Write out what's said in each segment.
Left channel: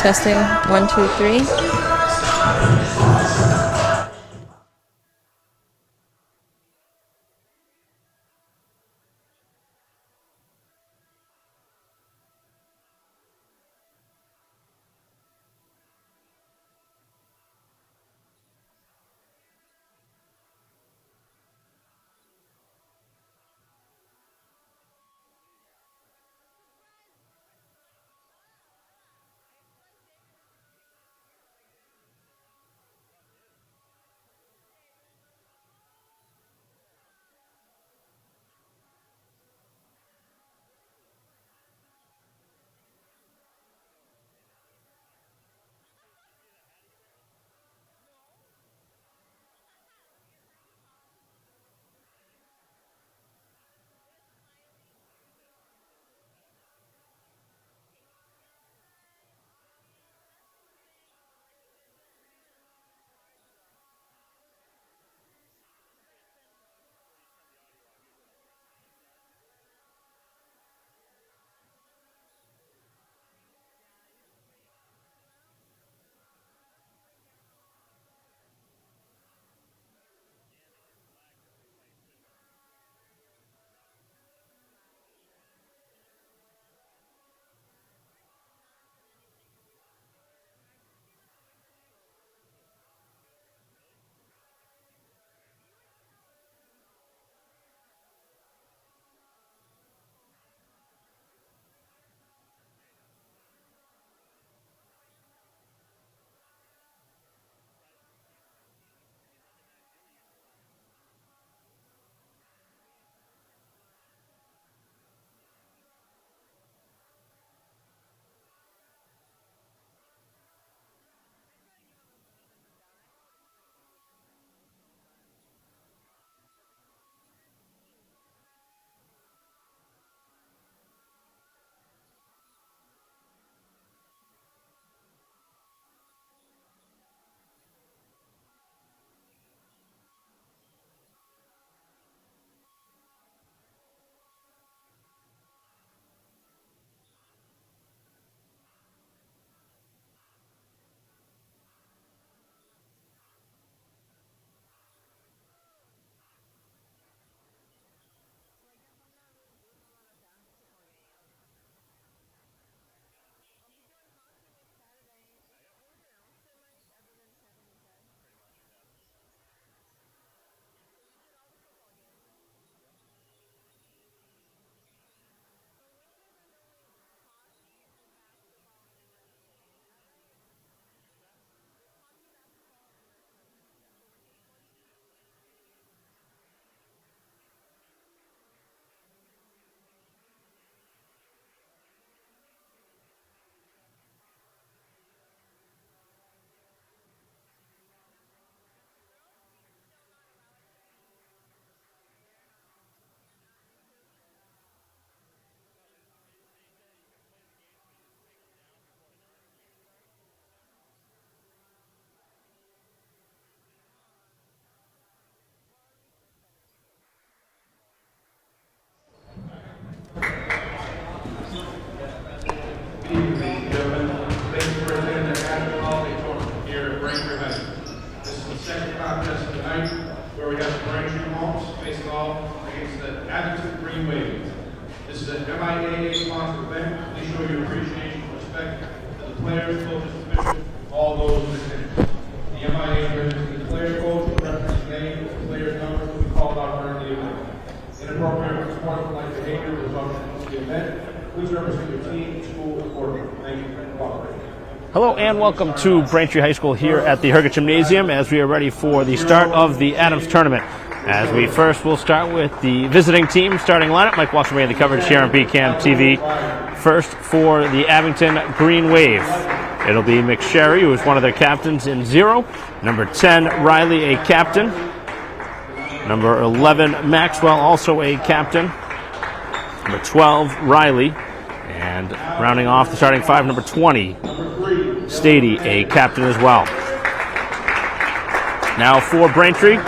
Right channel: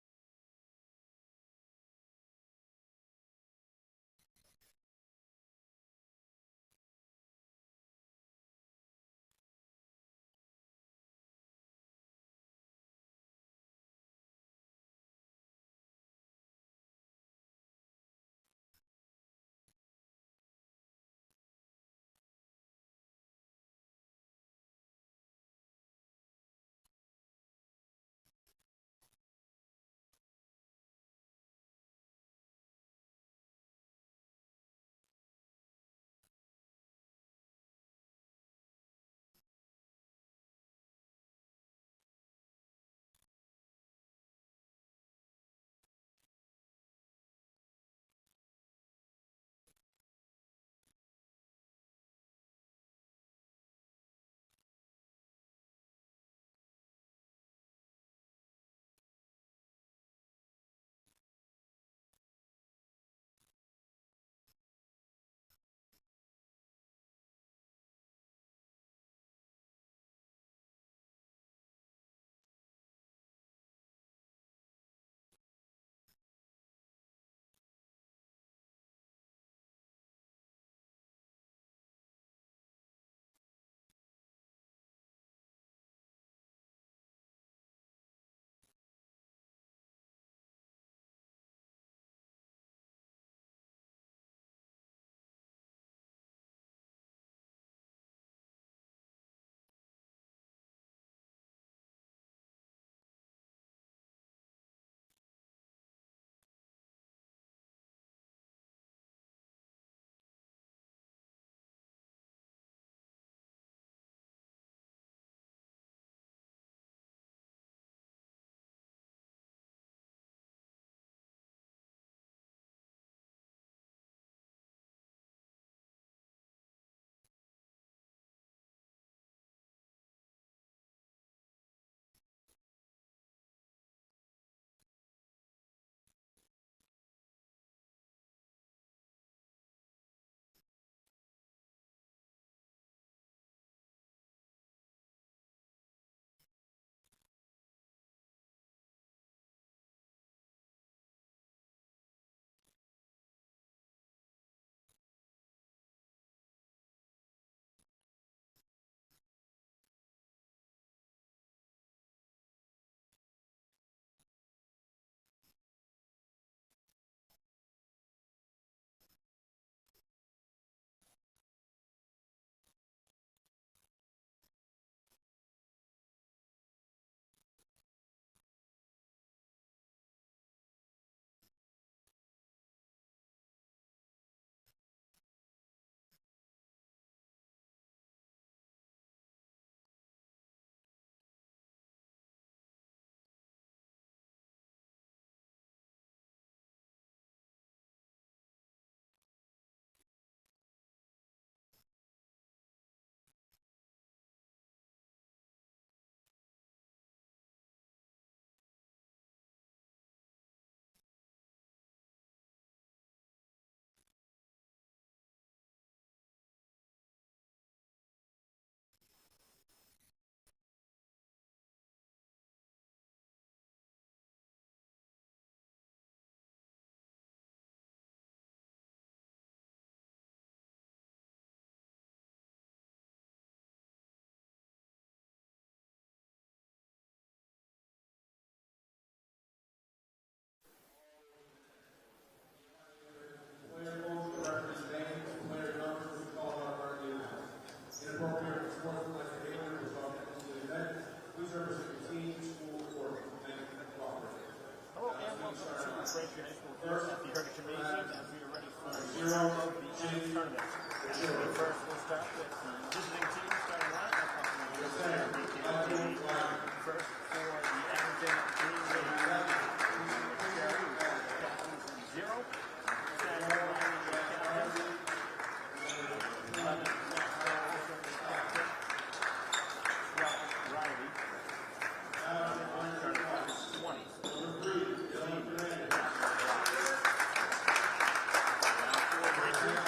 Testing, 1, 2, 3. Here at Braintree High School. This is the second contest of the night where we have the Braintree Hawks facing off against the Abington Green Wave. This is an MIAA sponsored event. Please show your appreciation and respect to the players, coaches, officials, all those in attendance. The MIAA brings the player coach, the reference name, the player number will be called out during the event. Inappropriate sportsmanlike behavior results in the event. Please represent your team, school, and accordingly. Thank you for cooperating. Hello and welcome to Braintree High School here at the Herget Gymnasium as we are ready for the start of the Adams Tournament. As we first will start with the visiting team starting lineup. Mike Walsh made the coverage here on BCAM TV. First for the Abington Green Wave. It'll be McSherry, who is one of their captains in 0. Number 10, Riley, a captain. Number 11, Maxwell, also a captain. Number 12, Riley. And rounding off the starting 5, number 20, Stady, a captain as well. Now for Braintree,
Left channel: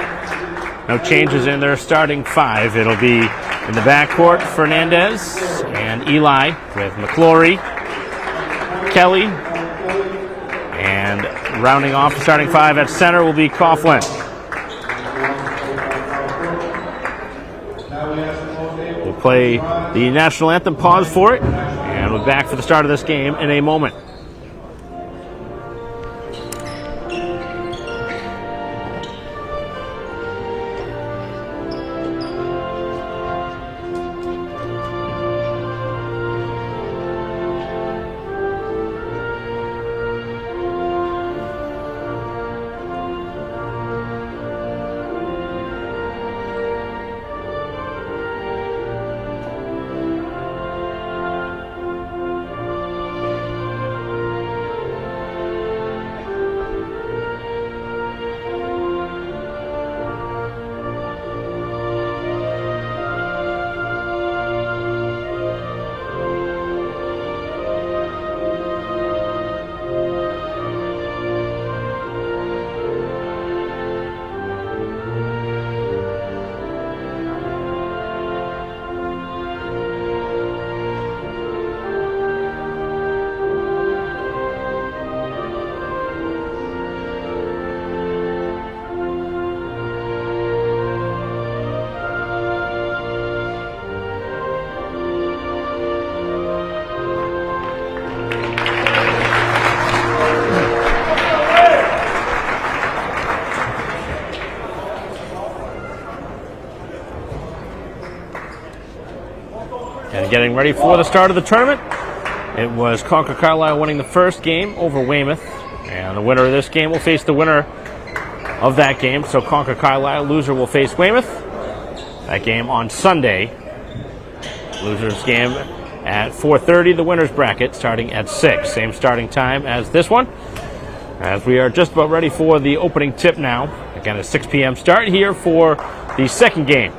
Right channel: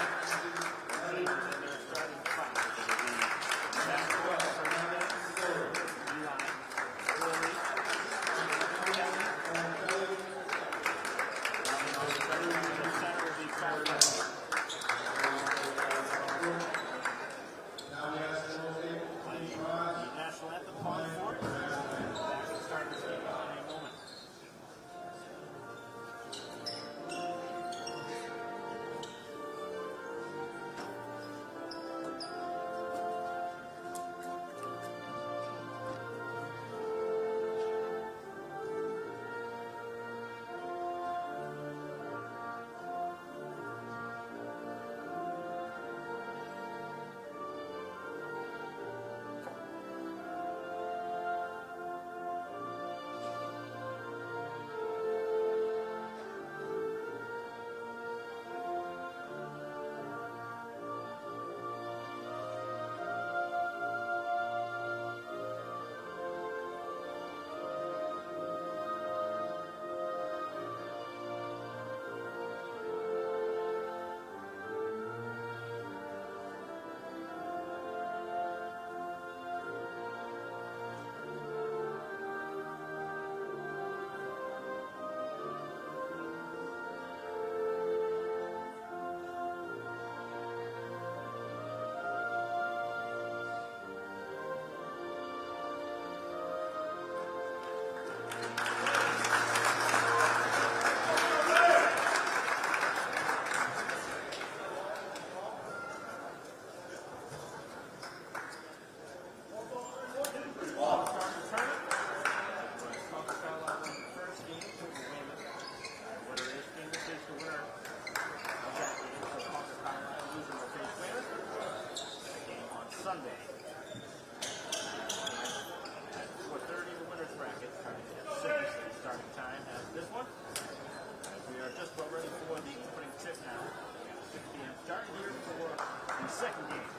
no changes in their starting 5. It'll be in the backcourt, Fernandez and Eli with McClory, Kelly, And rounding off the starting five at center will be Coughlin. We'll play the national anthem, pause for it, and we're back for the start of this game in a moment. And getting ready for the start of the tournament, it was Concord Carlisle winning the first game over Weymouth. And the winner of this game will face the winner of that game. So Concord Carlisle, loser, will face Weymouth. That game on Sunday. Loser's game at 4:30, the winner's bracket starting at 6. Same starting time as this one. As we are just about ready for the opening tip now. Again, a 6 p.m. start here for the second game.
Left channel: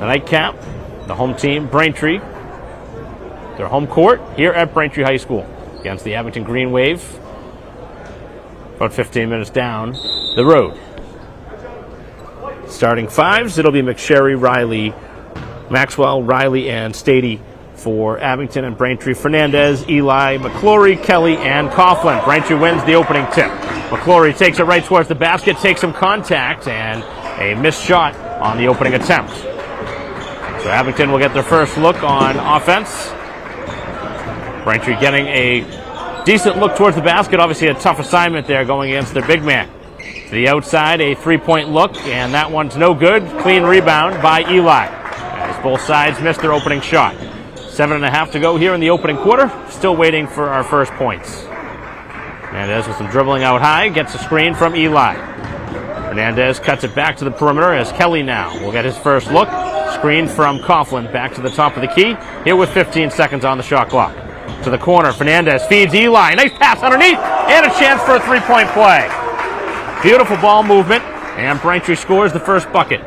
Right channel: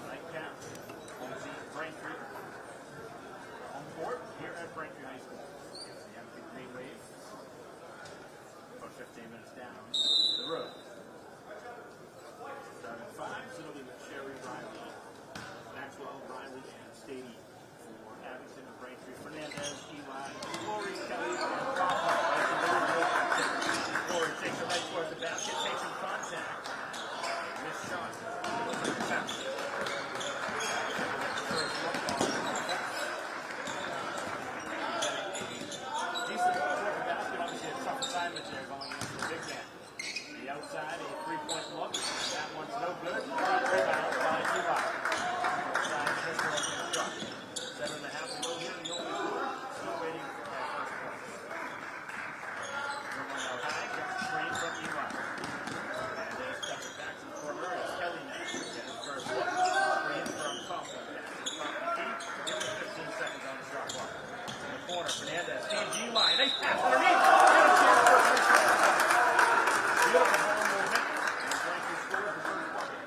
The nightcap, the home team, Braintree. Their home court here at Braintree High School against the Abington Green Wave. About 15 minutes down the road. Starting fives, it'll be McSherry, Riley, Maxwell, Riley, and Stady for Abington, and Braintree, Fernandez, Eli, McClory, Kelly, and Coughlin. Braintree wins the opening tip. McClory takes it right towards the basket, takes some contact, and a missed shot on the opening attempt. So Abington will get their first look on offense. Braintree getting a decent look towards the basket. Obviously a tough assignment there going against their big man. To the outside, a three-point look, and that one's no good. Clean rebound by Eli, as both sides missed their opening shot. 7.5 to go here in the opening quarter. Still waiting for our first points. Hernandez with some dribbling out high, gets a screen from Eli. Hernandez cuts it back to the perimeter as Kelly now will get his first look. Screen from Coughlin back to the top of the key. Here with 15 seconds on the shot clock. To the corner, Fernandez feeds Eli. Nice pass underneath, and a chance for a three-point play. Beautiful ball movement, and Braintree scores the first bucket.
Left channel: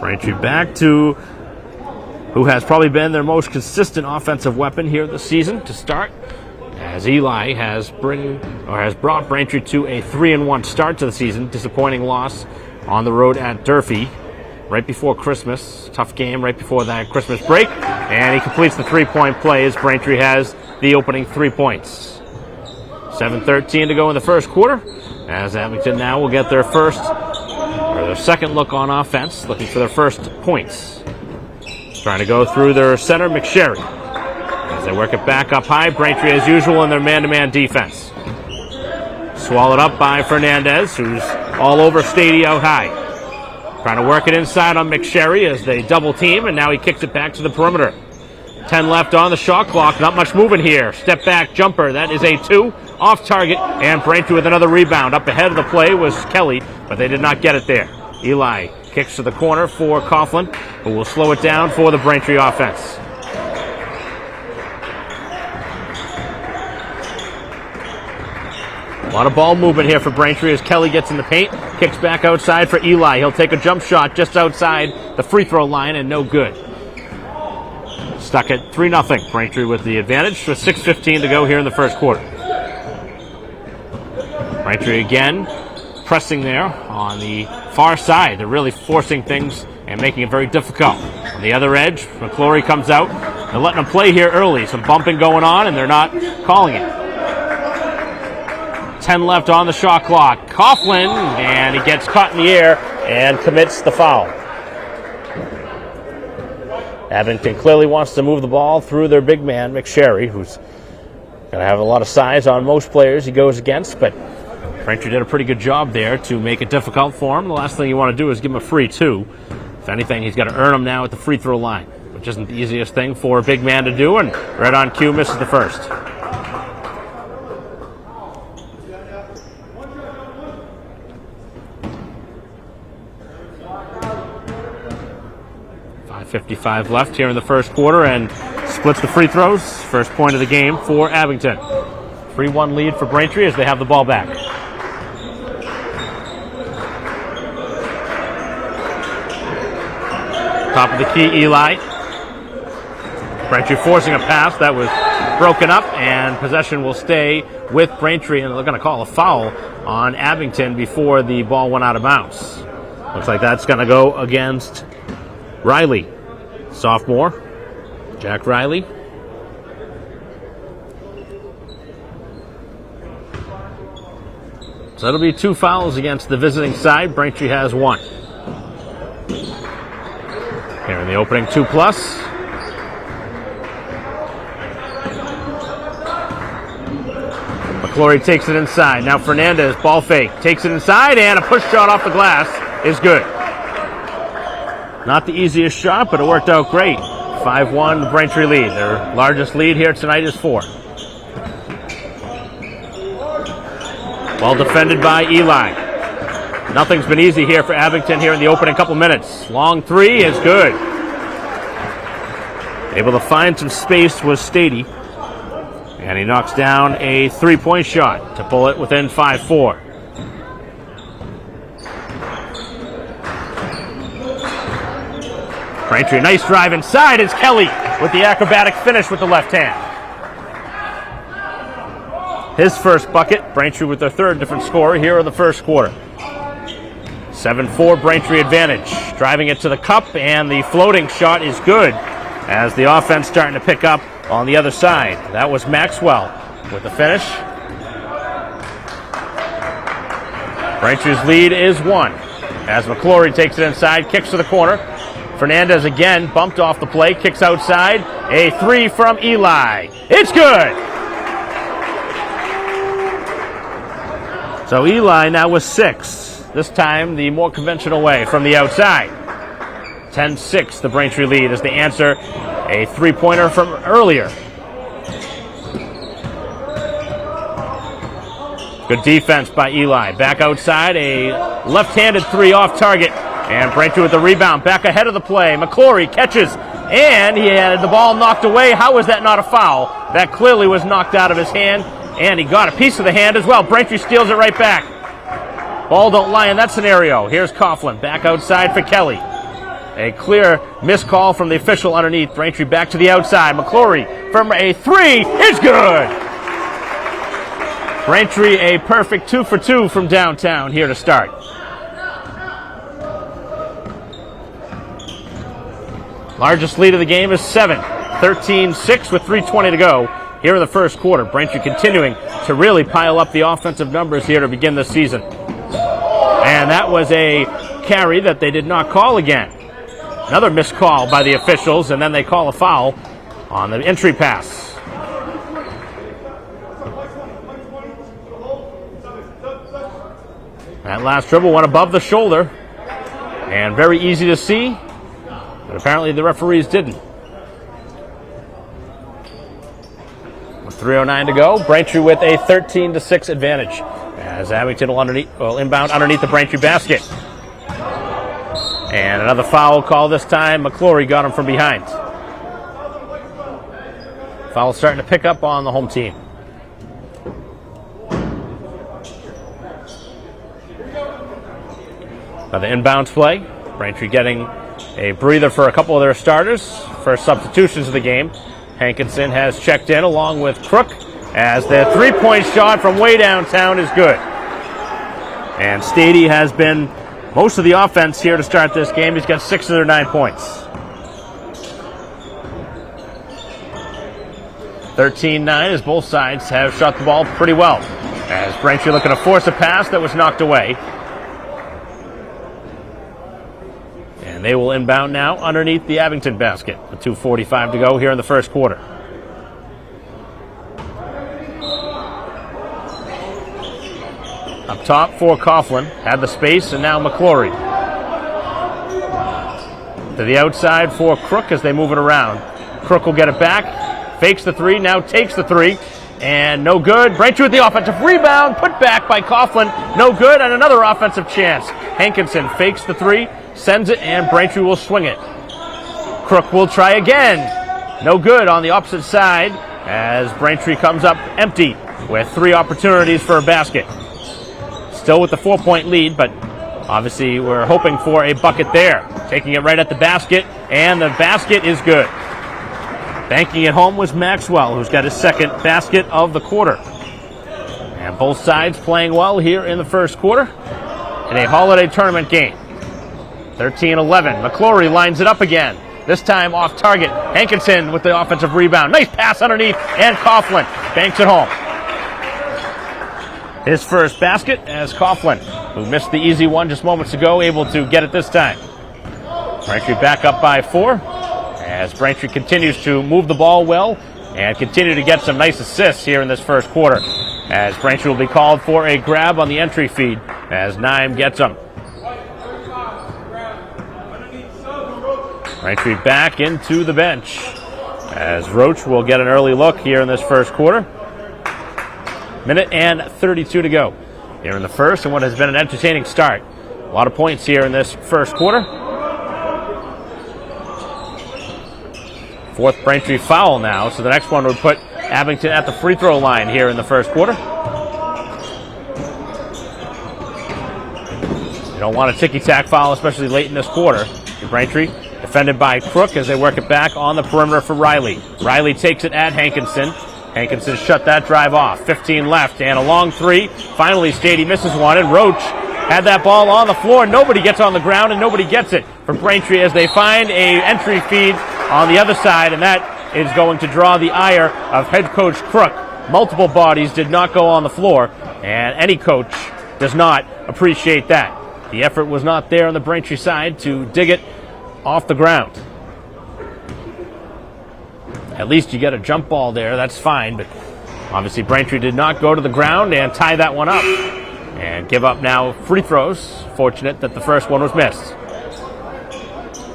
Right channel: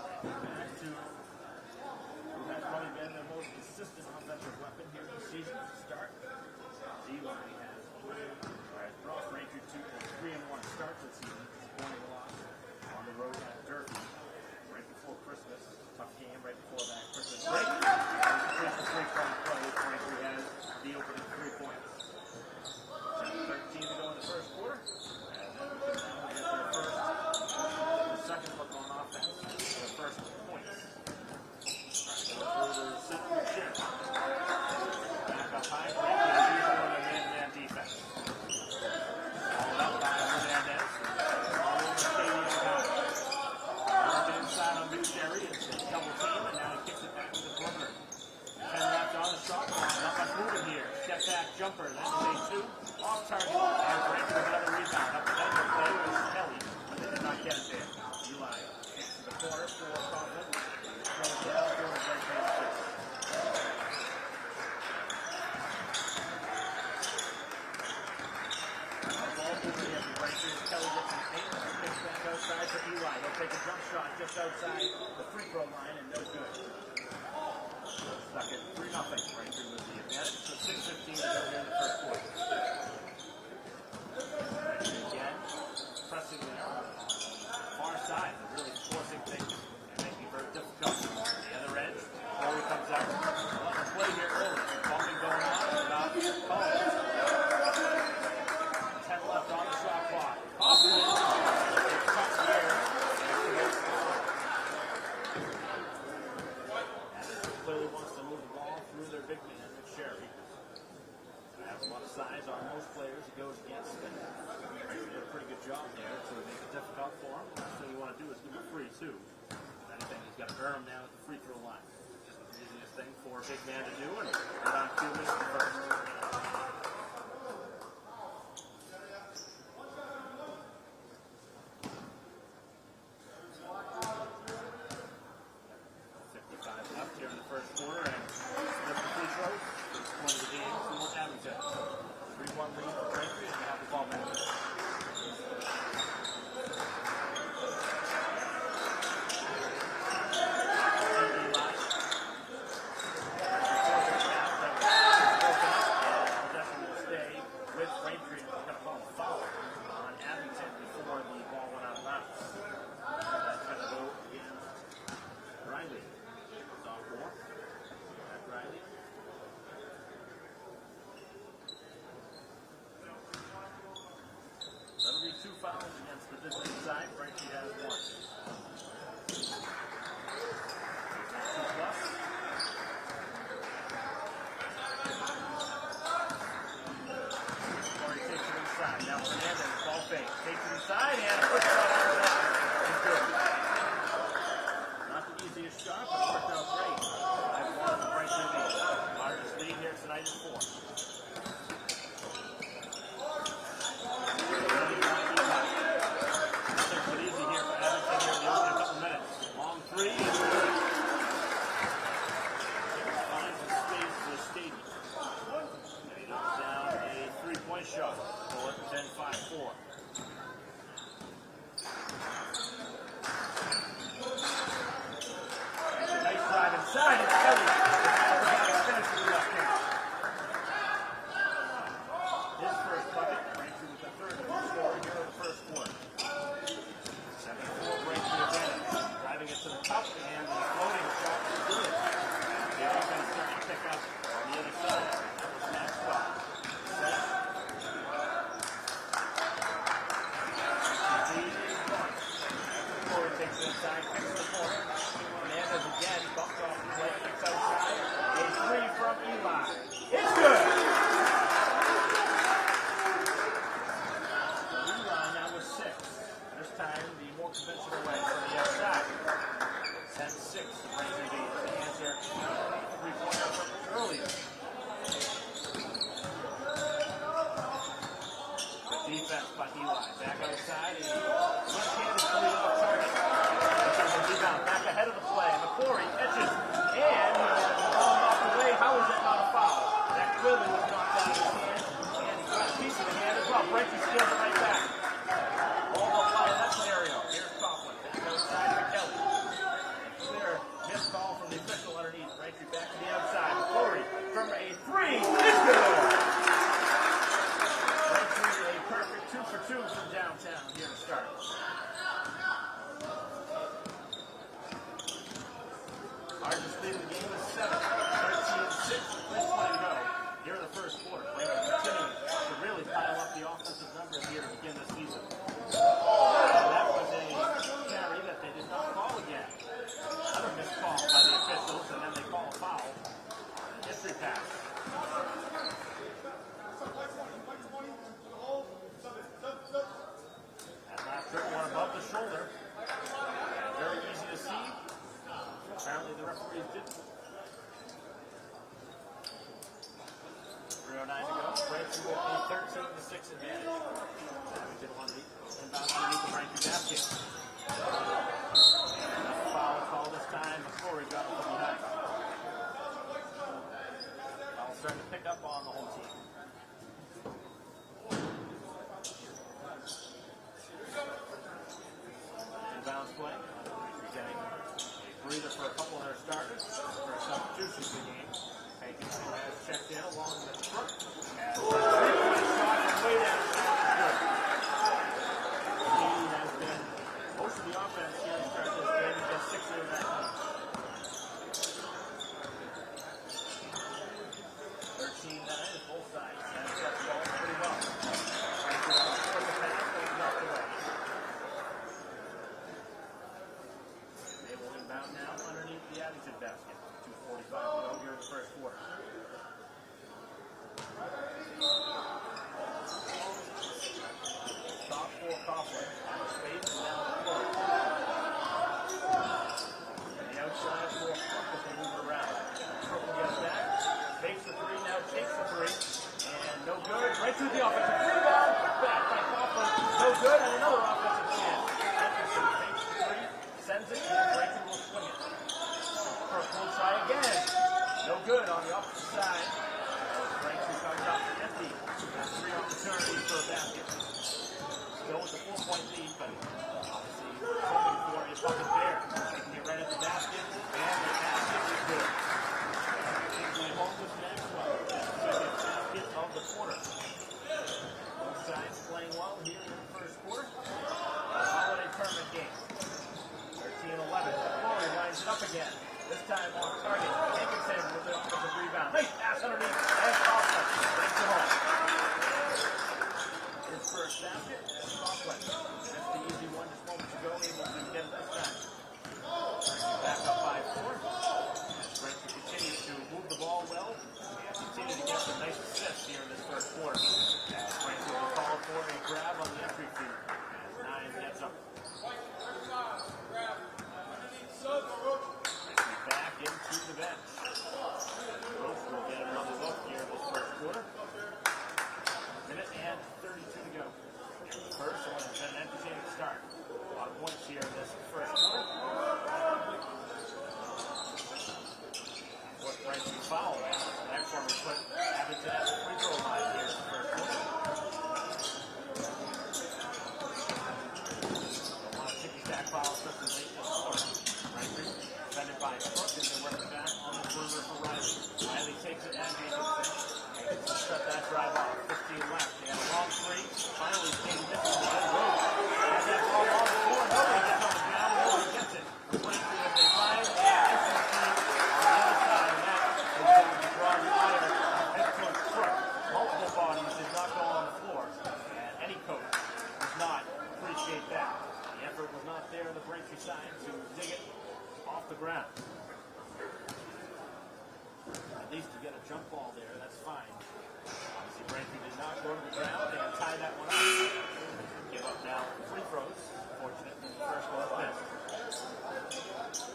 Braintree back to who has probably been their most consistent offensive weapon here this season to start, as Eli has brought Braintree to a 3-1 start to the season. Disappointing loss on the road at Durfee right before Christmas. Tough game right before that Christmas break, and he completes the three-point play as Braintree has the opening 3 points. 7:13 to go in the first quarter, as Abington now will get their second look on offense, looking for their first points. Trying to go through their center, McSherry. As they work it back up high, Braintree as usual in their man-to-man defense. Swallowed up by Fernandez, who's all over Stady out high. Trying to work it inside on McSherry as they double team, and now he kicks it back to the perimeter. 10 left on the shot clock, not much moving here. Step back jumper, that is a 2, off target, and Braintree with another rebound. Up ahead of the play was Kelly, but they did not get it there. Eli kicks to the corner for Coughlin, who will slow it down for the Braintree offense. A lot of ball movement here for Braintree as Kelly gets in the paint, kicks back outside for Eli. He'll take a jump shot just outside the free throw line, and no good. Stuck at 3-0. Braintree with the advantage with 6:15 to go here in the first quarter. Braintree again pressing there on the far side. They're really forcing things and making it very difficult. On the other edge, McClory comes out, They're letting them play here early. Some bumping going on, and they're not calling it. 10 left on the shot clock. Coughlin, and he gets caught in the air and commits the foul. Abington clearly wants to move the ball through their big man, McSherry, who's going to have a lot of size on most players he goes against, but Braintree did a pretty good job there to make it difficult for him. The last thing you want to do is give him a free two. If anything, he's got to earn them now at the free throw line, which isn't the easiest thing for a big man to do, and right on cue misses the first. .55 left here in the first quarter, and splits the free throws. First point of the game for Abington. 3-1 lead for Braintree as they have the ball back. Top of the key, Eli. Braintree forcing a pass that was broken up, and possession will stay with Braintree, and they're going to call a foul on Abington before the ball went out of bounds. Looks like that's going to go against Riley. Sophomore, Jack Riley. So that'll be 2 fouls against the visiting side. Braintree has 1. Here in the opening 2+. McClory takes it inside. Now Fernandez, ball fake, takes it inside, and a push shot off the glass is good. Not the easiest shot, but it worked out great. 5-1 Braintree lead. Their largest lead here tonight is 4. Well defended by Eli. Nothing's been easy here for Abington here in the opening couple minutes. Long 3 is good. Able to find some space was Stady. And he knocks down a 3-point shot to pull it within 5-4. Braintree, nice drive inside. It's Kelly with the acrobatic finish with the left hand. His first bucket. Braintree with their 3rd different scorer here in the first quarter. 7-4 Braintree advantage. Driving it to the cup, and the floating shot is good as the offense starting to pick up on the other side. That was Maxwell with the finish. Braintree's lead is 1 as McClory takes it inside, kicks to the corner. Fernandez again bumped off the play, kicks outside. A 3 from Eli. It's good! So Eli now with 6. This time the more conventional way from the outside. 10-6 the Braintree lead as they answer a 3-pointer from earlier. Good defense by Eli. Back outside, a left-handed 3 off target. And Braintree with the rebound, back ahead of the play. McClory catches, and he had the ball knocked away. How was that not a foul? That clearly was knocked out of his hand, and he got a piece of the hand as well. Braintree steals it right back. Ball don't lie in that scenario. Here's Coughlin, back outside for Kelly. A clear miscall from the official underneath. Braintree back to the outside. McClory from a 3 is good. Braintree a perfect 2 for 2 from downtown here to start. Largest lead of the game is 7. 13-6 with 3:20 to go here in the first quarter. Braintree continuing to really pile up the offensive numbers here to begin the season. And that was a carry that they did not call again. Another missed call by the officials, and then they call a foul on the entry pass. That last dribble went above the shoulder, and very easy to see, but apparently the referees didn't. With 3:09 to go, Braintree with a 13-6 advantage as Abington will inbound underneath the Braintree basket. And another foul call this time. McClory got him from behind. Foul starting to pick up on the home team. Another inbounds play. Braintree getting a breather for a couple of their starters. First substitutions of the game. Hankinson has checked in along with Crook as the three-point shot from way downtown is good. And Stady has been most of the offense here to start this game. He's got 6 of their 9 points. 13-9 as both sides have shot the ball pretty well. As Braintree looking to force a pass that was knocked away. And they will inbound now underneath the Abington basket. With 2:45 to go here in the first quarter. Up top for Coughlin. Had the space, and now McClory. To the outside for Crook as they move it around. Crook will get it back. Fakes the three, now takes the three. And no good. Braintree with the offensive rebound. Put back by Coughlin. No good, and another offensive chance. Hankinson fakes the three, sends it, and Braintree will swing it. Crook will try again. No good on the opposite side as Braintree comes up empty with 3 opportunities for a basket. Still with the 4-point lead, but obviously we're hoping for a bucket there. Taking it right at the basket, and the basket is good. Banking it home was Maxwell, who's got his second basket of the quarter. And both sides playing well here in the first quarter in a holiday tournament game. 13-11. McClory lines it up again. This time off target. Hankinson with the offensive rebound. Nice pass underneath, and Coughlin banks it home. His first basket as Coughlin, who missed the easy one just moments ago, able to get it this time. Braintree back up by 4 as Braintree continues to move the ball well and continue to get some nice assists here in this first quarter. As Braintree will be called for a grab on the entry feed as Naim gets them. Braintree back into the bench as Roach will get an early look here in this first quarter. Minute and 32 to go here in the first, and what has been an entertaining start. A lot of points here in this first quarter. Fourth Braintree foul now, so the next one would put Abington at the free throw line here in the first quarter. You don't want a ticky-tack foul, especially late in this quarter. Braintree defended by Crook as they work it back on the perimeter for Riley. Riley takes it at Hankinson. Hankinson shut that drive off. 15 left, and a long three. Finally, Stady misses one, and Roach had that ball on the floor. Nobody gets on the ground, and nobody gets it for Braintree as they find a entry feed on the other side, and that is going to draw the ire of head coach Crook. Multiple bodies did not go on the floor, and any coach does not appreciate that. The effort was not there on the Braintree side to dig it off the ground. At least you get a jump ball there, that's fine, but obviously Braintree did not go to the ground and tie that one up. And give up now free throws. Fortunate that the first one was missed.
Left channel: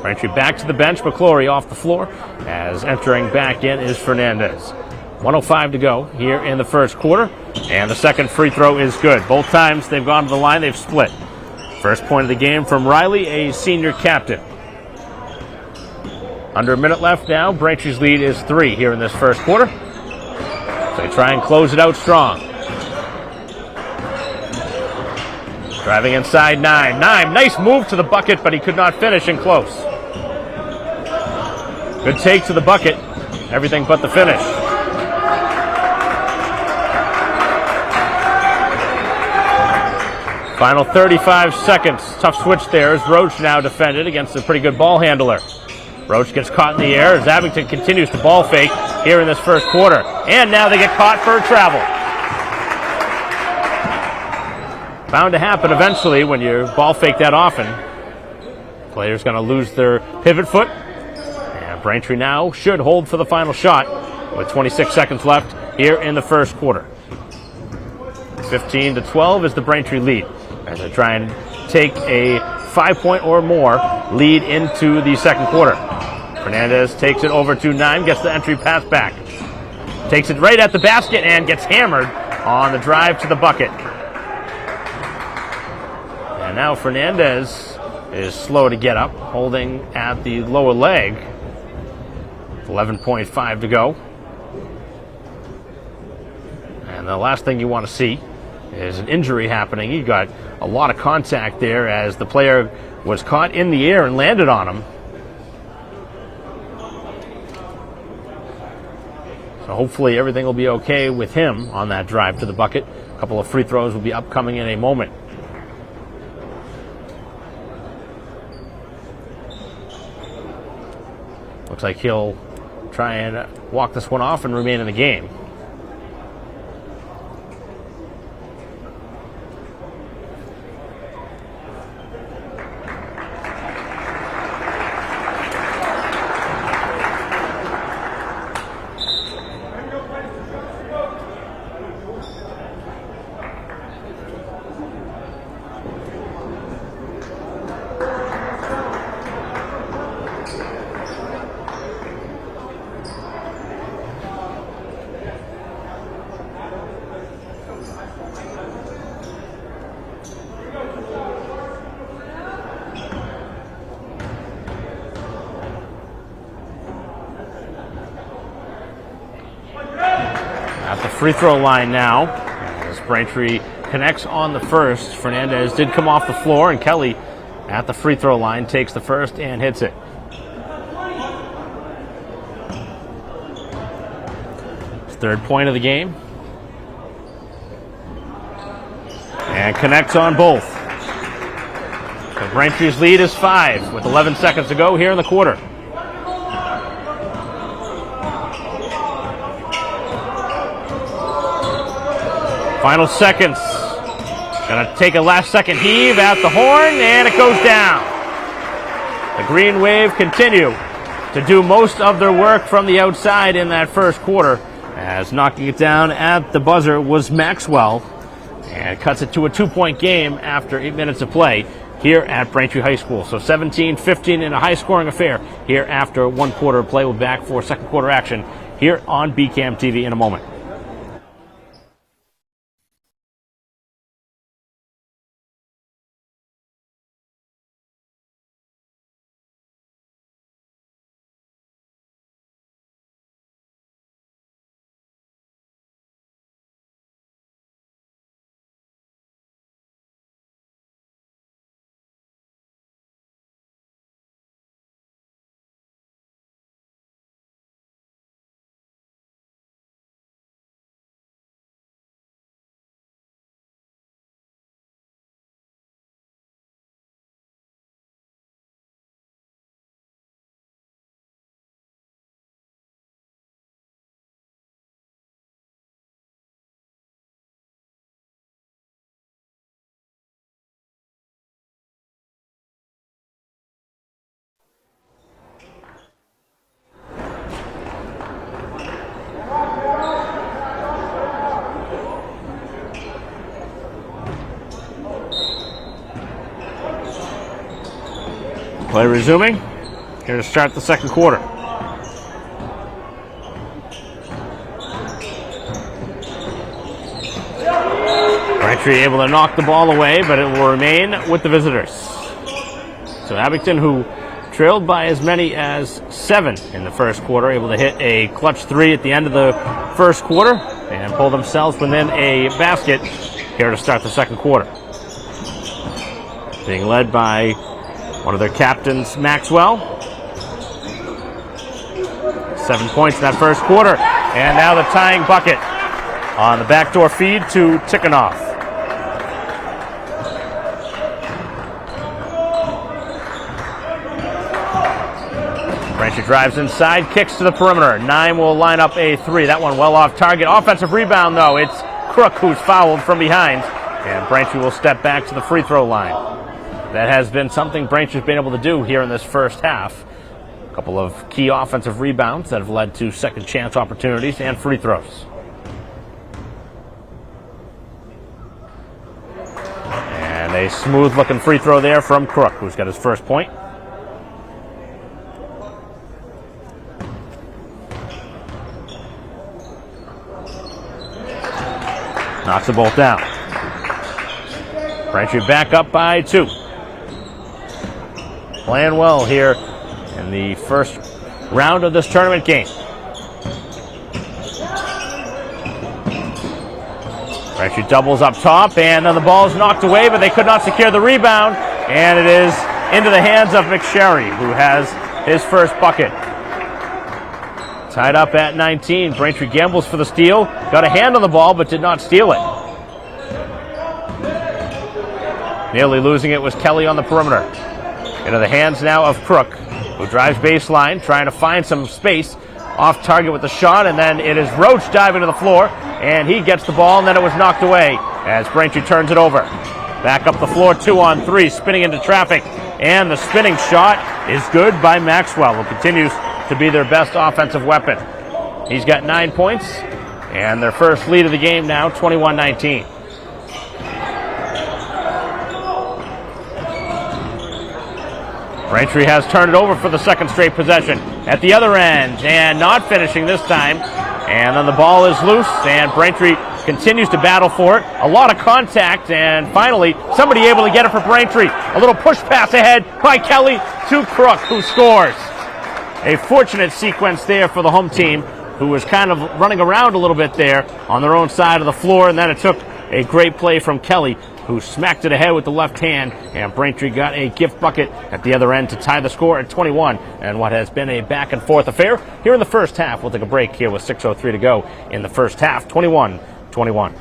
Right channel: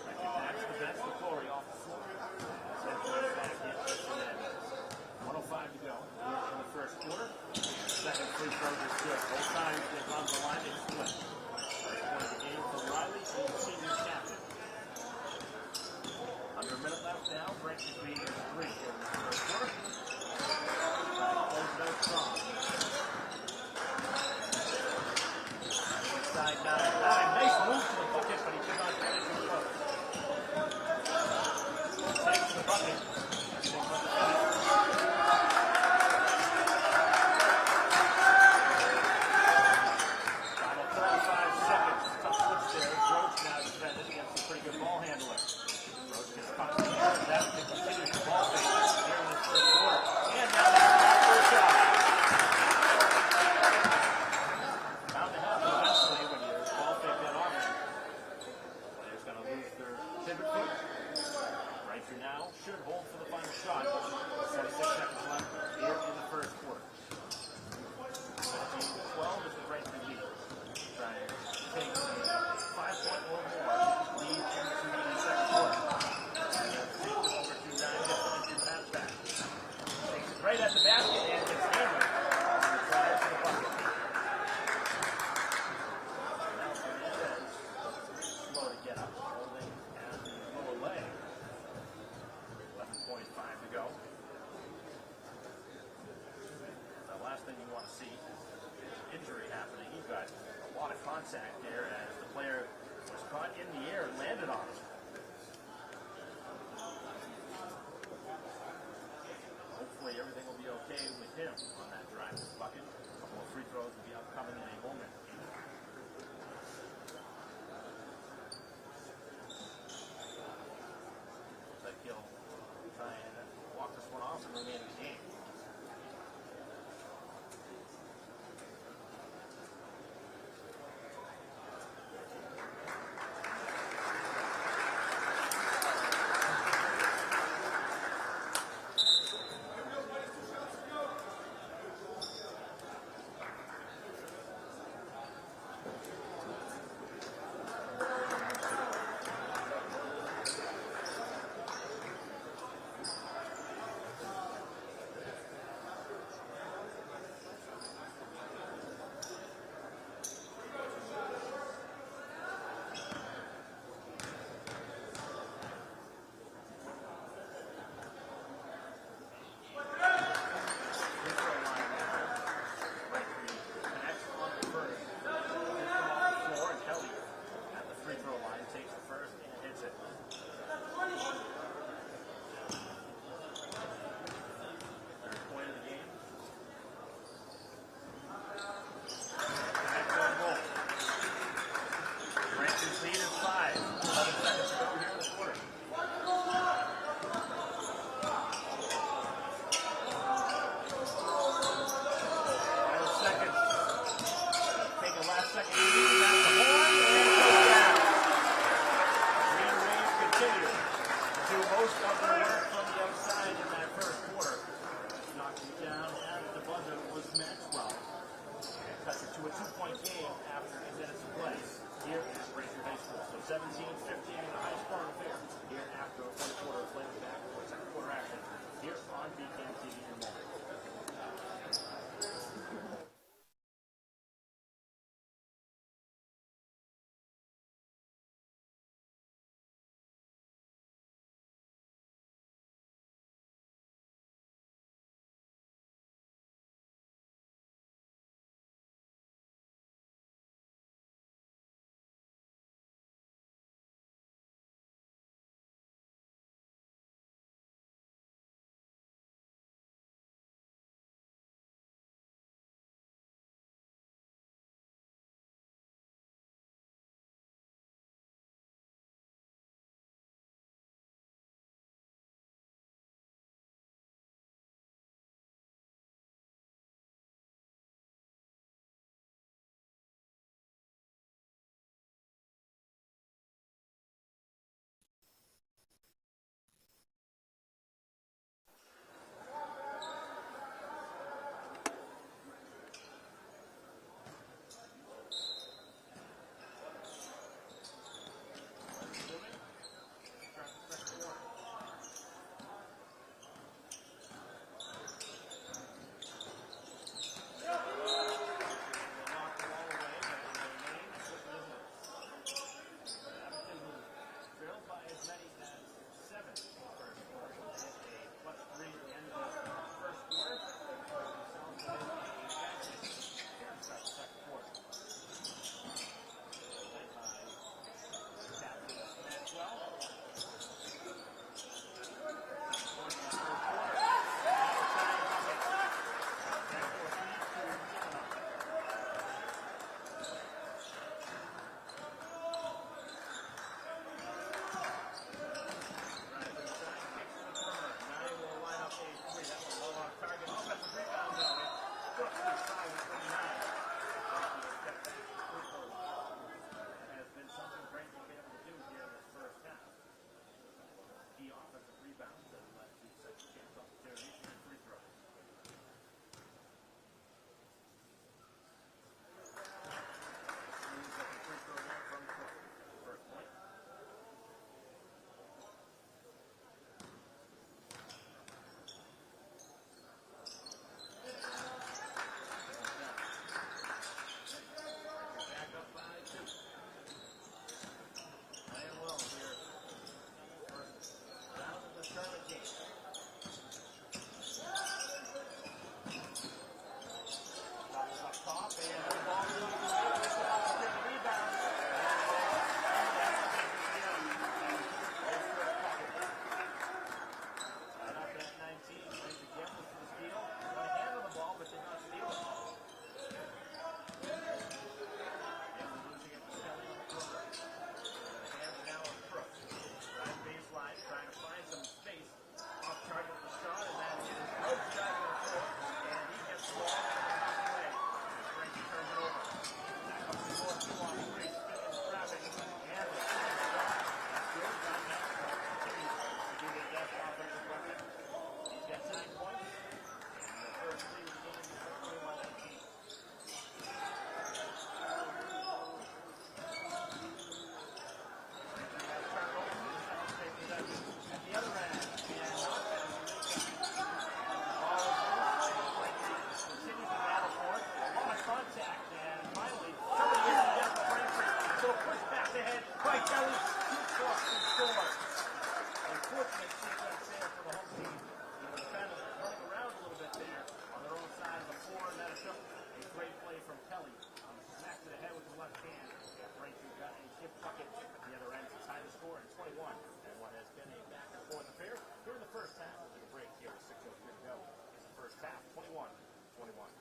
Braintree back to the bench, McClory off the floor, as entering back in is Fernandez. 1:05 to go here in the first quarter, and the second free throw is good. Both times they've gone to the line, they've split. First point of the game from Riley, a senior captain. Under a minute left now. Braintree's lead is 3 here in this first quarter. They try and close it out strong. Driving inside, Naim. Nice move to the bucket, but he could not finish in close. Good take to the bucket. Everything but the finish. Final 35 seconds. Tough switch there as Roach now defended against a pretty good ball handler. Roach gets caught in the air as Abington continues to ball fake here in this first quarter. And now they get caught for a travel. Bound to happen eventually when you ball fake that often. Player's going to lose their pivot foot. And Braintree now should hold for the final shot with 26 seconds left here in the first quarter. 15-12 is the Braintree lead as they try and take a 5-point or more lead into the second quarter. Fernandez takes it over to Naim, gets the entry pass back. Takes it right at the basket and gets hammered on the drive to the bucket. And now Fernandez is slow to get up, holding at the lower leg. 11.5 to go. And the last thing you want to see is an injury happening. You got a lot of contact there as the player was caught in the air and landed on him. So hopefully everything will be okay with him on that drive to the bucket. A couple of free throws will be upcoming in a moment. Looks like he'll try and walk this one off and remain in the game. At the free throw line now, as Braintree connects on the first. Fernandez did come off the floor, and Kelly at the free throw line takes the first and hits it. His third point of the game. And connects on both. So Braintree's lead is 5 with 11 seconds to go here in the quarter. Final seconds. Gonna take a last second heave at the horn, and it goes down. The Green Wave continue to do most of their work from the outside in that first quarter, as knocking it down at the buzzer was Maxwell, and it cuts it to a 2-point game after 8 minutes of play here at Braintree High School. So 17-15 in a high-scoring affair here after 1 quarter of play. We'll be back for second quarter action here on BCAM TV in a moment. Play resuming. Here to start the second quarter. Braintree able to knock the ball away, but it will remain with the visitors. So Abington, who trailed by as many as 7 in the first quarter, able to hit a clutch 3 at the end of the first quarter and pull themselves within a basket here to start the second quarter. Being led by one of their captains, Maxwell. 7 points in that first quarter. And now the tying bucket on the backdoor feed to Tikhonov. Braintree drives inside, kicks to the perimeter. 9 will line up a 3. That one well off target. Offensive rebound, though. It's Crook who's fouled from behind. And Braintree will step back to the free throw line. That has been something Braintree's been able to do here in this first half. A couple of key offensive rebounds that have led to second chance opportunities and free throws. And a smooth looking free throw there from Crook, who's got his first point. Knocks the both down. Braintree back up by 2. Playing well here in the first round of this tournament game. Braintree doubles up top, and then the ball is knocked away, but they could not secure the rebound, and it is into the hands of McSherry, who has his first bucket. Tied up at 19. Braintree gambles for the steal, got a hand on the ball, but did not steal it. Nearly losing it was Kelly on the perimeter. Into the hands now of Crook, who drives baseline, trying to find some space off target with the shot, and then it is Roach diving to the floor, and he gets the ball, and then it was knocked away as Braintree turns it over. Back up the floor, 2-on-3, spinning into traffic, and the spinning shot is good by Maxwell, who continues to be their best offensive weapon. He's got 9 points, and their first lead of the game now, 21-19. Braintree has turned it over for the second straight possession at the other end, and not finishing this time. And then the ball is loose, and Braintree continues to battle for it. A lot of contact, and finally somebody able to get it for Braintree. A little push pass ahead by Kelly to Crook, who scores. A fortunate sequence there for the home team, who was kind of running around a little bit there on their own side of the floor, and then it took a great play from Kelly, who smacked it ahead with the left hand, and Braintree got a gift bucket at the other end to tie the score at 21, and what has been a back-and-forth affair here in the first half. We'll take a break here with 6:03 to go in the first half, 21-21.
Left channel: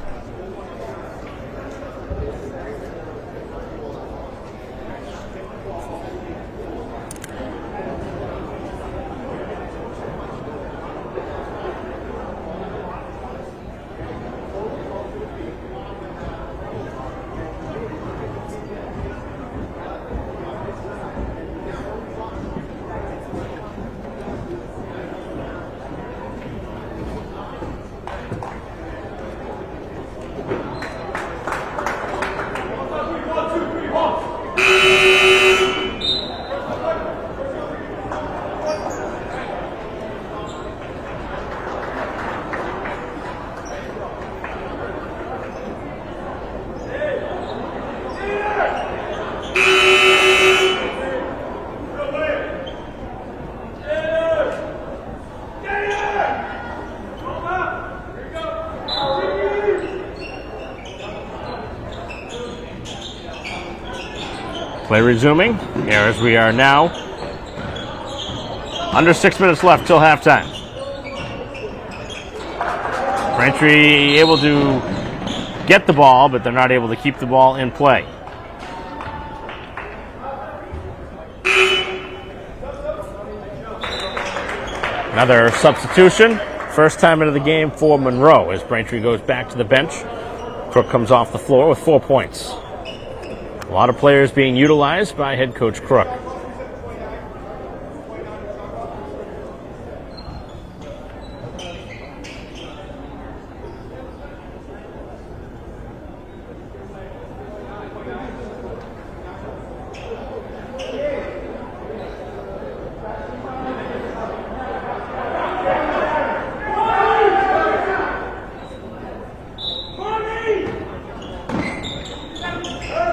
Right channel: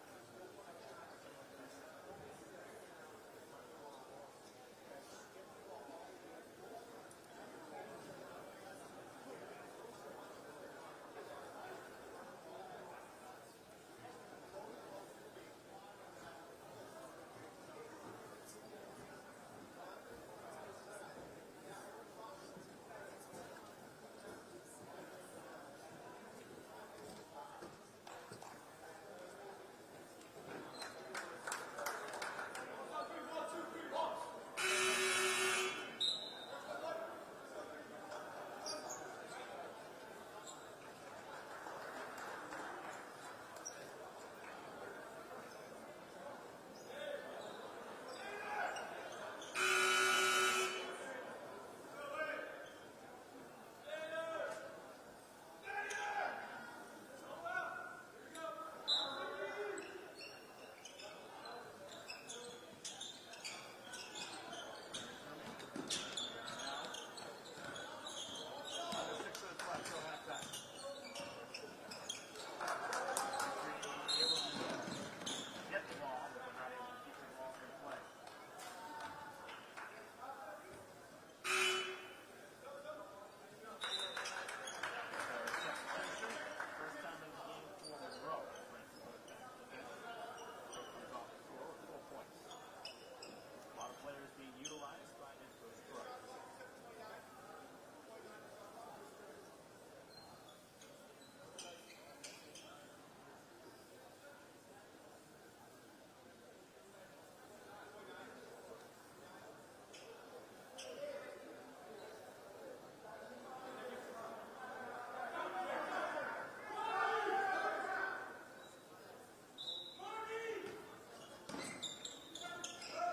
Play resuming here as we are now under 6 minutes left till halftime. Braintree able to get the ball, but they're not able to keep the ball in play. Another substitution. First time into the game for Monroe as Braintree goes back to the bench. Crook comes off the floor with 4 points. A lot of players being utilized by head coach Crook.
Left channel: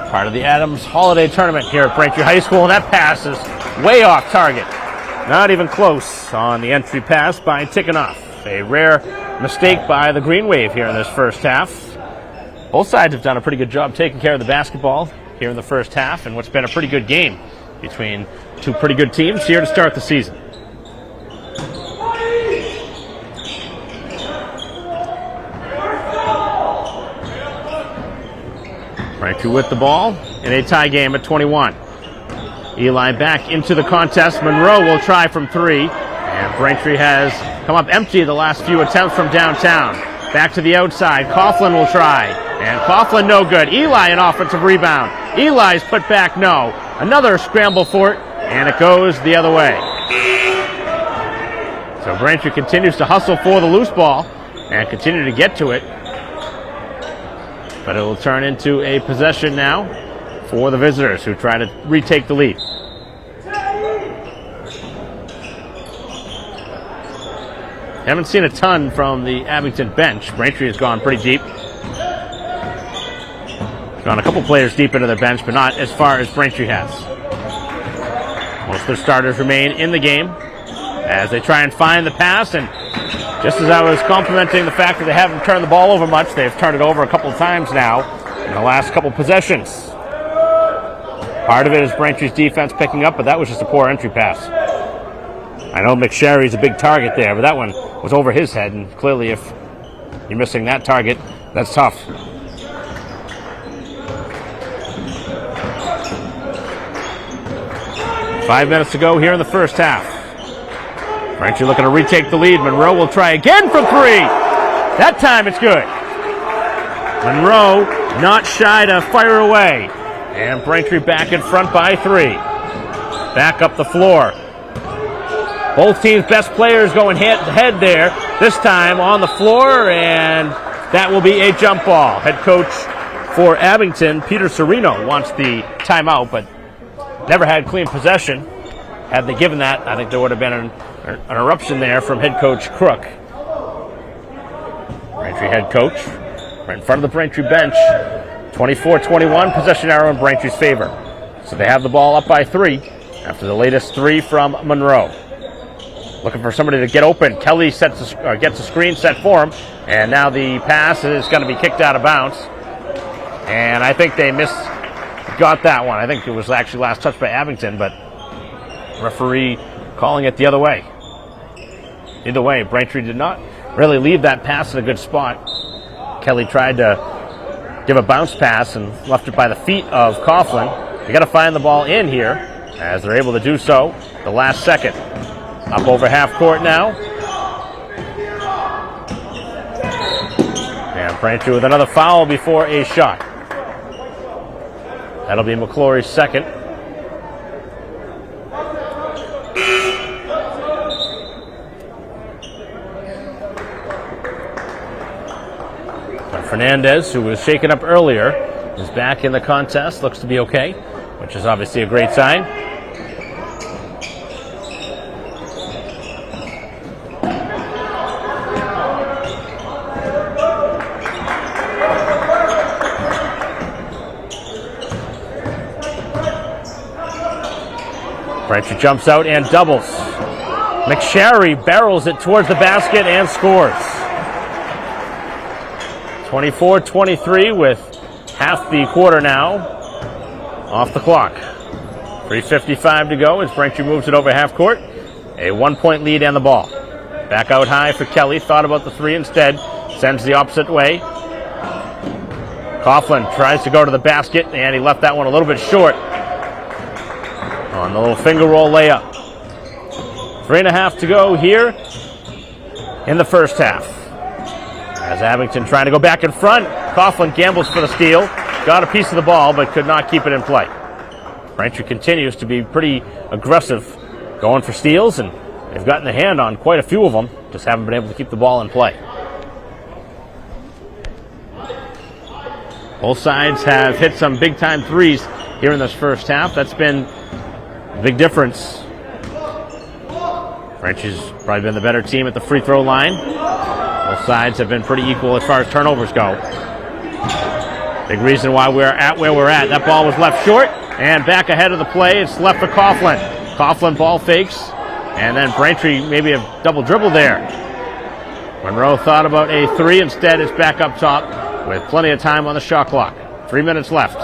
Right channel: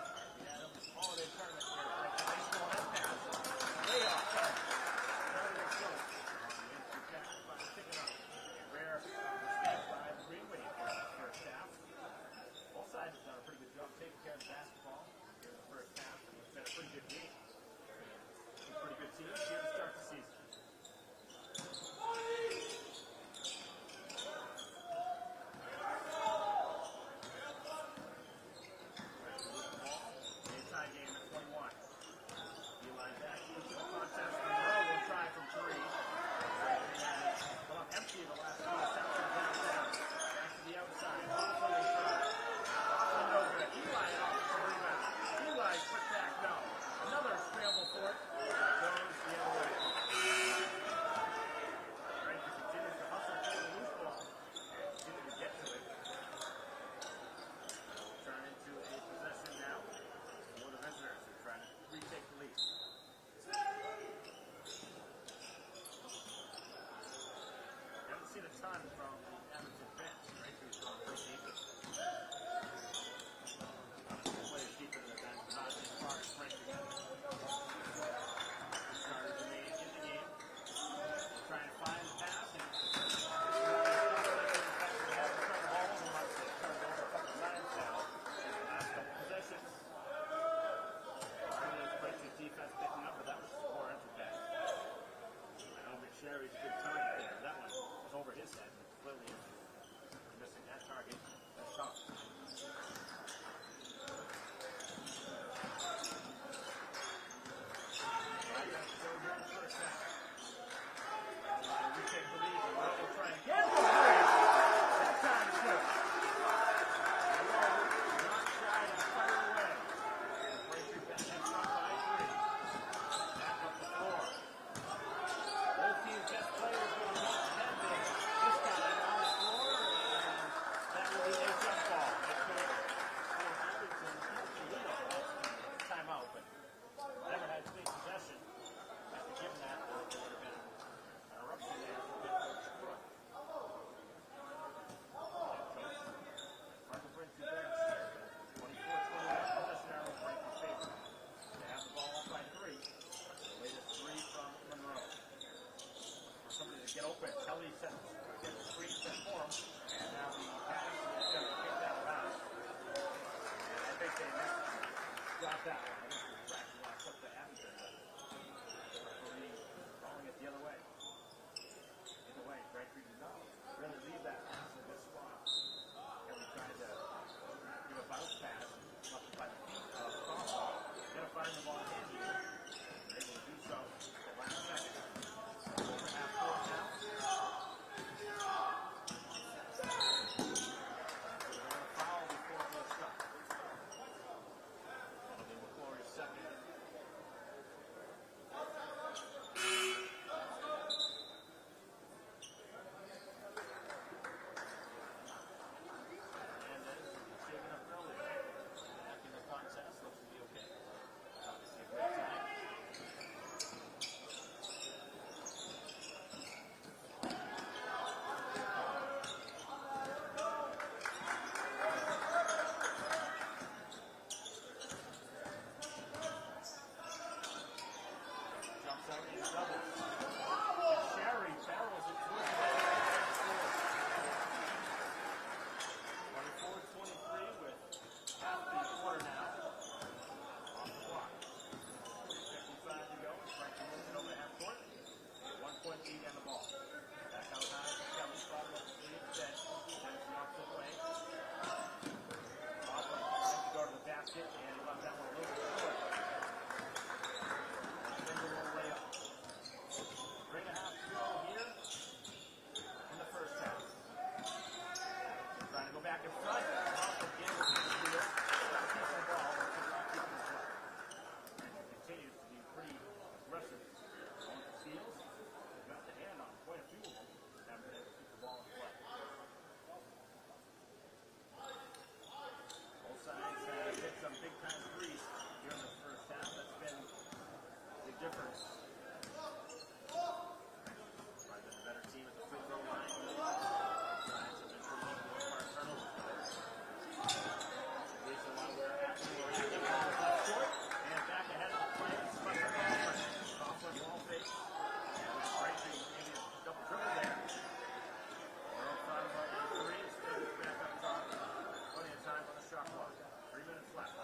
Part of the Adams Holiday Tournament here at Braintree High School, and that pass is way off target. Not even close on the entry pass by Tikhonov. A rare mistake by the Green Wave here in this first half. Both sides have done a pretty good job taking care of the basketball here in the first half, and what's been a pretty good game between two pretty good teams here to start the season. Braintree with the ball in a tie game at 21. Eli back into the contest. Monroe will try from 3. And Braintree has come up empty the last few attempts from downtown. Back to the outside. Coughlin will try. And Coughlin no good. Eli an offensive rebound. Eli's put back no. Another scramble for it. And it goes the other way. So Braintree continues to hustle for the loose ball and continue to get to it. But it will turn into a possession now for the visitors who try to retake the lead. Haven't seen a ton from the Abington bench. Braintree has gone pretty deep. Gone a couple players deep into their bench, but not as far as Braintree has. Most of their starters remain in the game as they try and find the pass, and just as I was complimenting the fact that they haven't turned the ball over much, they've turned it over a couple of times now in the last couple possessions. Part of it is Braintree's defense picking up, but that was just a poor entry pass. I know McSherry's a big target there, but that one was over his head, and clearly if you're missing that target, that's tough. "5 minutes to go here in the first half. Braintree looking to retake the lead. Monroe will try again from 3. That time it's good. Monroe not shy to fire away. And Braintree back in front by 3. Back up the floor. Both teams' best players going head to head there. This time on the floor, and that will be a jump ball. Head coach for Abington, Peter Serino, wants the timeout, but never had clean possession. Had they given that, I think there would have been an eruption there from head coach Crook. Braintree head coach right in front of the Braintree bench. 24-21, possession arrow in Braintree's favor. So they have the ball up by 3 after the latest 3 from Monroe. Looking for somebody to get open. Kelly gets a screen set for him, and now the pass is going to be kicked out of bounds. And I think they got that one. I think it was actually last touched by Abington, but referee calling it the other way. Either way, Braintree did not really leave that pass in a good spot. Kelly tried to give a bounce pass and left it by the feet of Coughlin. You got to find the ball in here, as they're able to do so the last second. Up over half court now. And Braintree with another foul before a shot. That'll be McClory's second. But Fernandez, who was shaken up earlier, is back in the contest. Looks to be okay, which is obviously a great sign. Braintree jumps out and doubles. McSherry barrels it towards the basket and scores. 24-23 with half the quarter now off the clock. 3:55 to go as Braintree moves it over half court. A 1-point lead and the ball. Back out high for Kelly. Thought about the 3 instead. Sends the opposite way. Coughlin tries to go to the basket, and he left that one a little bit short on the little finger roll layup. 3.5 to go here in the first half. As Abington trying to go back in front. Coughlin gambles for the steal. Got a piece of the ball, but could not keep it in play. Braintree continues to be pretty aggressive, going for steals, and they've gotten the hand on quite a few of them. Just haven't been able to keep the ball in play. Both sides have hit some big-time threes here in this first half. That's been a big difference. Braintree's probably been the better team at the free throw line. Both sides have been pretty equal as far as turnovers go. Big reason why we're at where we're at. That ball was left short, and back ahead of the play, it's left for Coughlin. Coughlin ball fakes, and then Braintree maybe a double dribble there. Monroe thought about a 3. Instead, it's back up top with plenty of time on the shot clock. 3 minutes left.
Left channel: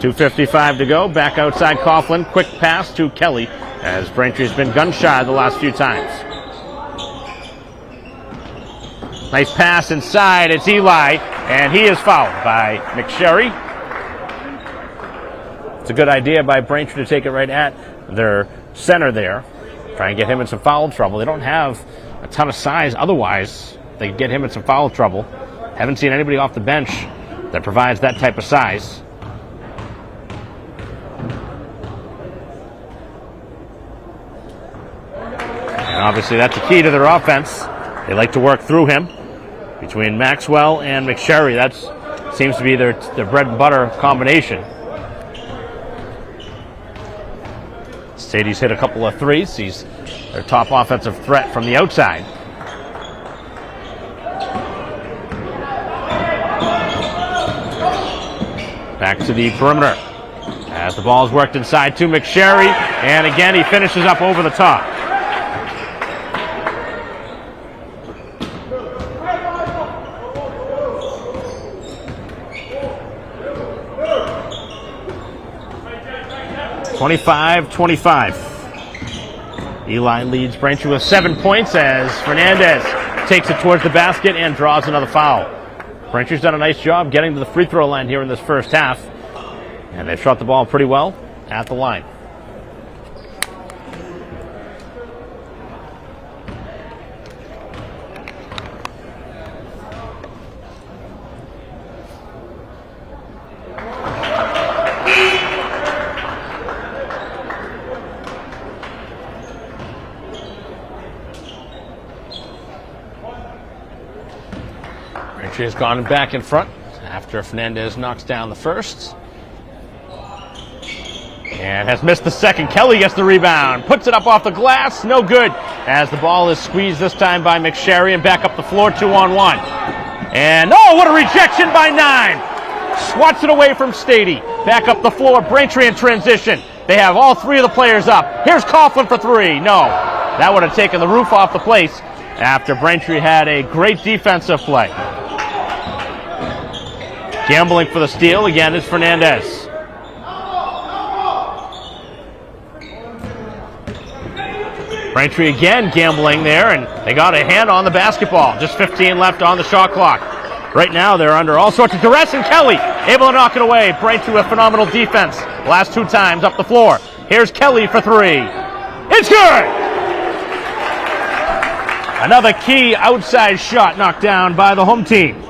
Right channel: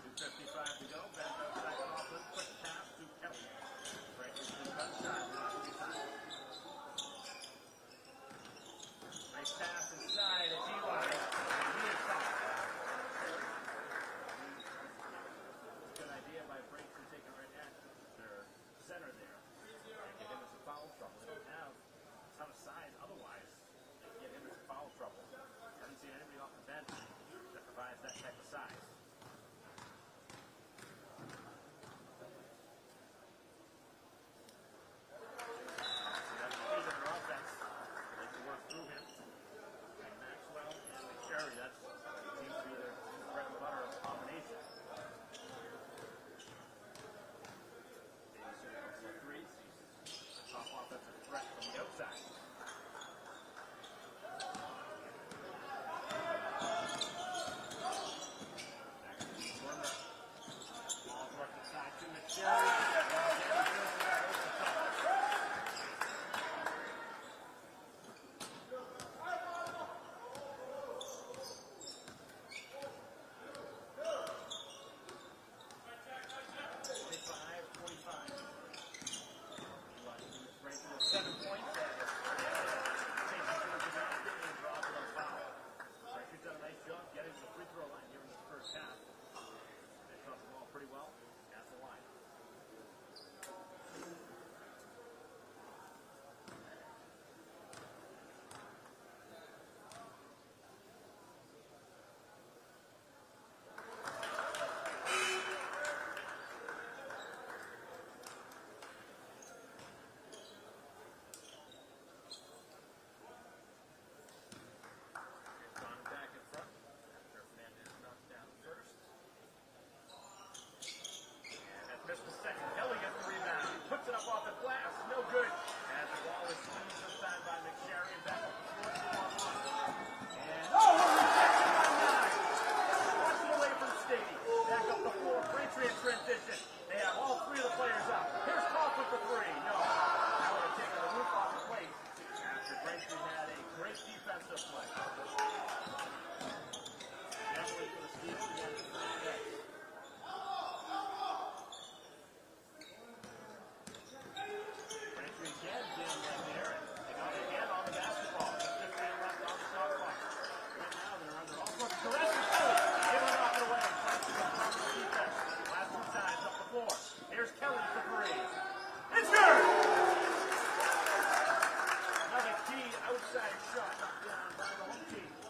2:55 to go. Back outside Coughlin. Quick pass to Kelly, as Braintree's been gun shy the last few times. Nice pass inside. It's Eli, and he is fouled by McSherry. It's a good idea by Braintree to take it right at their center there. Try and get him in some foul trouble. They don't have a ton of size. Otherwise, they could get him in some foul trouble. Haven't seen anybody off the bench that provides that type of size. And obviously that's the key to their offense. They like to work through him. Between Maxwell and McSherry, that seems to be their bread and butter combination. Sadie's hit a couple of threes. He's their top offensive threat from the outside. Back to the perimeter as the ball is worked inside to McSherry, and again he finishes up over the top. (25-25). Eli leads Braintree with 7 points as Fernandez takes it towards the basket and draws another foul. Braintree's done a nice job getting to the free throw line here in this first half, and they've shot the ball pretty well at the line. Braintree has gone back in front after Fernandez knocks down the first. And has missed the second. Kelly gets the rebound, puts it up off the glass, no good, as the ball is squeezed this time by McSherry and back up the floor, 2-on-1. And oh, what a rejection by 9. Swats it away from Stady. Back up the floor, Braintree in transition. They have all 3 of the players up. Here's Coughlin for 3. No, that would have taken the roof off the place after Braintree had a great defensive play. Gambling for the steal again is Fernandez. Braintree again gambling there, and they got a hand on the basketball. Just 15 left on the shot clock. Right now they're under all sorts of duress, and Kelly able to knock it away. Braintree with phenomenal defense. Last 2 times up the floor. Here's Kelly for 3. It's good! Another key outside shot knocked down by the home team.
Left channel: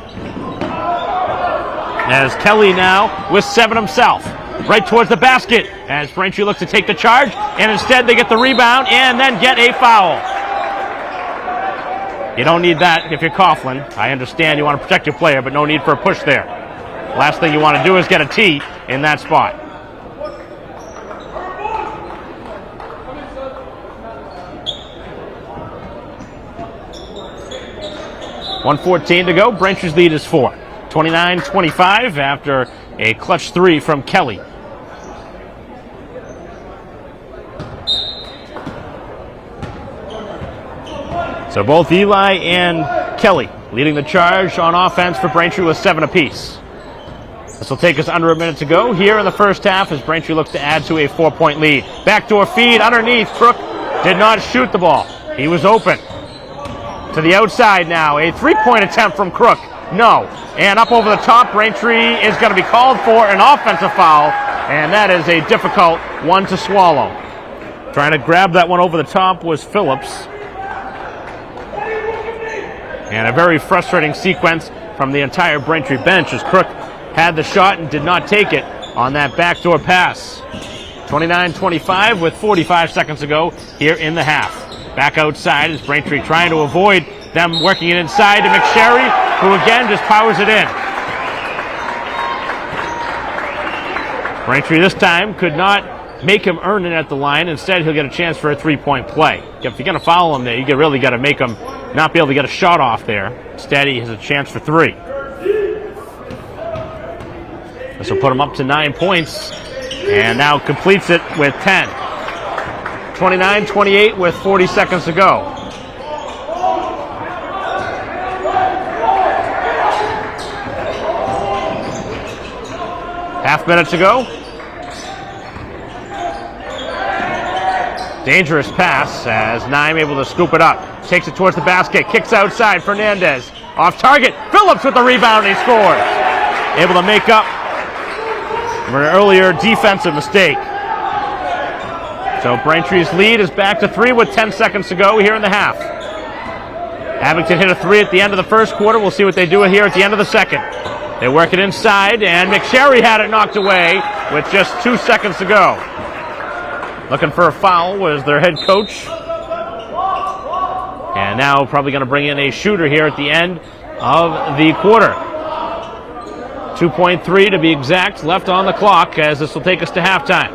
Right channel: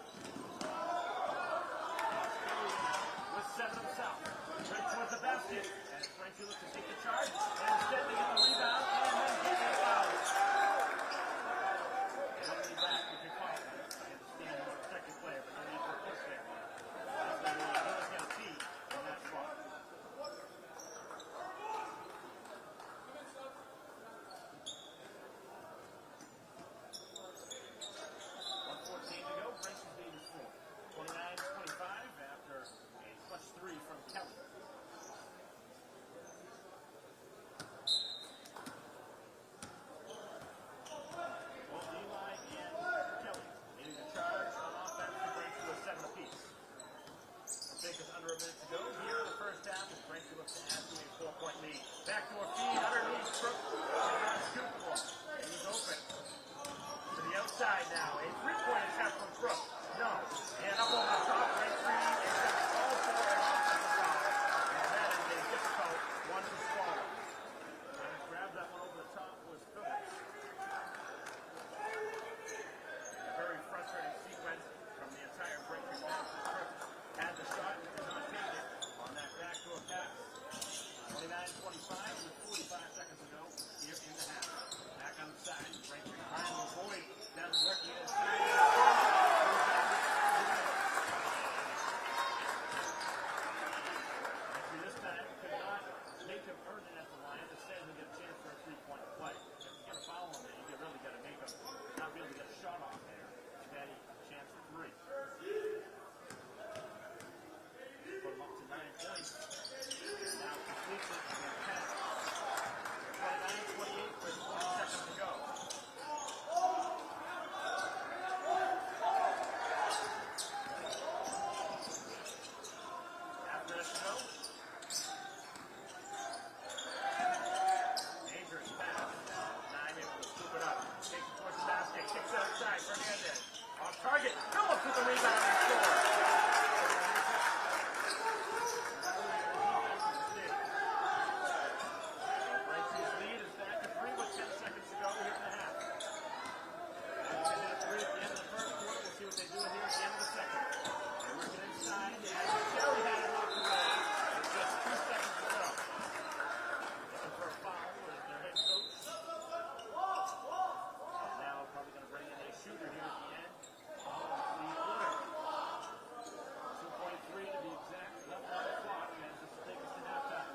As Kelly now with 7 himself. Right towards the basket as Braintree looks to take the charge, and instead they get the rebound and then get a foul. You don't need that if you're Coughlin. I understand you want to protect your player, but no need for a push there. Last thing you want to do is get a tee in that spot. .114 to go. Braintree's lead is 4. 29-25 after a clutch 3 from Kelly. So both Eli and Kelly leading the charge on offense for Braintree with 7 apiece. This will take us under a minute to go here in the first half as Braintree looks to add to a 4-point lead. Backdoor feed underneath. Crook did not shoot the ball. He was open. To the outside now. A 3-point attempt from Crook. No. And up over the top, Braintree is going to be called for an offensive foul, and that is a difficult one to swallow. Trying to grab that one over the top was Phillips. And a very frustrating sequence from the entire Braintree bench as Crook had the shot and did not take it on that backdoor pass. 29-25 with 45 seconds to go here in the half. Back outside is Braintree trying to avoid them working it inside to McSherry, who again just powers it in. Braintree this time could not make him earn it at the line. Instead, he'll get a chance for a 3-point play. If you're going to foul him there, you really got to make him not be able to get a shot off there. Instead, he has a chance for 3. This will put him up to 9 points, and now completes it with 10. 29-28 with 40 seconds to go. Half minute to go. Dangerous pass as Naim able to scoop it up. Takes it towards the basket, kicks outside, Fernandez. Off target, Phillips with the rebound, he scores. Able to make up for an earlier defensive mistake. So Braintree's lead is back to 3 with 10 seconds to go here in the half. Abington hit a 3 at the end of the first quarter. We'll see what they do here at the end of the second. They work it inside, and McSherry had it knocked away with just 2 seconds to go. Looking for a foul was their head coach. And now probably going to bring in a shooter here at the end of the quarter. 2.3 to be exact left on the clock as this will take us to halftime.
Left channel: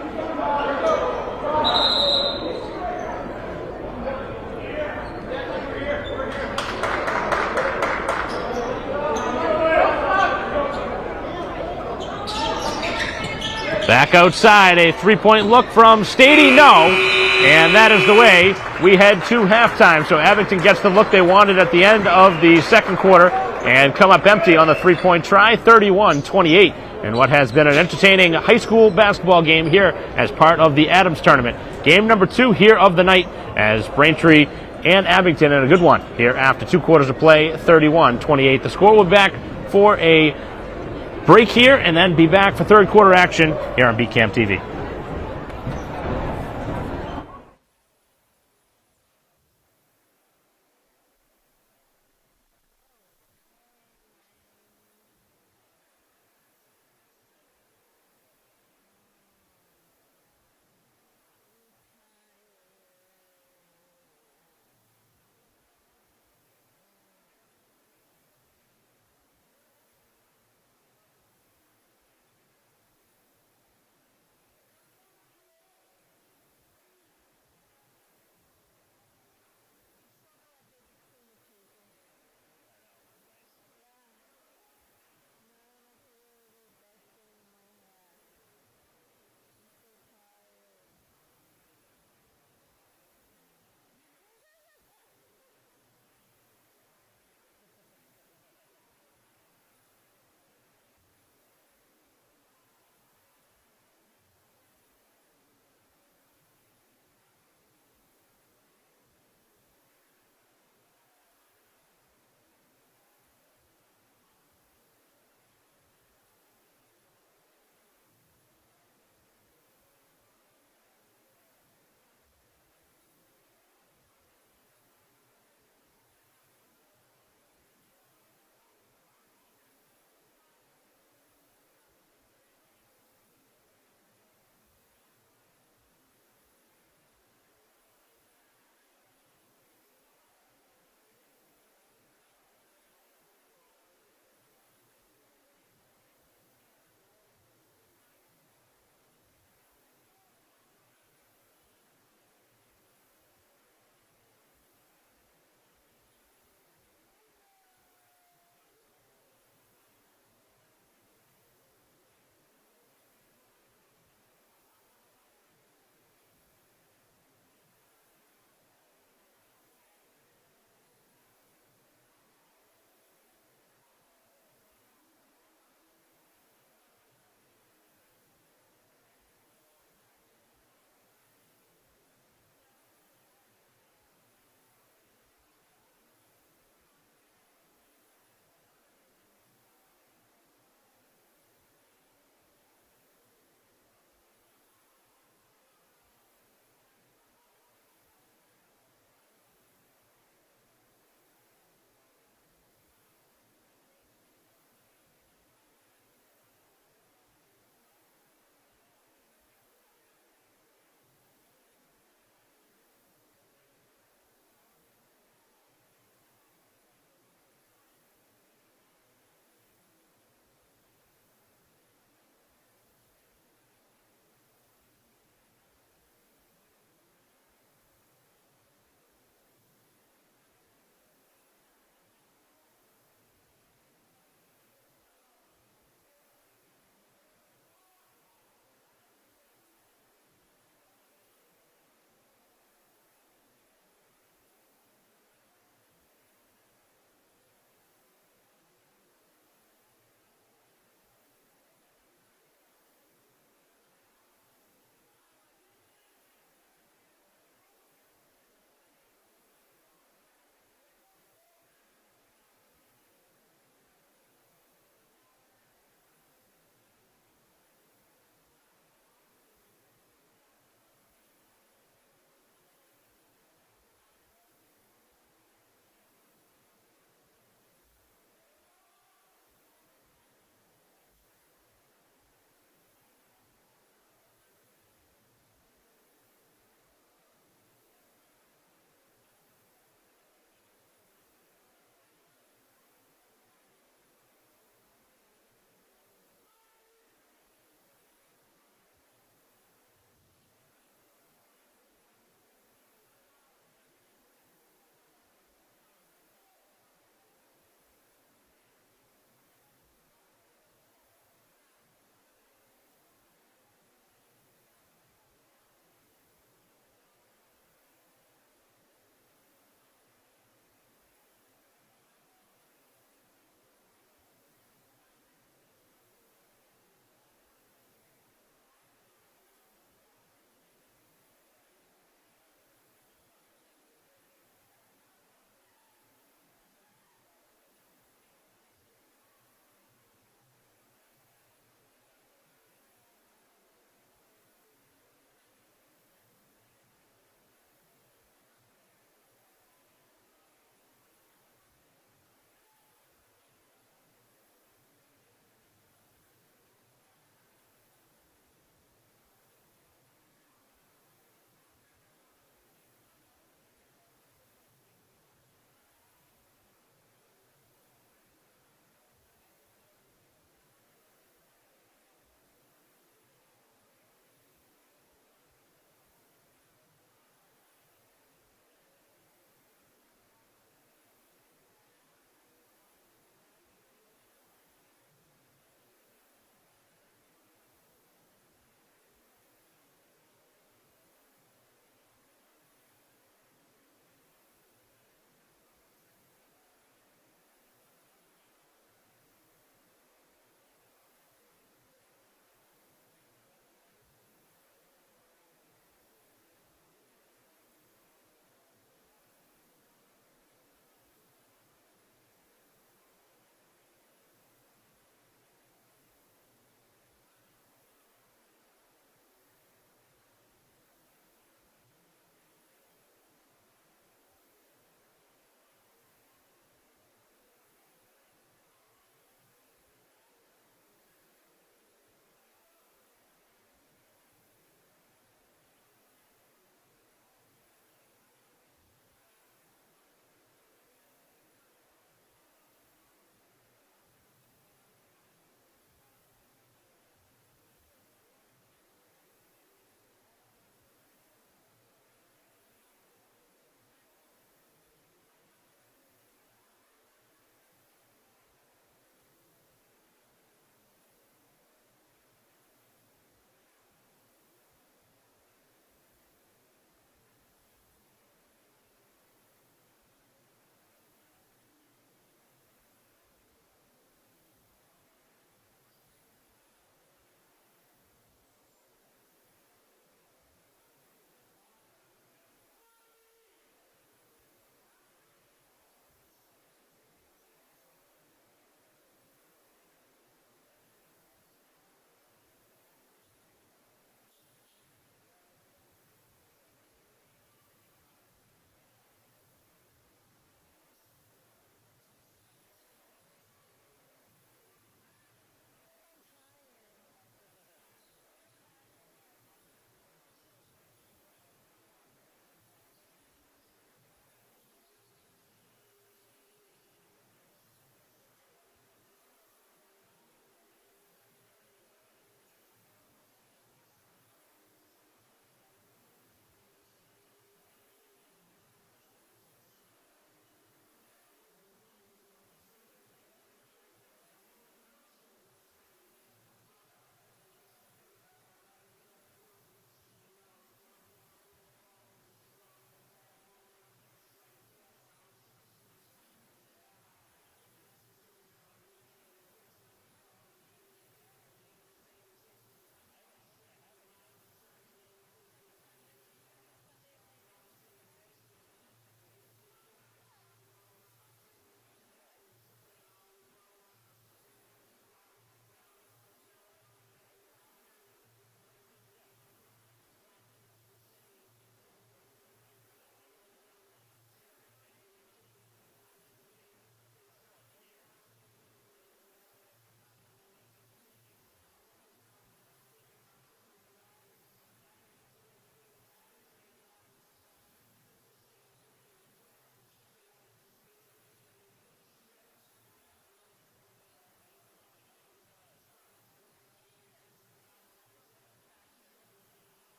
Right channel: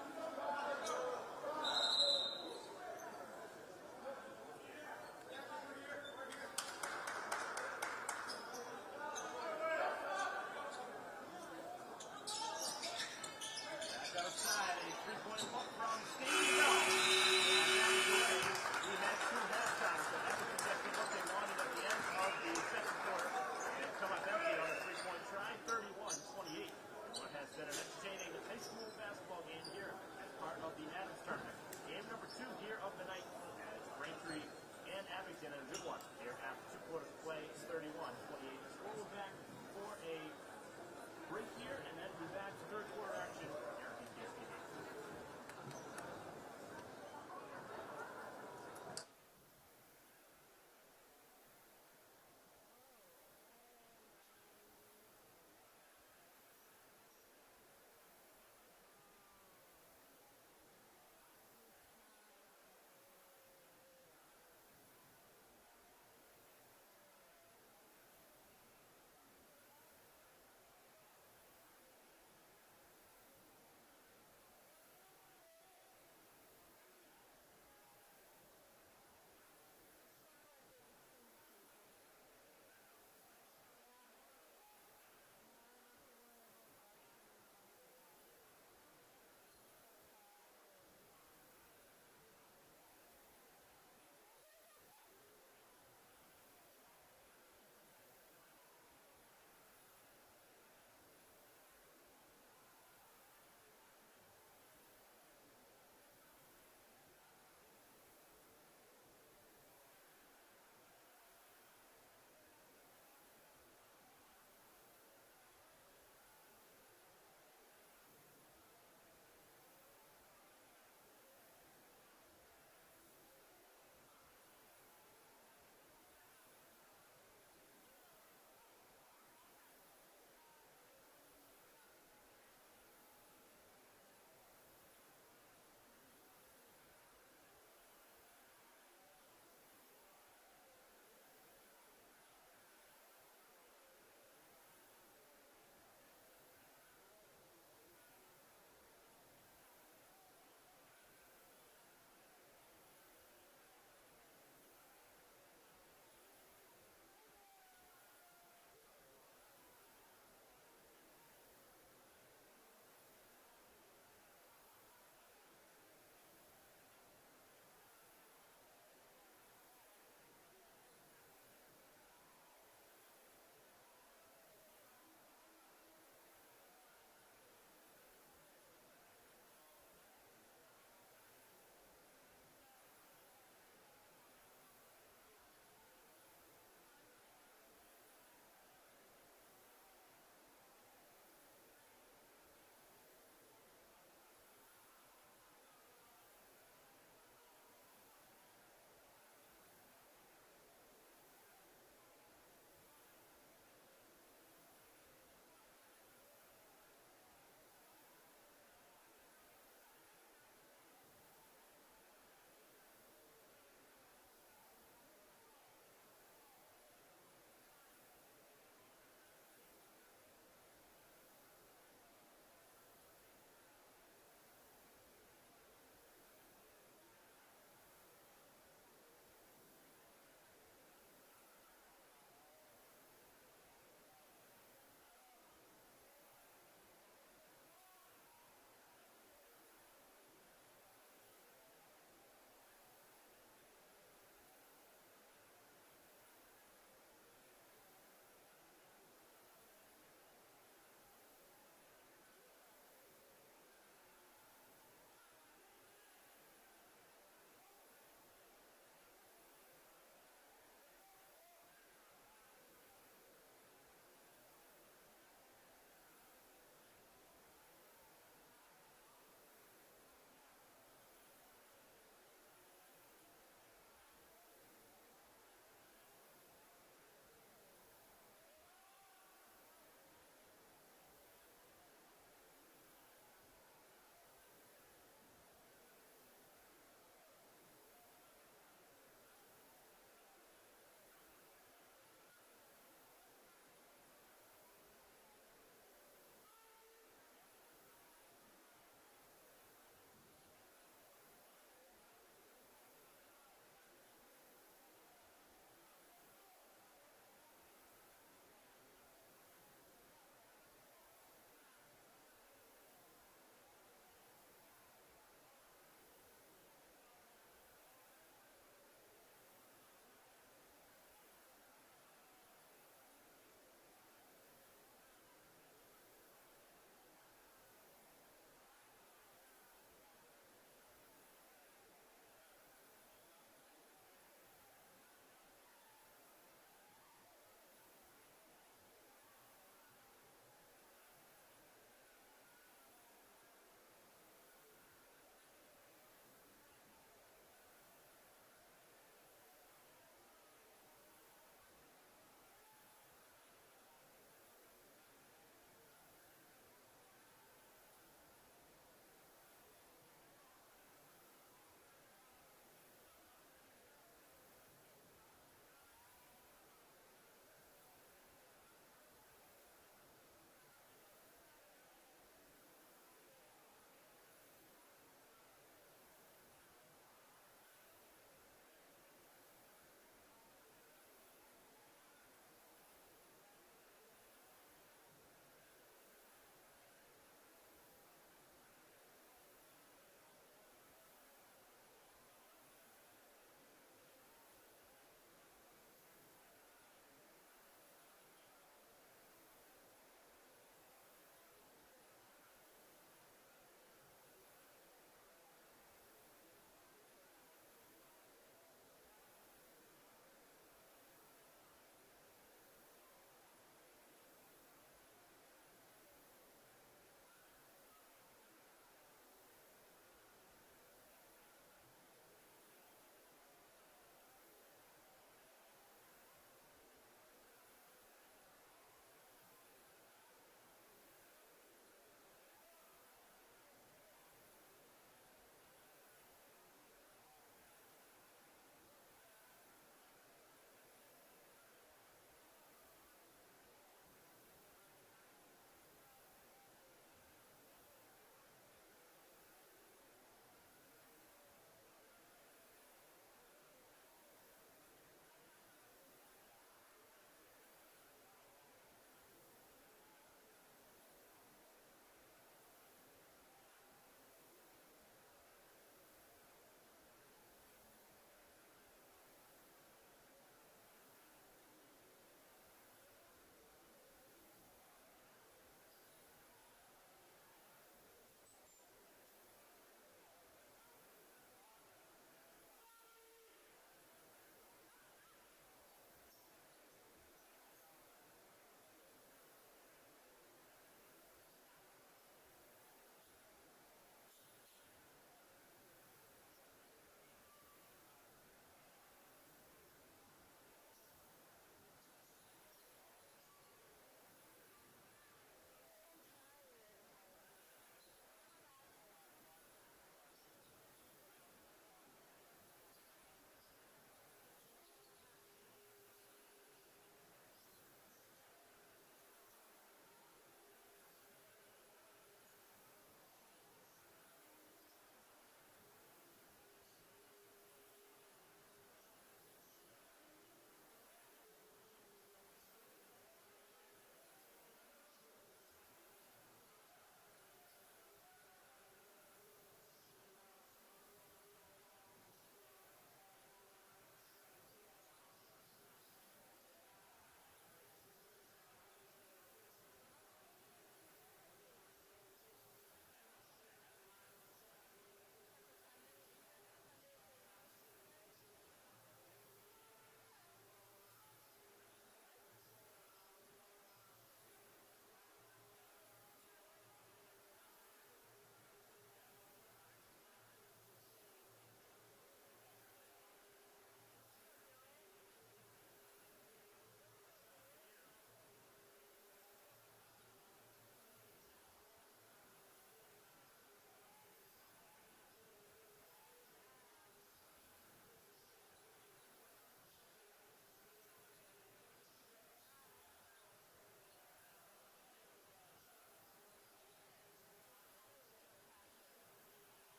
Back outside, a 3-point look from Stady, no. And that is the way we head to halftime. So Abington gets the look they wanted at the end of the second quarter and come up empty on the 3-point try, 31-28. And what has been an entertaining high school basketball game here as part of the Adams tournament. Game number 2 here of the night as Braintree and Abington in a good one here after 2 quarters of play, 31-28. The score will be back for a break here and then be back for third quarter action here on BCAM TV.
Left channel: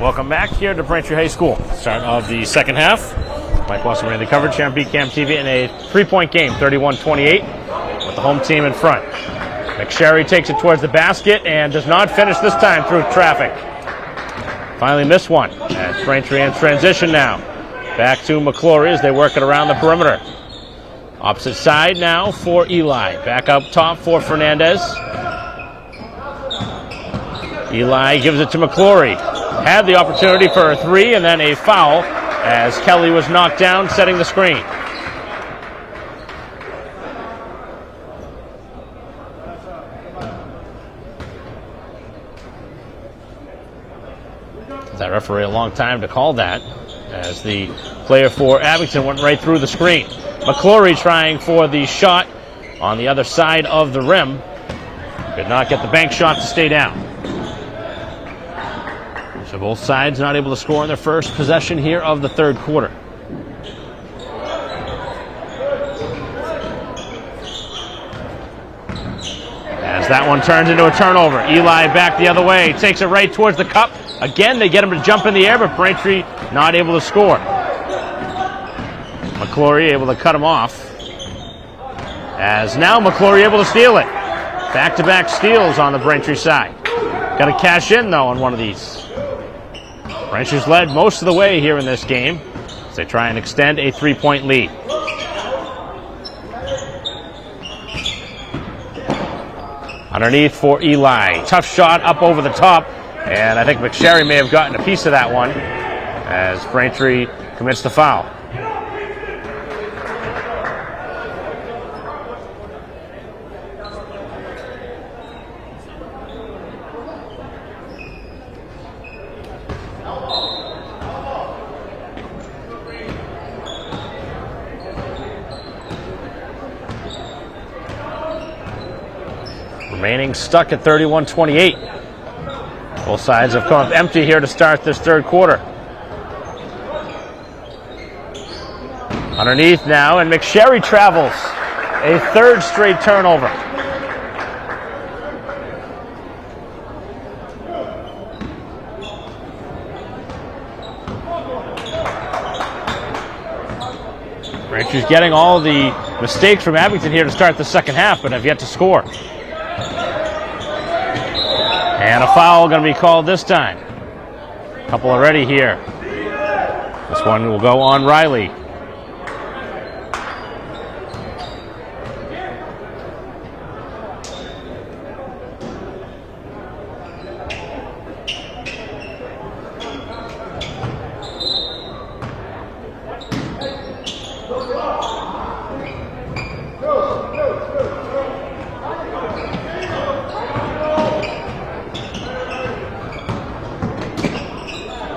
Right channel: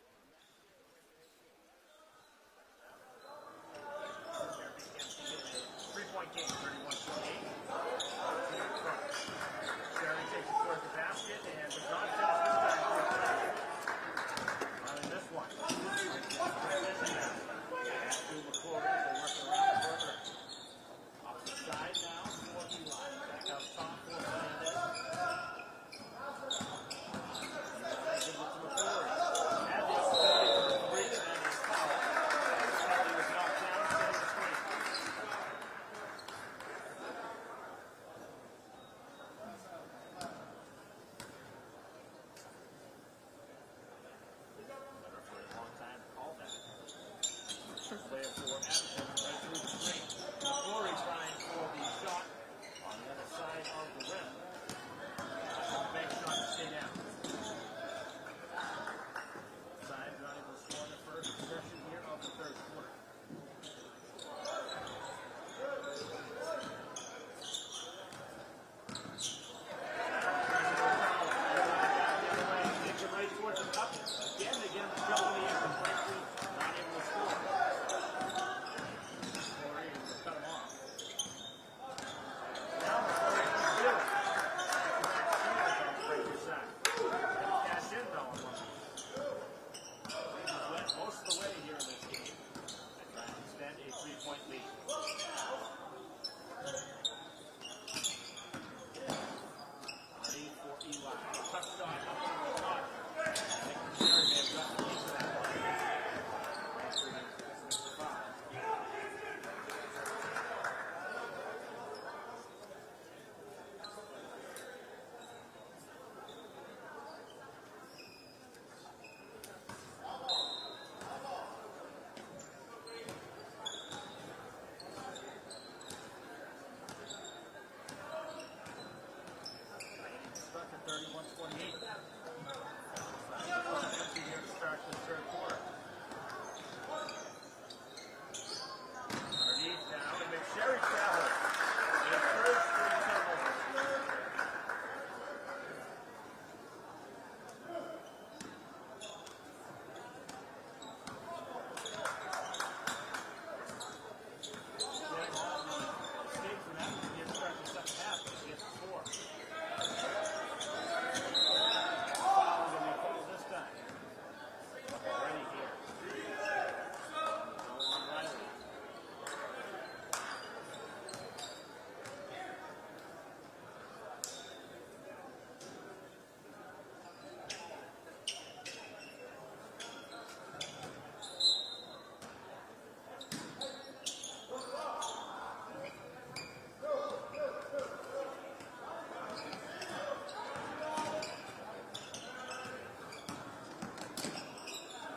Welcome back here to Braintree High School. Start of the second half. Mike Wasserman in the coverage here on BCAM TV in a 3-point game, 31-28, with the home team in front. McSherry takes it towards the basket and does not finish this time through traffic. Finally missed one. As Braintree in transition now. Back to McClory as they work it around the perimeter. Opposite side now for Eli. Back up top for Fernandez. Eli gives it to McClory. Had the opportunity for a three and then a foul as Kelly was knocked down, setting the screen. That referee a long time to call that as the player for Abington went right through the screen. McClory trying for the shot on the other side of the rim. Could not get the bank shot to stay down. So both sides not able to score in their first possession here of the third quarter. As that one turns into a turnover. Eli back the other way, takes it right towards the cup. Again, they get him to jump in the air, but Braintree not able to score. McClory able to cut him off. As now McClory able to steal it. Back-to-back steals on the Braintree side. Got to cash in, though, on one of these. Braintree's led most of the way here in this game as they try and extend a 3-point lead. Underneath for Eli. Tough shot up over the top. And I think McSherry may have gotten a piece of that one as Braintree commits the foul. Remaining stuck at 31-28. Both sides have come up empty here to start this third quarter. Underneath now, and McSherry travels. A third straight turnover. Braintree's getting all the mistakes from Abington here to start the second half, but have yet to score. And a foul going to be called this time. A couple already here. This one will go on Riley.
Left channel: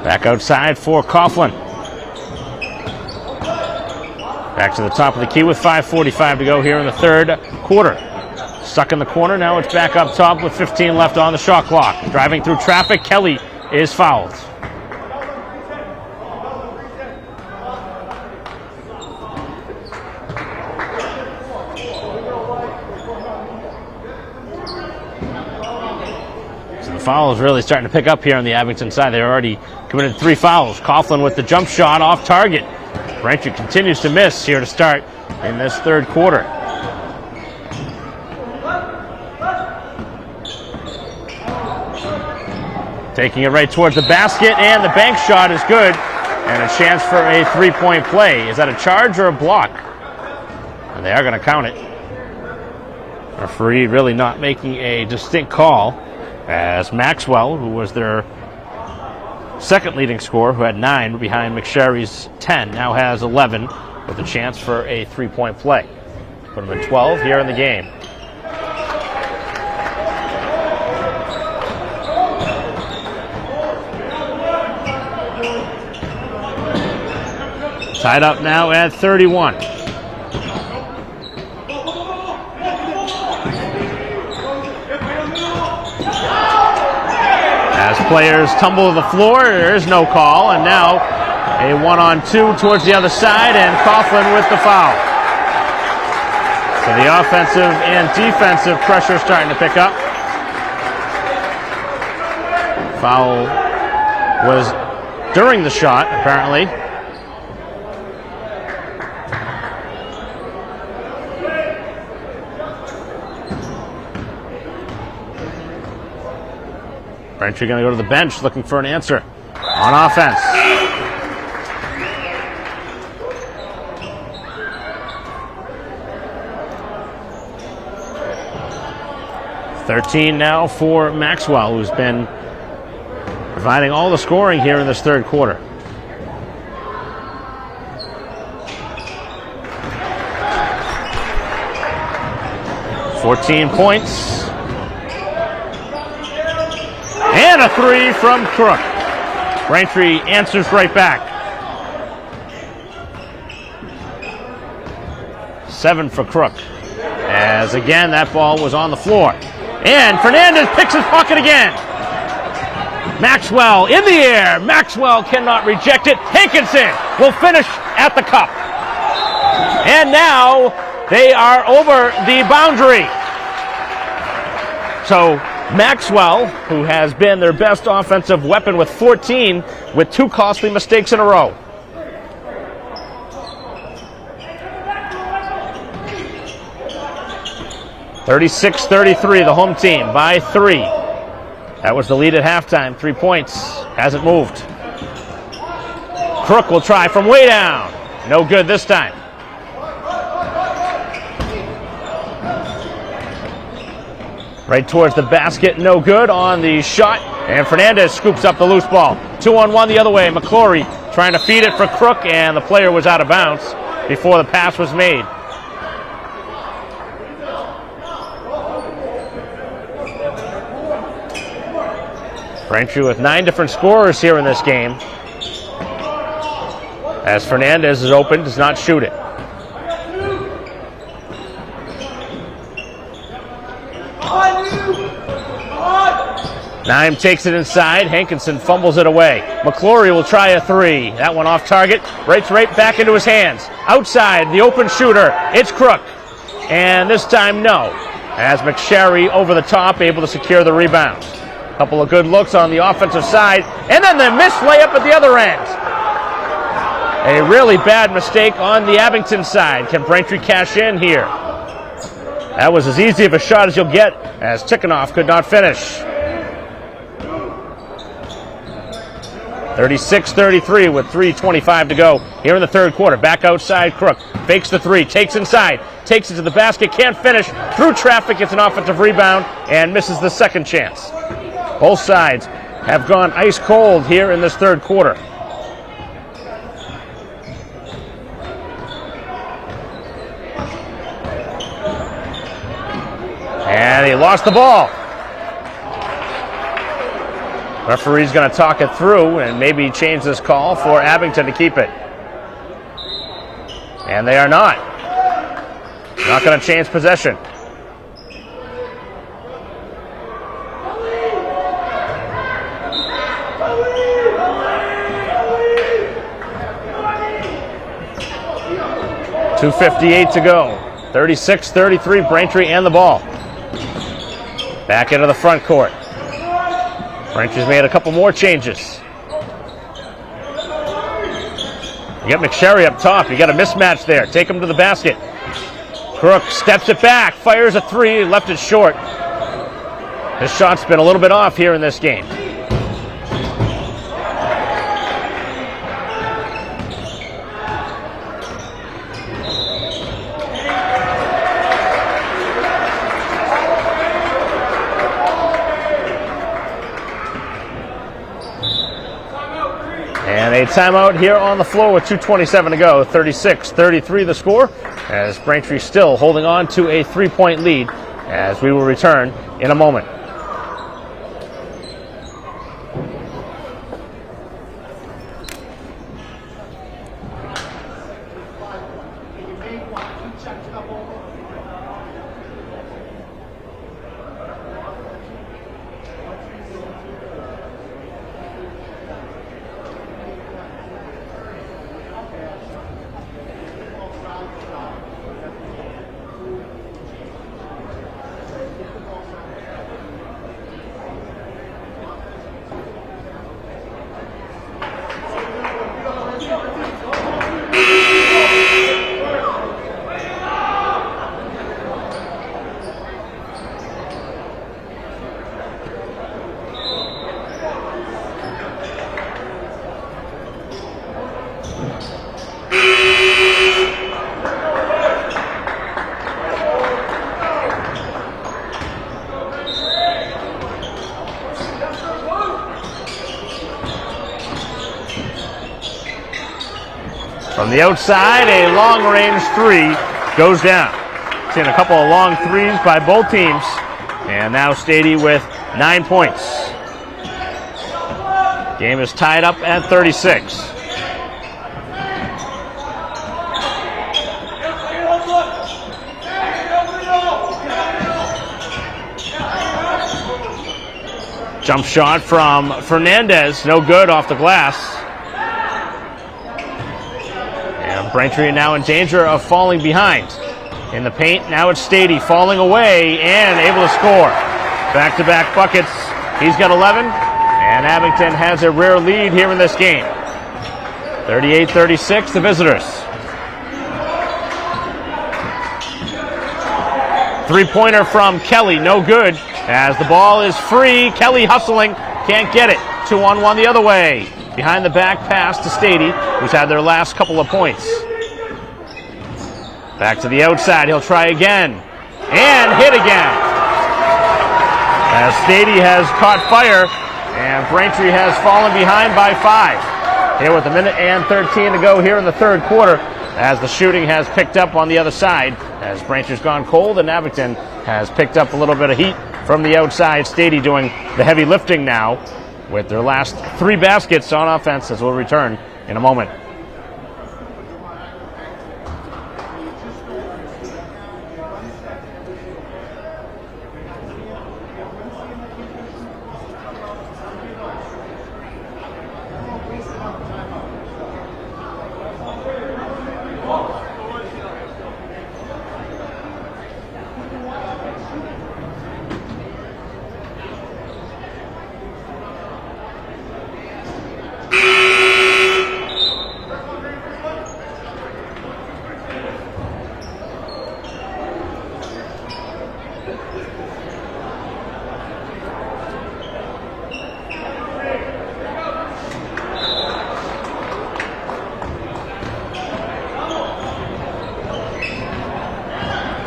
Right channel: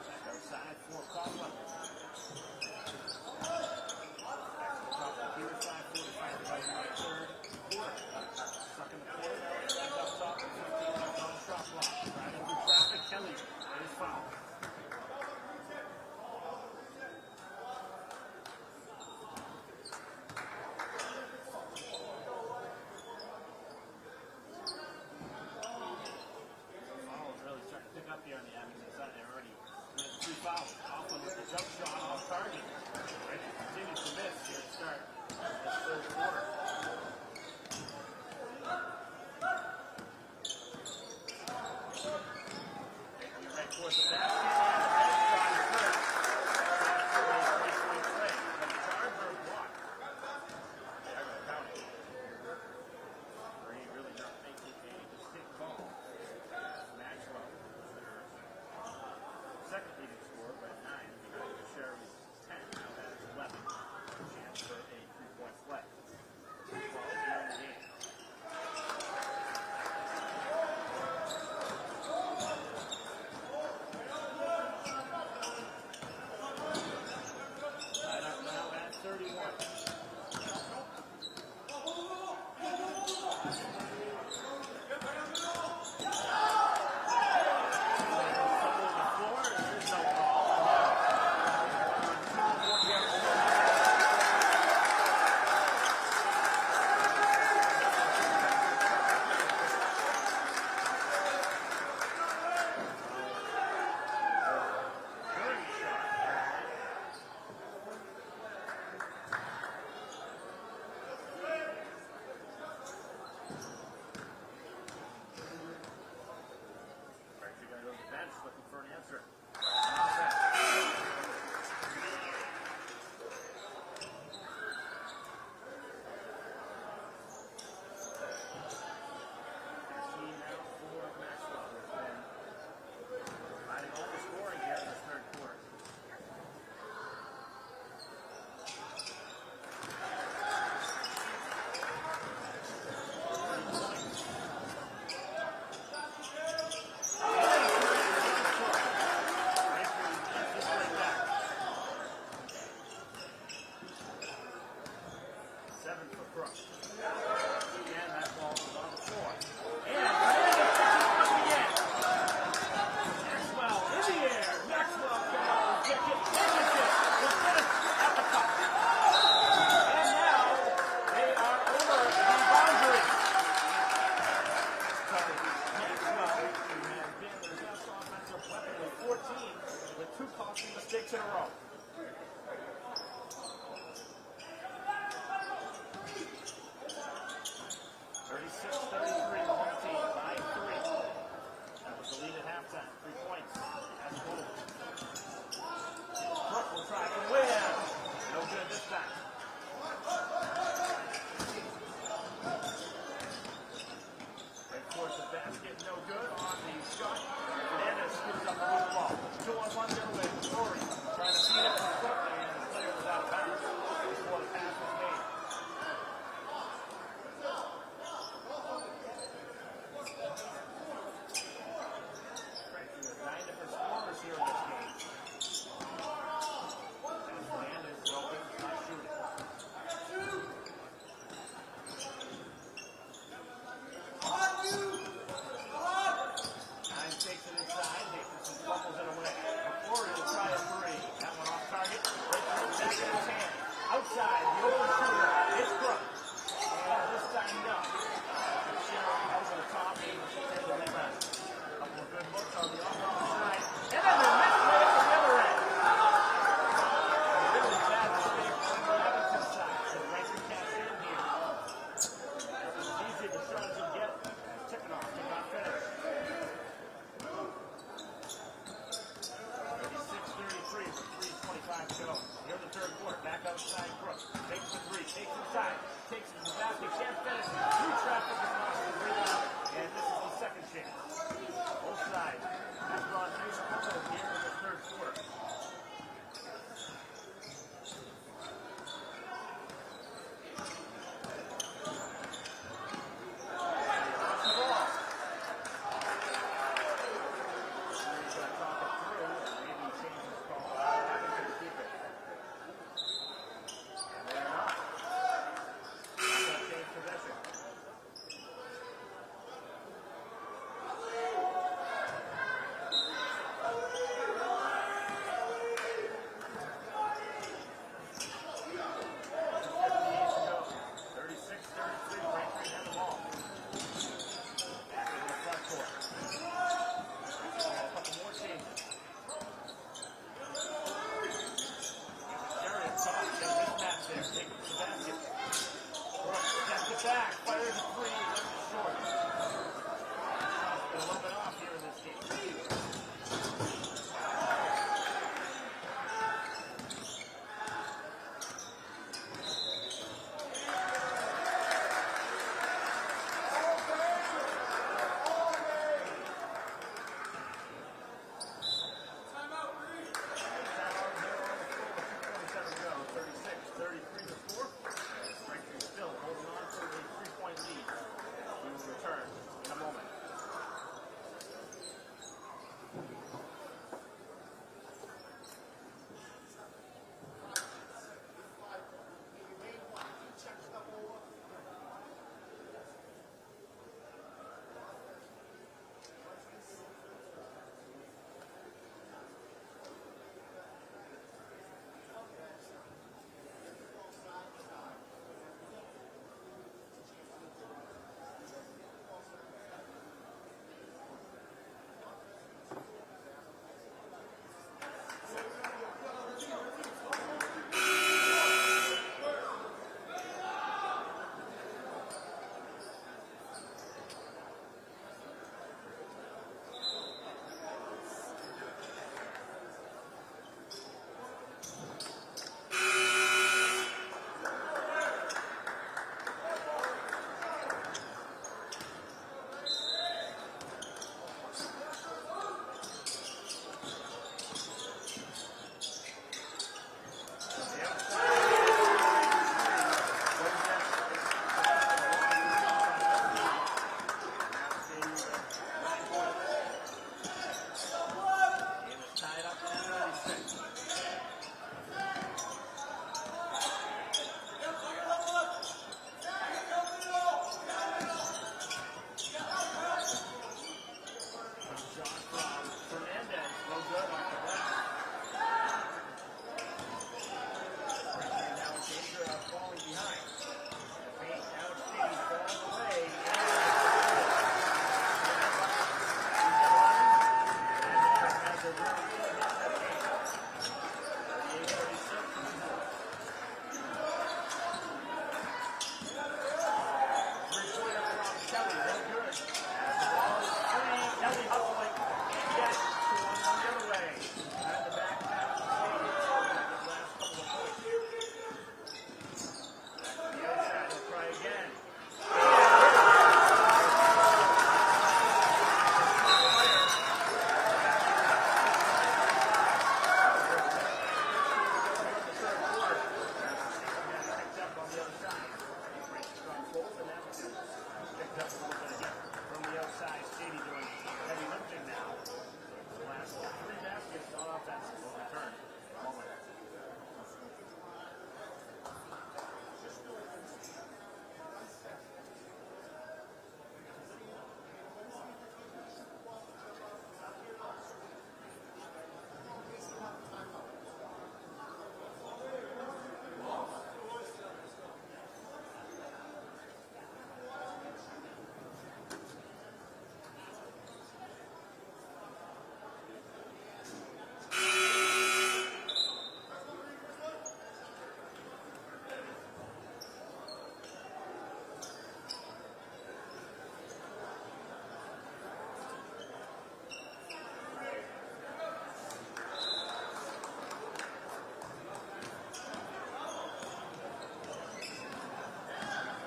Back outside for Coughlin. Back to the top of the key with 5:45 to go here in the third quarter. Stuck in the corner, now it's back up top with 15 left on the shot clock. Driving through traffic, Kelly is fouled. Fouls really starting to pick up here on the Abington side. They already committed 3 fouls. Coughlin with the jump shot off target. Braintree continues to miss here to start in this third quarter. Taking it right towards the basket, and the bank shot is good. And a chance for a 3-point play. Is that a charge or a block? And they are going to count it. Referee really not making a distinct call, as Maxwell, who was their second leading scorer, who had 9 behind McSherry's 10, now has 11 with a chance for a 3-point play. Put him at 12 here in the game. Tied up now at 31. As players tumble to the floor, there is no call, and now a 1-on-2 towards the other side, and Coughlin with the foul. So the offensive and defensive pressure starting to pick up. Foul was during the shot, apparently. Braintree going to go to the bench looking for an answer on offense. $13 now for Maxwell, who's been providing all the scoring here in this third quarter. $14 points. And a three from Crook. Braintree answers right back. 7 for Crook. As again, that ball was on the floor. And Fernandez picks his pocket again. Maxwell in the air. Maxwell cannot reject it. Hankinson will finish at the cup. And now they are over the boundary. So Maxwell, who has been their best offensive weapon with 14, with 2 costly mistakes in a row. (36-33), the home team by 3. That was the lead at halftime. 3 points. Hasn't moved. Crook will try from way down. No good this time. Right towards the basket, no good on the shot. And Fernandez scoops up the loose ball. 2-on-1 the other way. McClory trying to feed it for Crook, and the player was out of bounds before the pass was made. Braintree with 9 different scorers here in this game. As Fernandez is open, does not shoot it. Naim takes it inside. Hankinson fumbles it away. McClory will try a 3. That one off target. Right back into his hands. Outside, the open shooter. It's Crook. And this time, no. As McSherry over the top, able to secure the rebound. Couple of good looks on the offensive side. And then the missed layup at the other end. A really bad mistake on the Abington side. Can Braintree cash in here? That was as easy of a shot as you'll get, as Tikhonov could not finish. 36-33 with 3:25 to go here in the third quarter. Back outside, Crook fakes the 3, takes inside, takes it to the basket, can't finish. Through traffic, gets an offensive rebound and misses the second chance. Both sides have gone ice cold here in this third quarter. And he lost the ball. Referee's going to talk it through and maybe change this call for Abington to keep it. And they are not. Not going to change possession. .258 to go. 36-33, Braintree and the ball. Back into the front court. Braintree's made a couple more changes. You get McSherry up top. You got a mismatch there. Take him to the basket. Crook steps it back, fires a 3, left it short. His shot's been a little bit off here in this game. And a timeout here on the floor with 2:27 to go. 36-33 the score, as Braintree still holding on to a 3-point lead, as we will return in a moment. From the outside, a long-range three goes down. Seen a couple of long threes by both teams. And now Stady with 9 points. Game is tied up at 36. Jump shot from Fernandez, no good off the glass. And Braintree now in danger of falling behind. In the paint, now it's Stady falling away and able to score. Back-to-back buckets. He's got 11, and Abington has a rare lead here in this game. 38-36, the visitors. Three-pointer from Kelly, no good. As the ball is free, Kelly hustling, can't get it. 2-on-1 the other way. Behind the back pass to Stady, who's had their last couple of points. Back to the outside, he'll try again. And hit again. As Stady has caught fire, and Braintree has fallen behind by 5. Here with 1:13 to go here in the third quarter, as the shooting has picked up on the other side, as Braintree's gone cold and Abington has picked up a little bit of heat from the outside. Stady doing the heavy lifting now with their last 3 baskets on offense, as we'll return in a moment.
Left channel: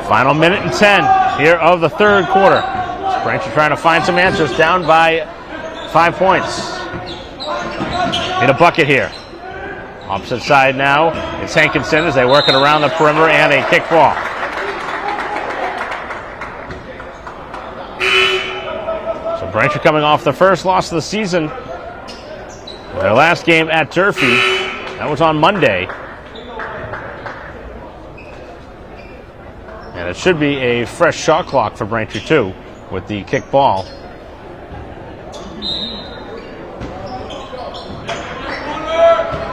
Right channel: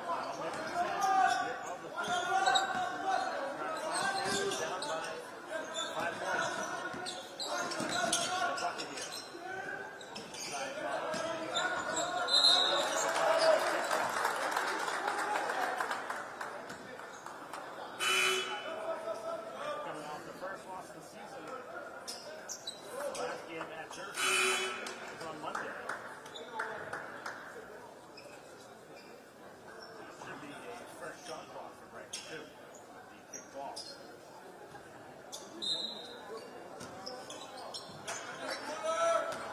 Final 1:10 here of the third quarter. Braintree trying to find some answers, down by 5 points. Need a bucket here. Opposite side now, it's Hankinson as they work it around the perimeter, and a kick ball. So Braintree coming off the first loss of the season. Their last game at Durfee, that was on Monday. And it should be a fresh shot clock for Braintree too, with the kick ball.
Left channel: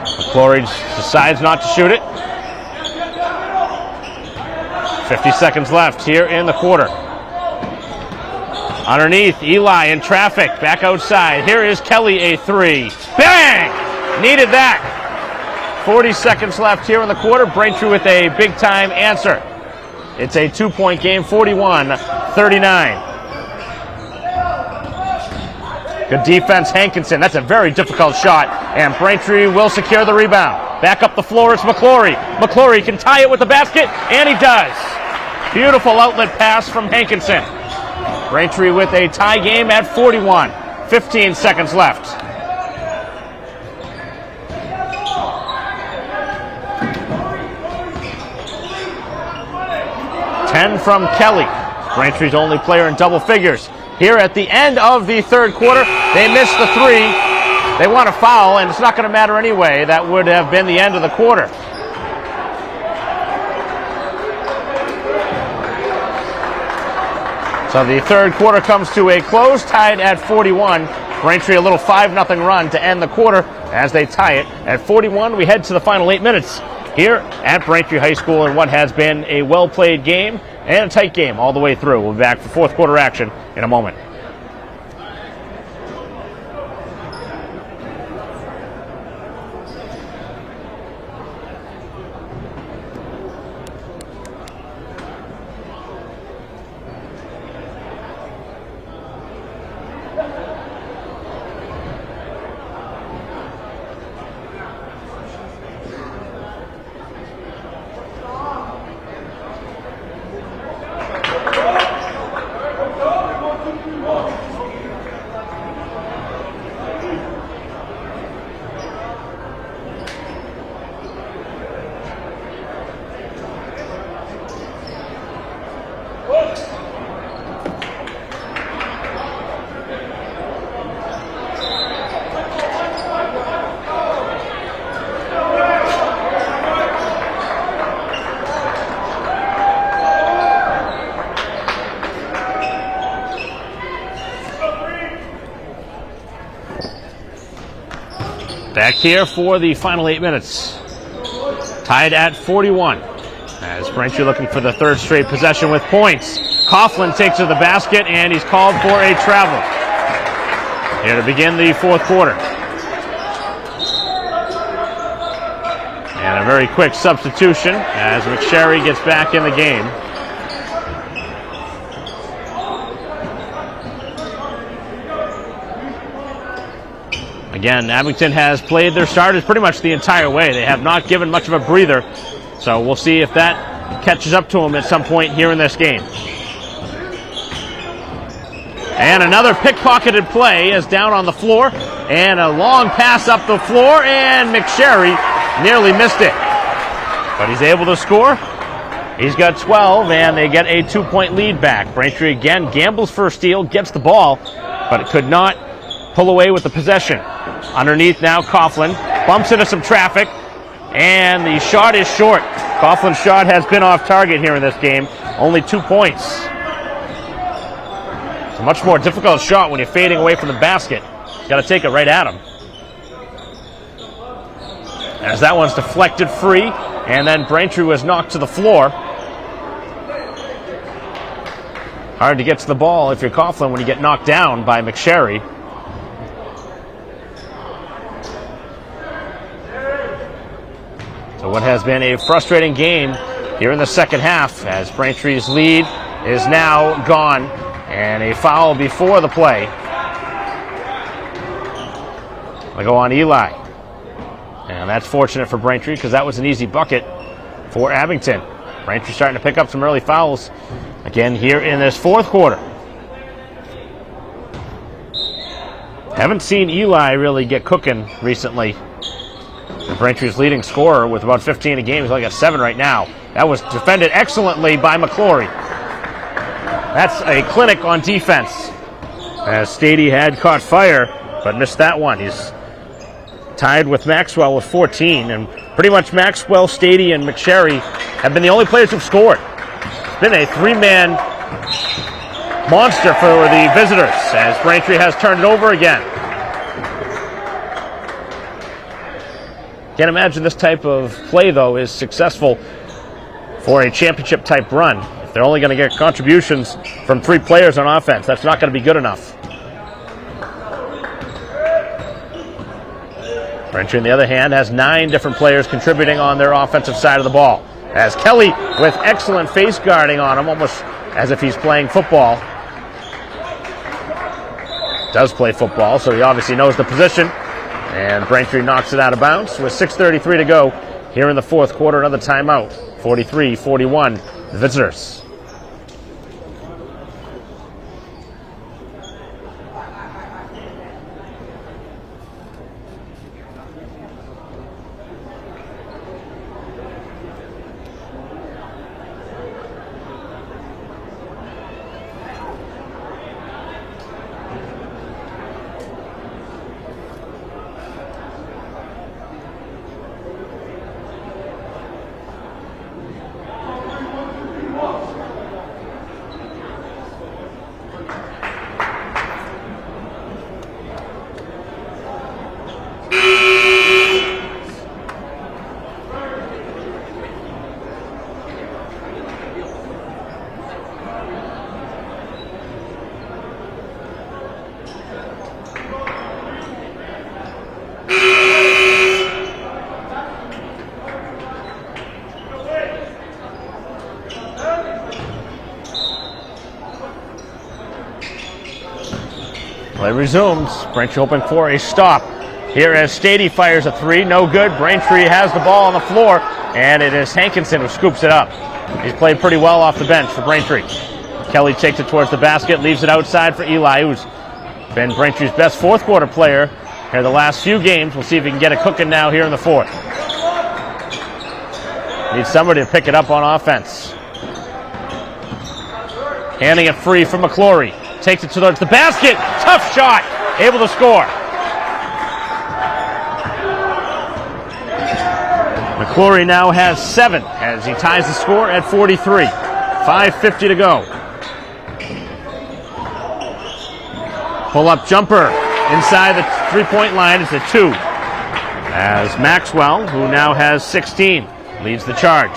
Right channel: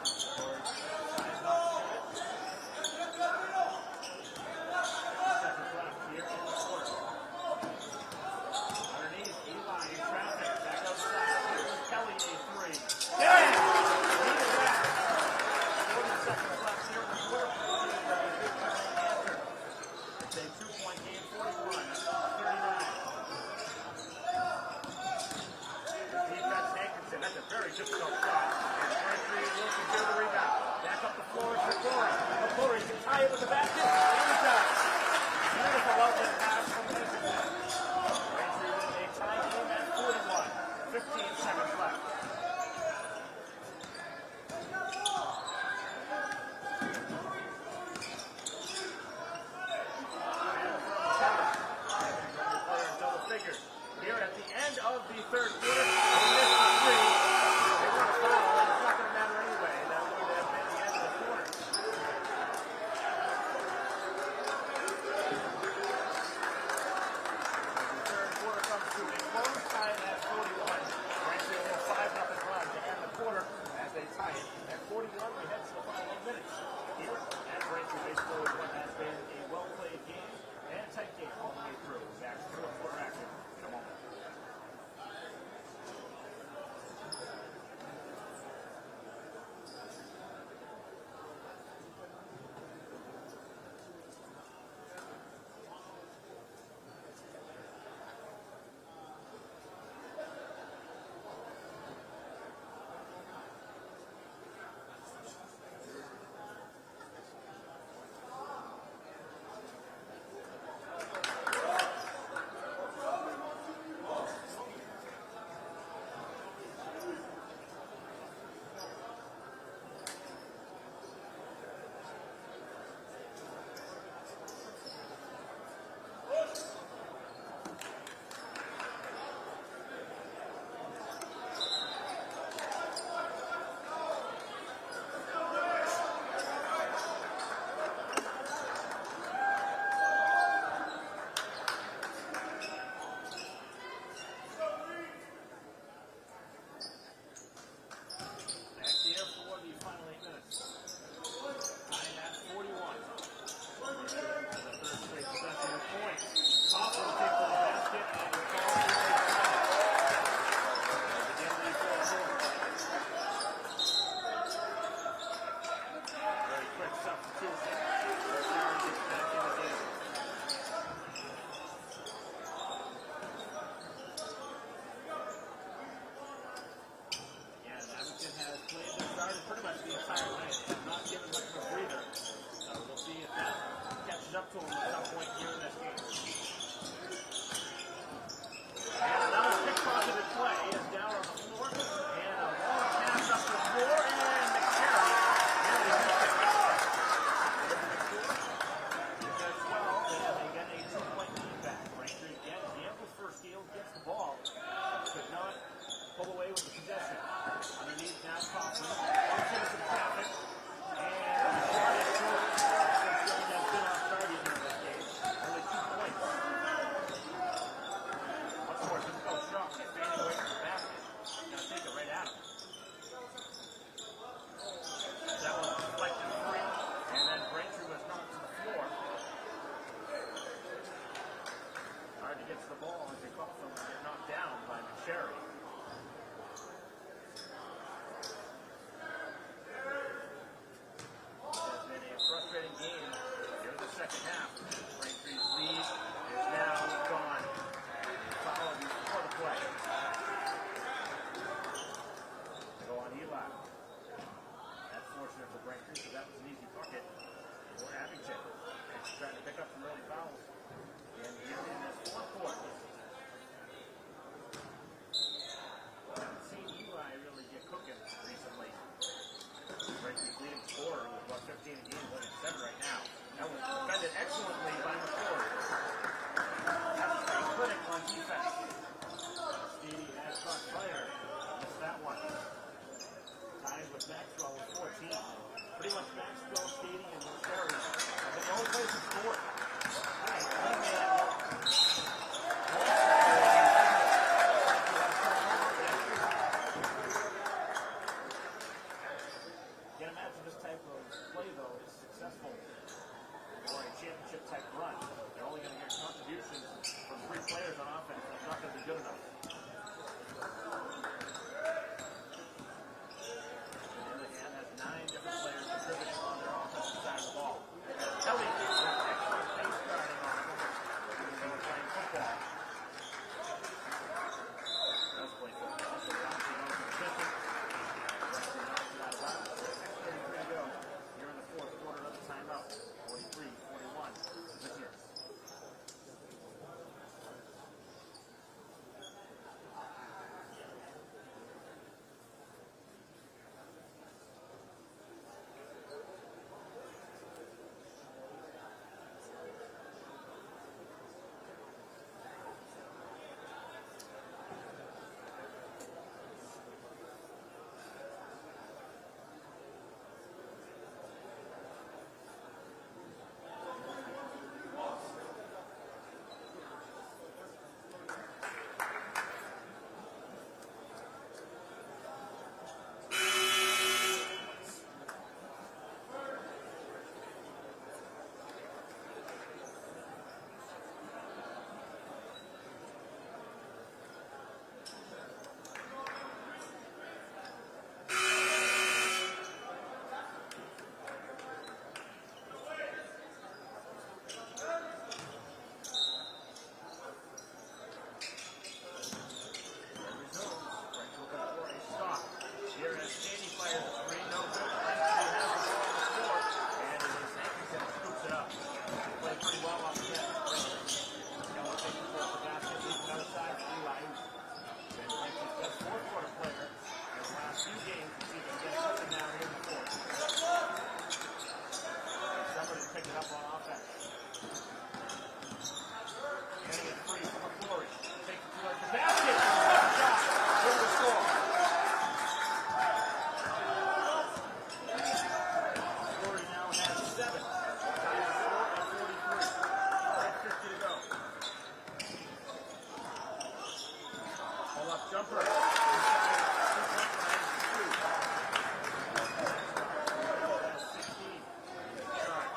McClory decides not to shoot it. 50 seconds left here in the quarter. Underneath, Eli in traffic, back outside. Here is Kelly, a 3. Bang! Needed that. 40 seconds left here in the quarter. Braintree with a big-time answer. It's a 2-point game, 41-39. Good defense, Hankinson. That's a very difficult shot, and Braintree will secure the rebound. Back up the floor, it's McClory. McClory can tie it with the basket, and he does. Beautiful outlet pass from Hankinson. Braintree with a tie game at 41. 15 seconds left. From Kelly. Braintree's only player in double figures. Here at the end of the third quarter, they missed the 3. They want a foul, and it's not going to matter anyway. That would have been the end of the quarter. So the third quarter comes to a close, tied at 41. Braintree a little 5-0 run to end the quarter as they tie it at 41. We head to the final 8 minutes here at Braintree High School in what has been a well-played game and a tight game all the way through. We'll be back for fourth quarter action in a moment. Back here for the final 8 minutes. Tied at 41. As Braintree looking for the third straight possession with points. Coughlin takes to the basket, and he's called for a travel. Here to begin the fourth quarter. And a very quick substitution as McSherry gets back in the game. Again, Abington has played their starters pretty much the entire way. They have not given much of a breather. So we'll see if that catches up to them at some point here in this game. And another pickpocketed play is down on the floor. And a long pass up the floor, and McSherry nearly missed it. But he's able to score. He's got 12, and they get a 2-point lead back. Braintree again gambles for a steal, gets the ball, but it could not pull away with the possession. Underneath now, Coughlin bumps into some traffic, and the shot is short. Coughlin's shot has been off target here in this game. Only 2 points. It's a much more difficult shot when you're fading away from the basket. You got to take it right at him. As that one's deflected free, and then Braintree was knocked to the floor. Hard to get to the ball if you're Coughlin when you get knocked down by McSherry. So what has been a frustrating game here in the second half, as Braintree's lead is now gone, and a foul before the play. They go on Eli. And that's fortunate for Braintree because that was an easy bucket for Abington. Braintree starting to pick up some early fouls again here in this fourth quarter. Haven't seen Eli really get cooking recently. Braintree's leading scorer with about 15 a game. He's only got 7 right now. That was defended excellently by McClory. That's a clinic on defense, as Stady had caught fire but missed that one. He's tied with Maxwell with 14, and pretty much Maxwell, Stady, and McSherry have been the only players who've scored. It's been a 3-man monster for the visitors, as Braintree has turned it over again. Can't imagine this type of play, though, is successful for a championship-type run. If they're only going to get contributions from 3 players on offense, that's not going to be good enough. Braintree, on the other hand, has 9 different players contributing on their offensive side of the ball. As Kelly with excellent face guarding on him, almost as if he's playing football. Does play football, so he obviously knows the position. And Braintree knocks it out of bounds with 6:33 to go here in the fourth quarter. Another timeout. 43-41, the visitors. Play resumes. Braintree hoping for a stop. Here as Stady fires a 3, no good. Braintree has the ball on the floor, and it is Hankinson who scoops it up. He's played pretty well off the bench for Braintree. Kelly takes it towards the basket, leaves it outside for Eli, who's been Braintree's best fourth quarter player here the last few games. We'll see if he can get it cooking now here in the fourth. Needs somebody to pick it up on offense. Handing it free from McClory. Takes it towards the basket. Tough shot. Able to score. McClory now has 7 as he ties the score at 43. 5:50 to go. Pull-up jumper inside the 3-point line. It's a 2. as Maxwell, who now has 16, leads the charge.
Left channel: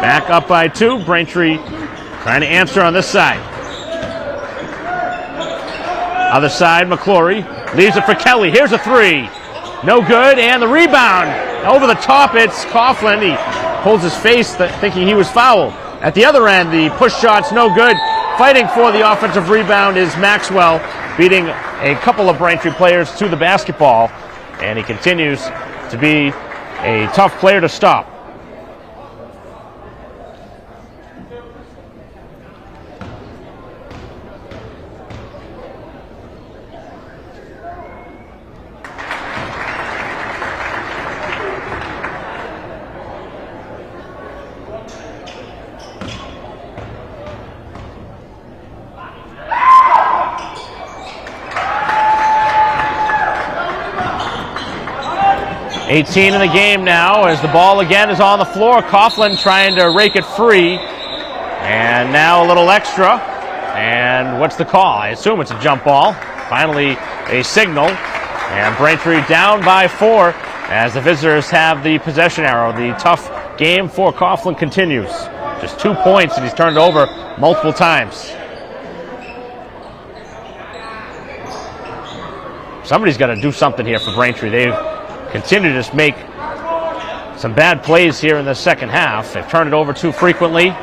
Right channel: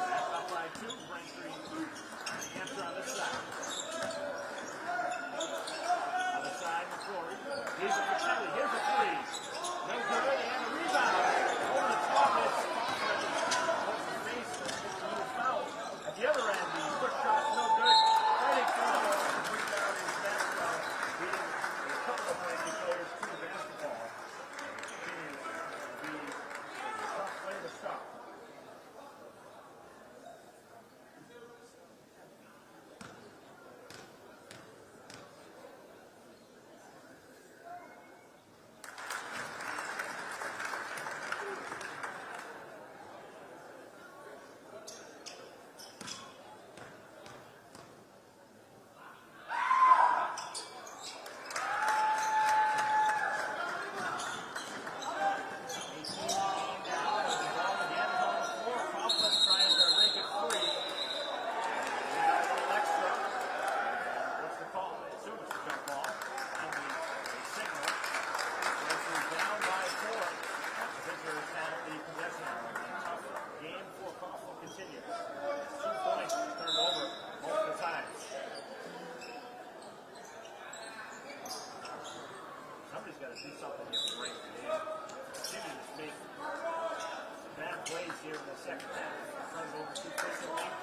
Back up by 2. Braintree trying to answer on this side. Other side, McClory leaves it for Kelly. Here's a 3. No good, and the rebound. Over the top, it's Coughlin. He holds his face thinking he was fouled. At the other end, the push shot's no good. Fighting for the offensive rebound is Maxwell, beating a couple of Braintree players to the basketball, and he continues to be a tough player to stop. .18 in the game now as the ball again is on the floor. Coughlin trying to rake it free. And now a little extra. And what's the call? I assume it's a jump ball. Finally a signal. And Braintree down by 4 as the visitors have the possession arrow. The tough game for Coughlin continues. Just 2 points and he's turned it over multiple times. Somebody's got to do something here for Braintree. They've continue to just make some bad plays here in the second half. They've turned it over too frequently,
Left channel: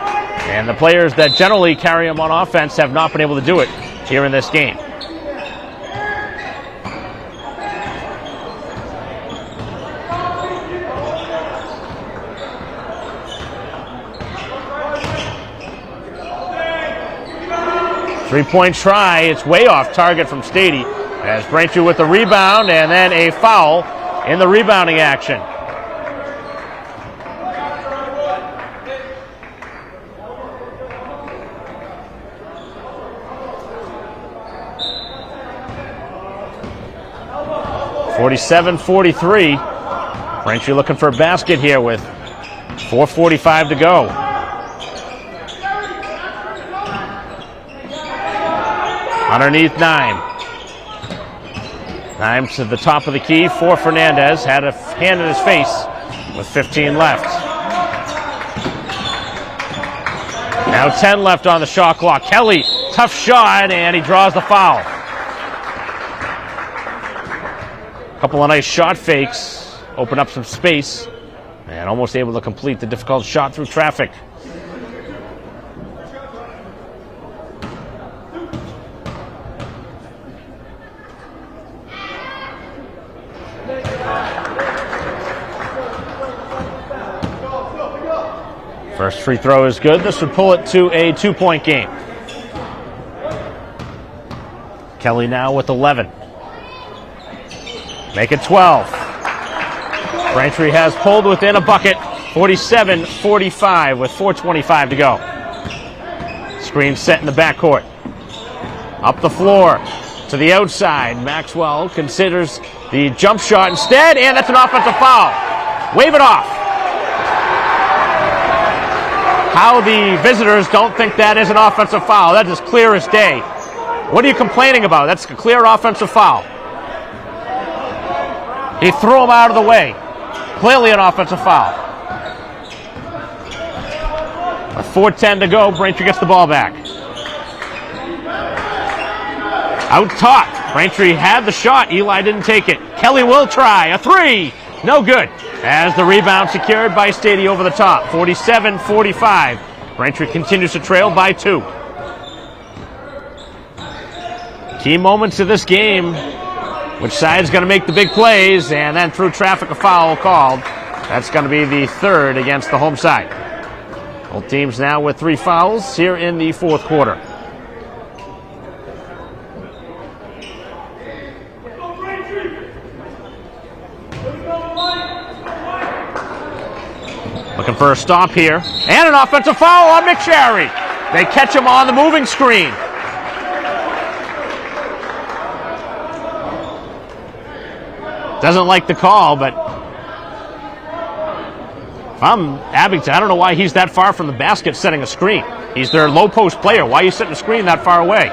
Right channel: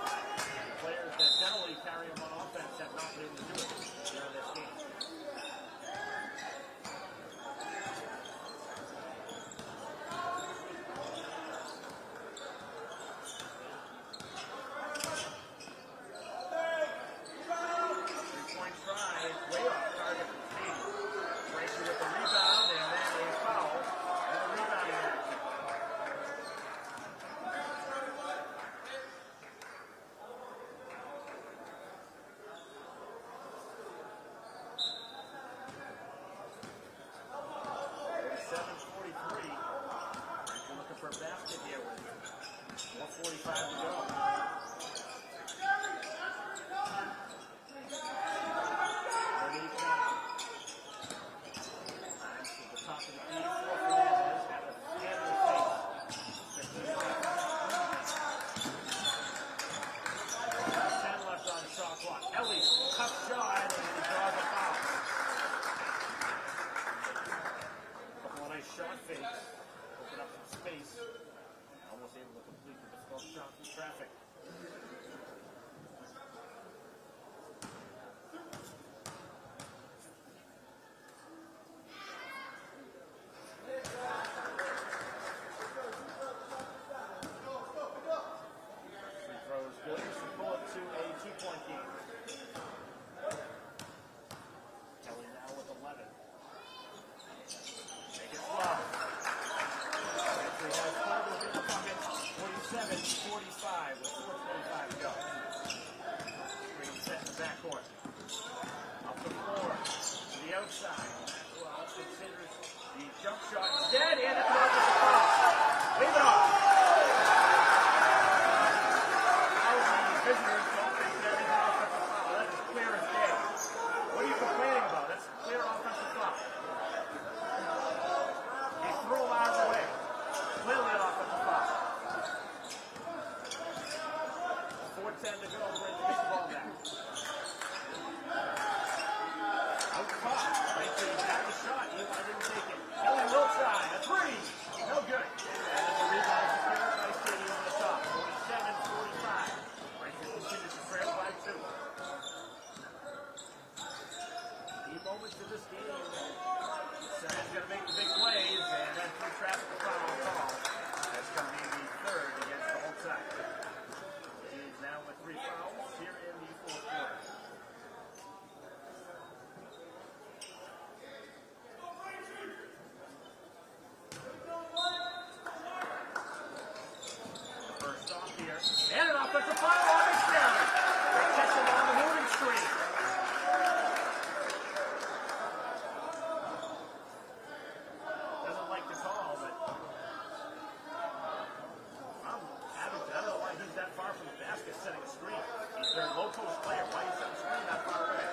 and the players that generally carry them on offense have not been able to do it here in this game. Three-point try, it's way off target from Stady as Braintree with the rebound and then a foul in the rebounding action. (47-43). Braintree looking for a basket here with 4:45 to go. Underneath 9. Time to the top of the key for Fernandez. Had a hand in his face with 15 left. Now 10 left on the shot clock. Kelly, tough shot, and he draws the foul. A couple of nice shot fakes. Open up some space. And almost able to complete the difficult shot through traffic. First free throw is good. This would pull it to a 2-point game. Kelly now with 11. Make it 12. Braintree has pulled within a bucket. 47-45 with 4:25 to go. Screen set in the backcourt. Up the floor to the outside. Maxwell considers the jump shot instead, and that's an offensive foul. Wave it off. How the visitors don't think that is an offensive foul. That is clear as day. What are you complaining about? That's a clear offensive foul. He threw him out of the way. Clearly an offensive foul. With 4:10 to go, Braintree gets the ball back. Out top. Braintree had the shot. Eli didn't take it. Kelly will try. A 3. No good. As the rebound secured by Stady over the top. 47-45. Braintree continues to trail by 2. Key moments of this game. Which side's going to make the big plays, and then through traffic a foul called. That's going to be the 3rd against the home side. Both teams now with 3 fouls here in the 4th quarter. Looking for a stop here. And an offensive foul on McSherry. They catch him on the moving screen. Doesn't like the call, but if I'm Abington, I don't know why he's that far from the basket setting a screen. He's their low post player. Why are you setting a screen that far away?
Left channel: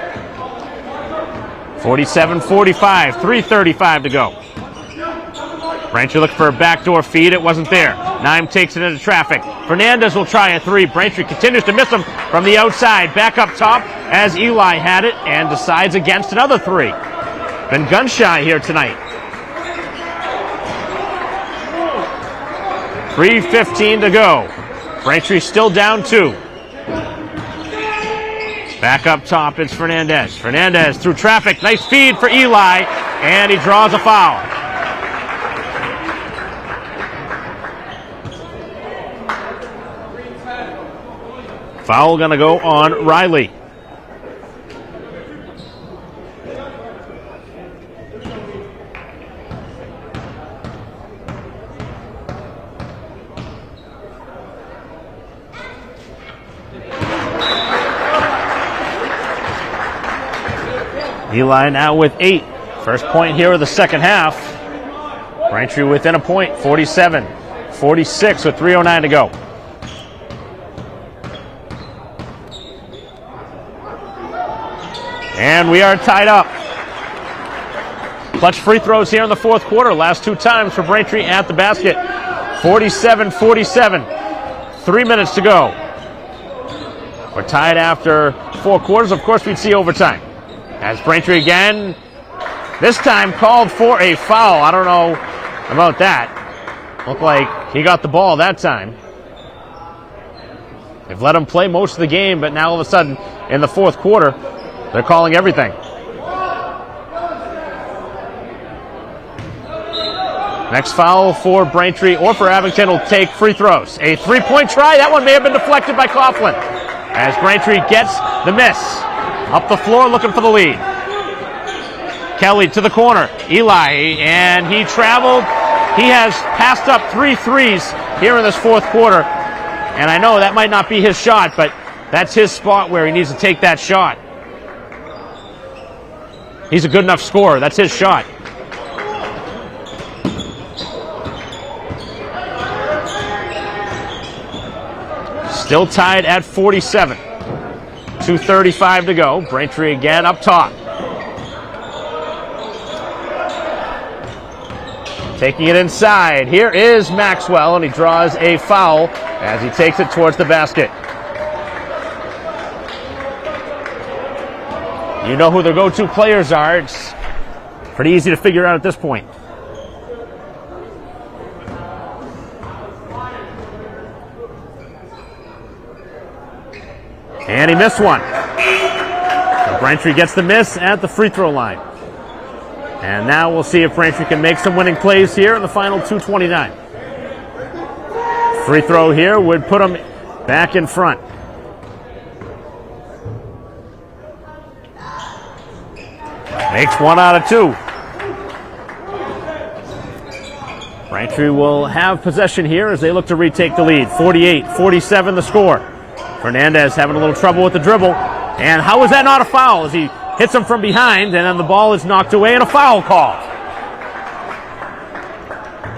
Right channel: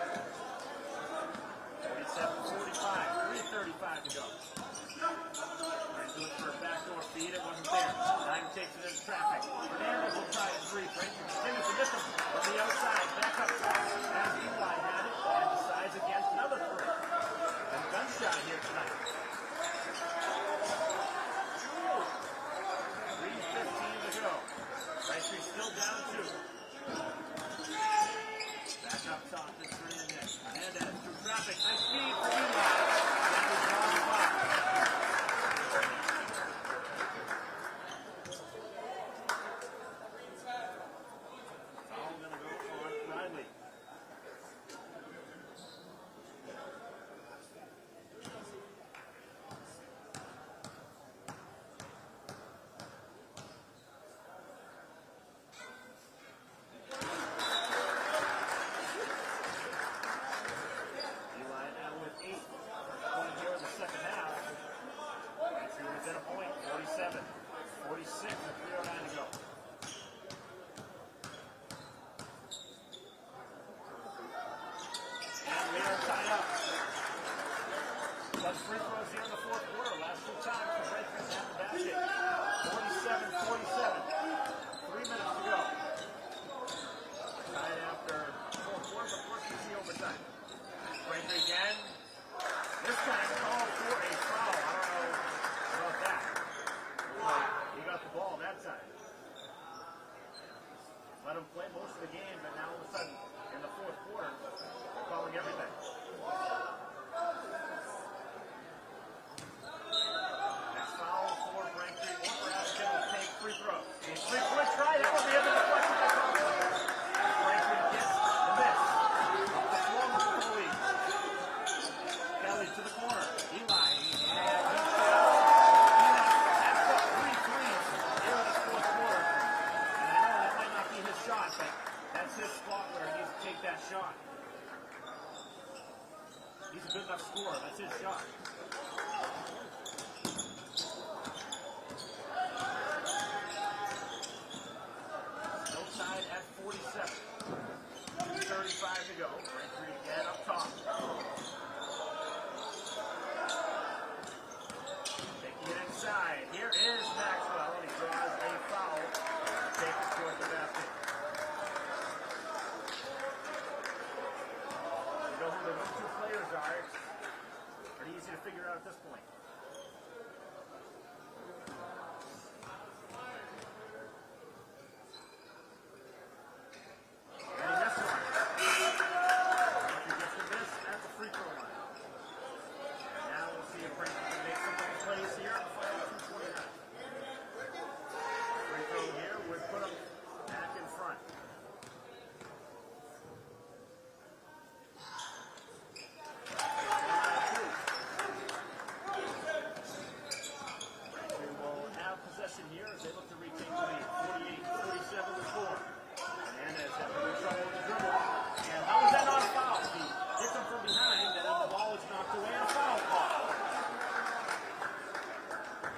47-45, 3:35 to go. Braintree looked for a backdoor feed. It wasn't there. Nime takes it into traffic. Fernandez will try a three. Braintree continues to miss him from the outside. Back up top as Eli had it and decides against another three. Been gun shy here tonight. 3:15 to go. Braintree still down 2. Back up top, it's Fernandez. Fernandez through traffic. Nice feed for Eli, and he draws a foul. Foul going to go on Riley. Eli now with 8. First point here of the second half. Braintree within a point, 47-46 with 3:09 to go. And we are tied up. Clutch free throws here in the fourth quarter. Last 2 times for Braintree at the basket. 47-47. 3 minutes to go. We're tied after 4 quarters. Of course, we'd see overtime. As Braintree again, this time called for a foul. I don't know about that. Looked like he got the ball that time. They've let him play most of the game, but now all of a sudden in the fourth quarter, they're calling everything. Next foul for Braintree or for Abington will take free throws. A 3-point try. That one may have been deflected by Coughlin. As Braintree gets the miss. Up the floor looking for the lead. Kelly to the corner. Eli, and he traveled. He has passed up 3 threes here in this fourth quarter. And I know that might not be his shot, but that's his spot where he needs to take that shot. He's a good enough scorer. That's his shot. Still tied at 47. 2:35 to go. Braintree again up top. Taking it inside. Here is Maxwell, and he draws a foul as he takes it towards the basket. You know who their go-to players are. It's pretty easy to figure out at this point. And he missed one. So Braintree gets the miss at the free throw line. And now we'll see if Braintree can make some winning plays here in the final 2:29. Free throw here would put them back in front. Makes 1 out of 2. Braintree will have possession here as they look to retake the lead. 48-47 the score. Fernandez having a little trouble with the dribble. And how is that not a foul as he hits him from behind and then the ball is knocked away and a foul call.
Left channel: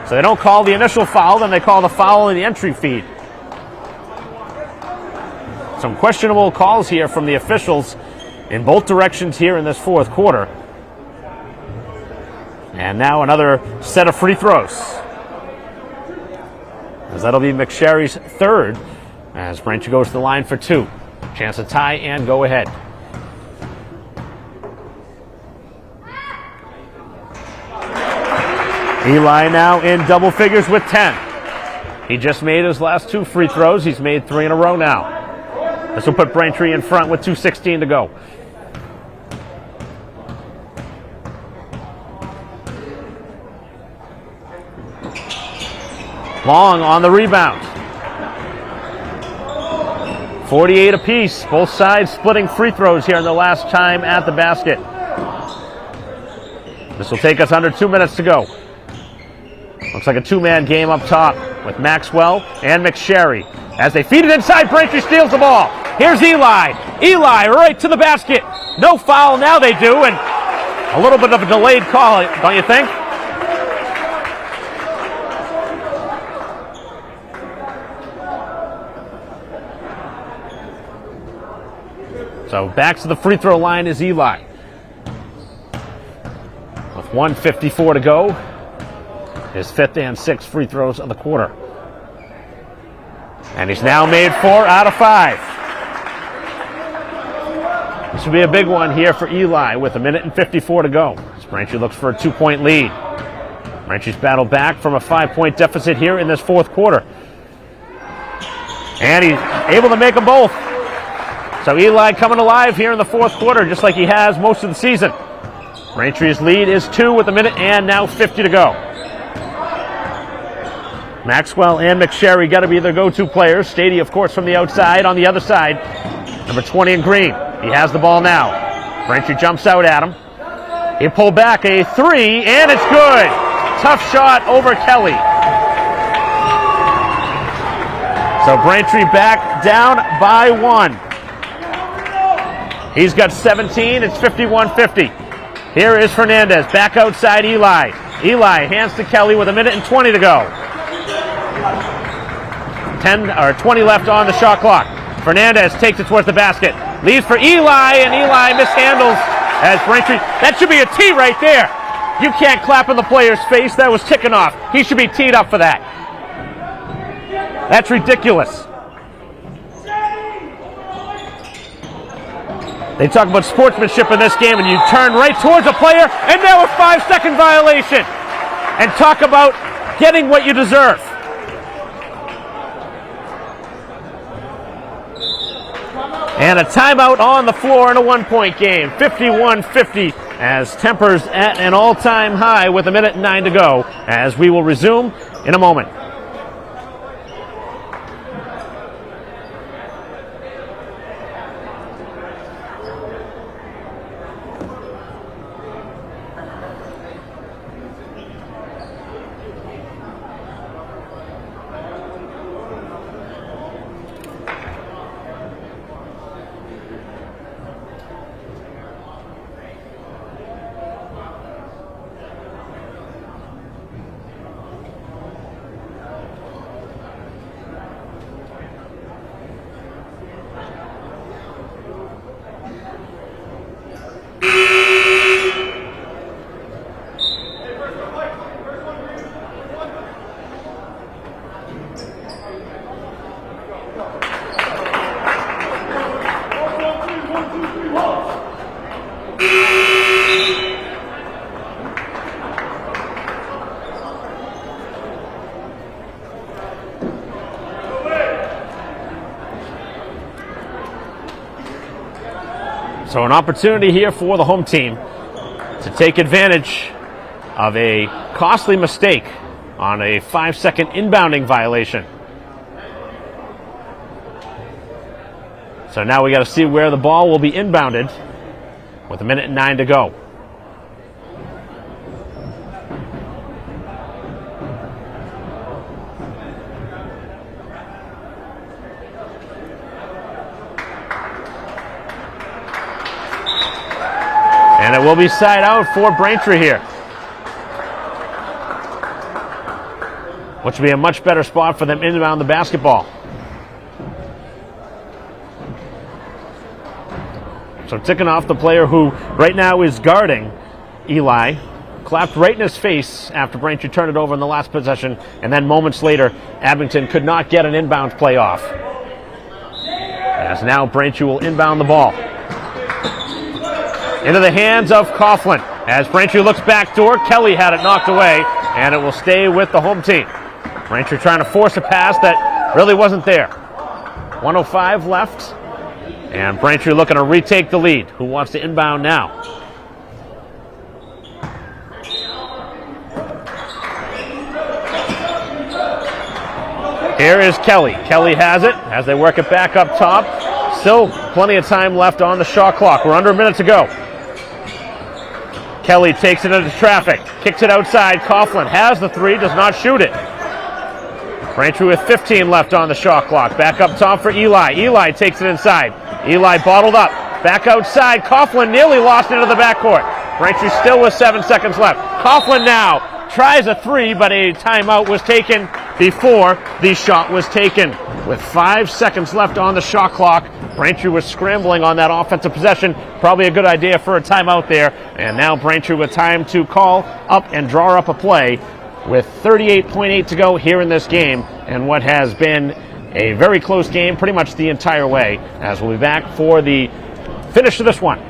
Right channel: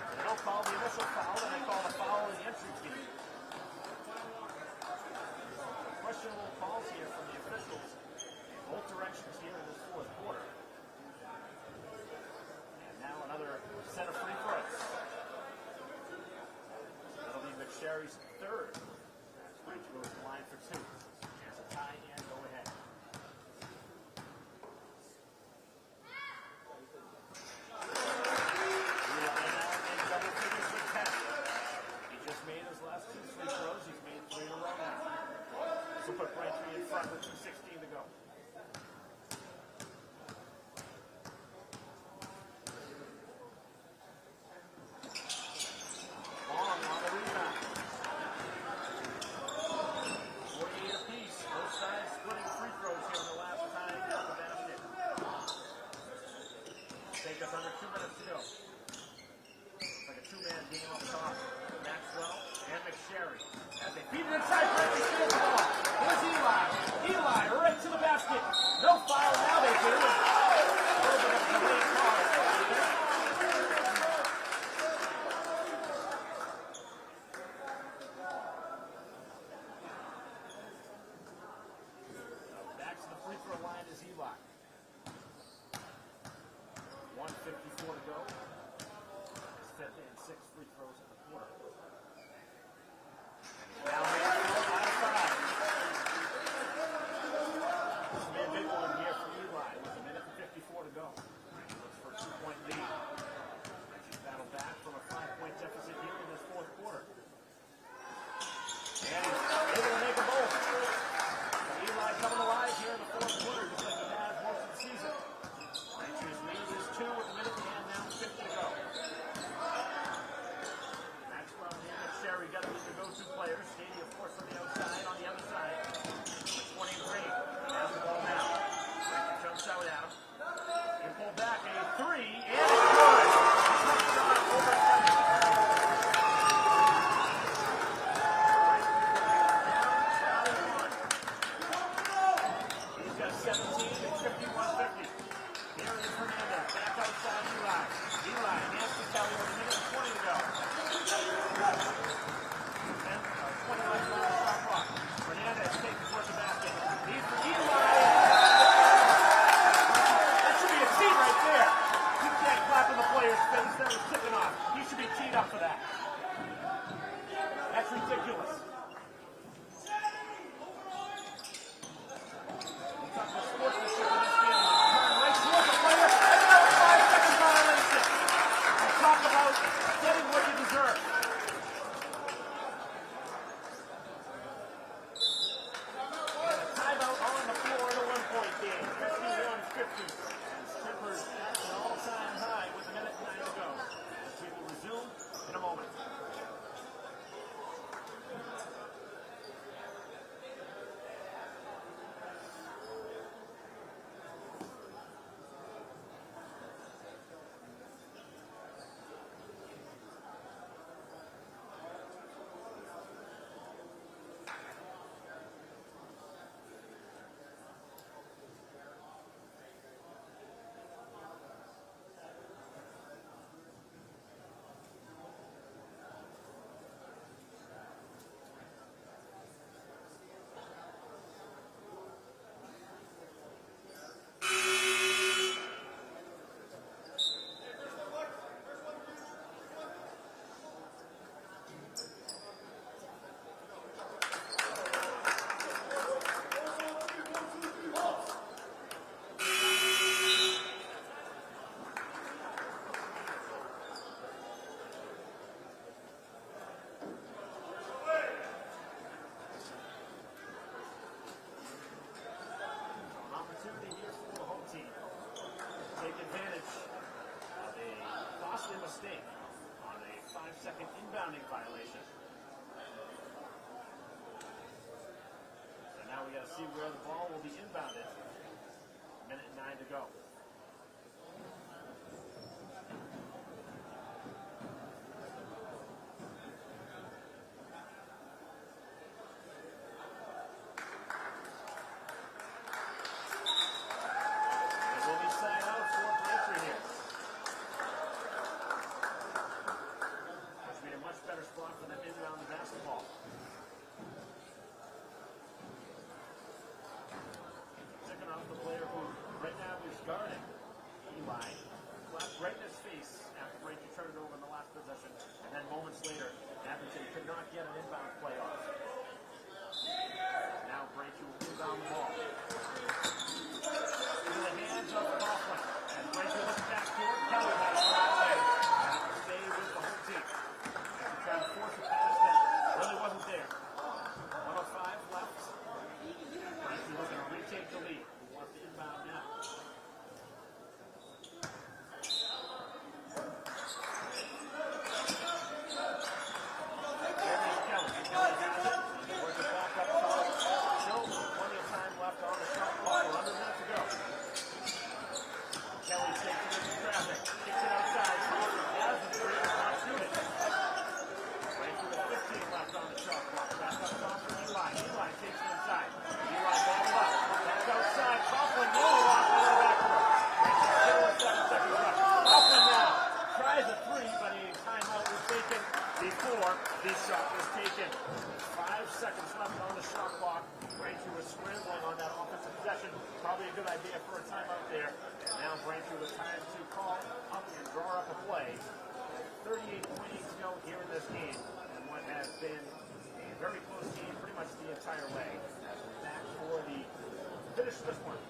So they don't call the initial foul, then they call the foul in the entry feed. Some questionable calls here from the officials in both directions here in this fourth quarter. And now another set of free throws. As that'll be McSherry's third. As Braintree goes to the line for 2. Chance to tie and go ahead. Eli now in double figures with 10. He just made his last 2 free throws. He's made 3 in a row now. This will put Braintree in front with 2:16 to go. Long on the rebound. 48 apiece. Both sides splitting free throws here in the last time at the basket. This will take us under 2 minutes to go. Looks like a 2-man game up top with Maxwell and McSherry. As they feed it inside, Braintree steals the ball. Here's Eli. Eli right to the basket. No foul, now they do, and a little bit of a delayed call, don't you think? So back to the free throw line is Eli. with 1:54 to go. His 5th and 6th free throws of the quarter. And he's now made 4 out of 5. This will be a big one here for Eli with 1:54 to go. As Braintree looks for a 2-point lead. Braintree's battled back from a 5-point deficit here in this 4th quarter. And he's able to make them both. So Eli coming alive here in the 4th quarter, just like he has most of the season. Braintree's lead is 2 with 1 minute and now 50 to go. Maxwell and McSherry got to be their go-to players. Stady, of course, from the outside. On the other side, number 20 in green. He has the ball now. Braintree jumps out at him. He pulled back a 3, and it's good. Tough shot over Kelly. So Braintree back down by 1. He's got 17. It's 51-50. Here is Fernandez back outside Eli. Eli hands to Kelly with 1 minute and 20 to go. 20 left on the shot clock. Fernandez takes it towards the basket. Leaves for Eli, and Eli mishandles as Braintree. That should be a tee right there. You can't clap in the player's face. That was ticking off. He should be teed up for that. That's ridiculous. They talk about sportsmanship in this game, and you turn right towards a player, and now a 5-second violation. And talk about getting what you deserve. And a timeout on the floor in a 1-point game. 51-50 as tempers at an all-time high with 1 minute and 9 to go, as we will resume in a moment. So an opportunity here for the home team to take advantage of a costly mistake on a 5-second inbounding violation. So now we got to see where the ball will be inbounded with 1 minute and 9 to go. And it will be side out for Braintree here, which will be a much better spot for them inbound the basketball. So ticking off the player who right now is guarding Eli, clapped right in his face after Braintree turned it over in the last possession, and then moments later, Abington could not get an inbound play off. As now Braintree will inbound the ball into the hands of Coughlin. As Braintree looks backdoor, Kelly had it knocked away, and it will stay with the home team. Braintree trying to force a pass that really wasn't there. 1:05 left, and Braintree looking to retake the lead. Who wants to inbound now? Here is Kelly. Kelly has it as they work it back up top. Still plenty of time left on the shot clock. We're under a minute to go. Kelly takes it into traffic, kicks it outside. Coughlin has the 3, does not shoot it. Braintree with 15 left on the shot clock. Back up top for Eli. Eli takes it inside. Eli bottled up. Back outside. Coughlin nearly lost into the backcourt. Braintree still with 7 seconds left. Coughlin now tries a 3, but a timeout was taken before the shot was taken. With 5 seconds left on the shot clock, Braintree was scrambling on that offensive possession. Probably a good idea for a timeout there. And now Braintree with time to call up and draw up a play with 38.8 to go here in this game, and what has been a very close game pretty much the entire way, as we'll be back for the finish of this one.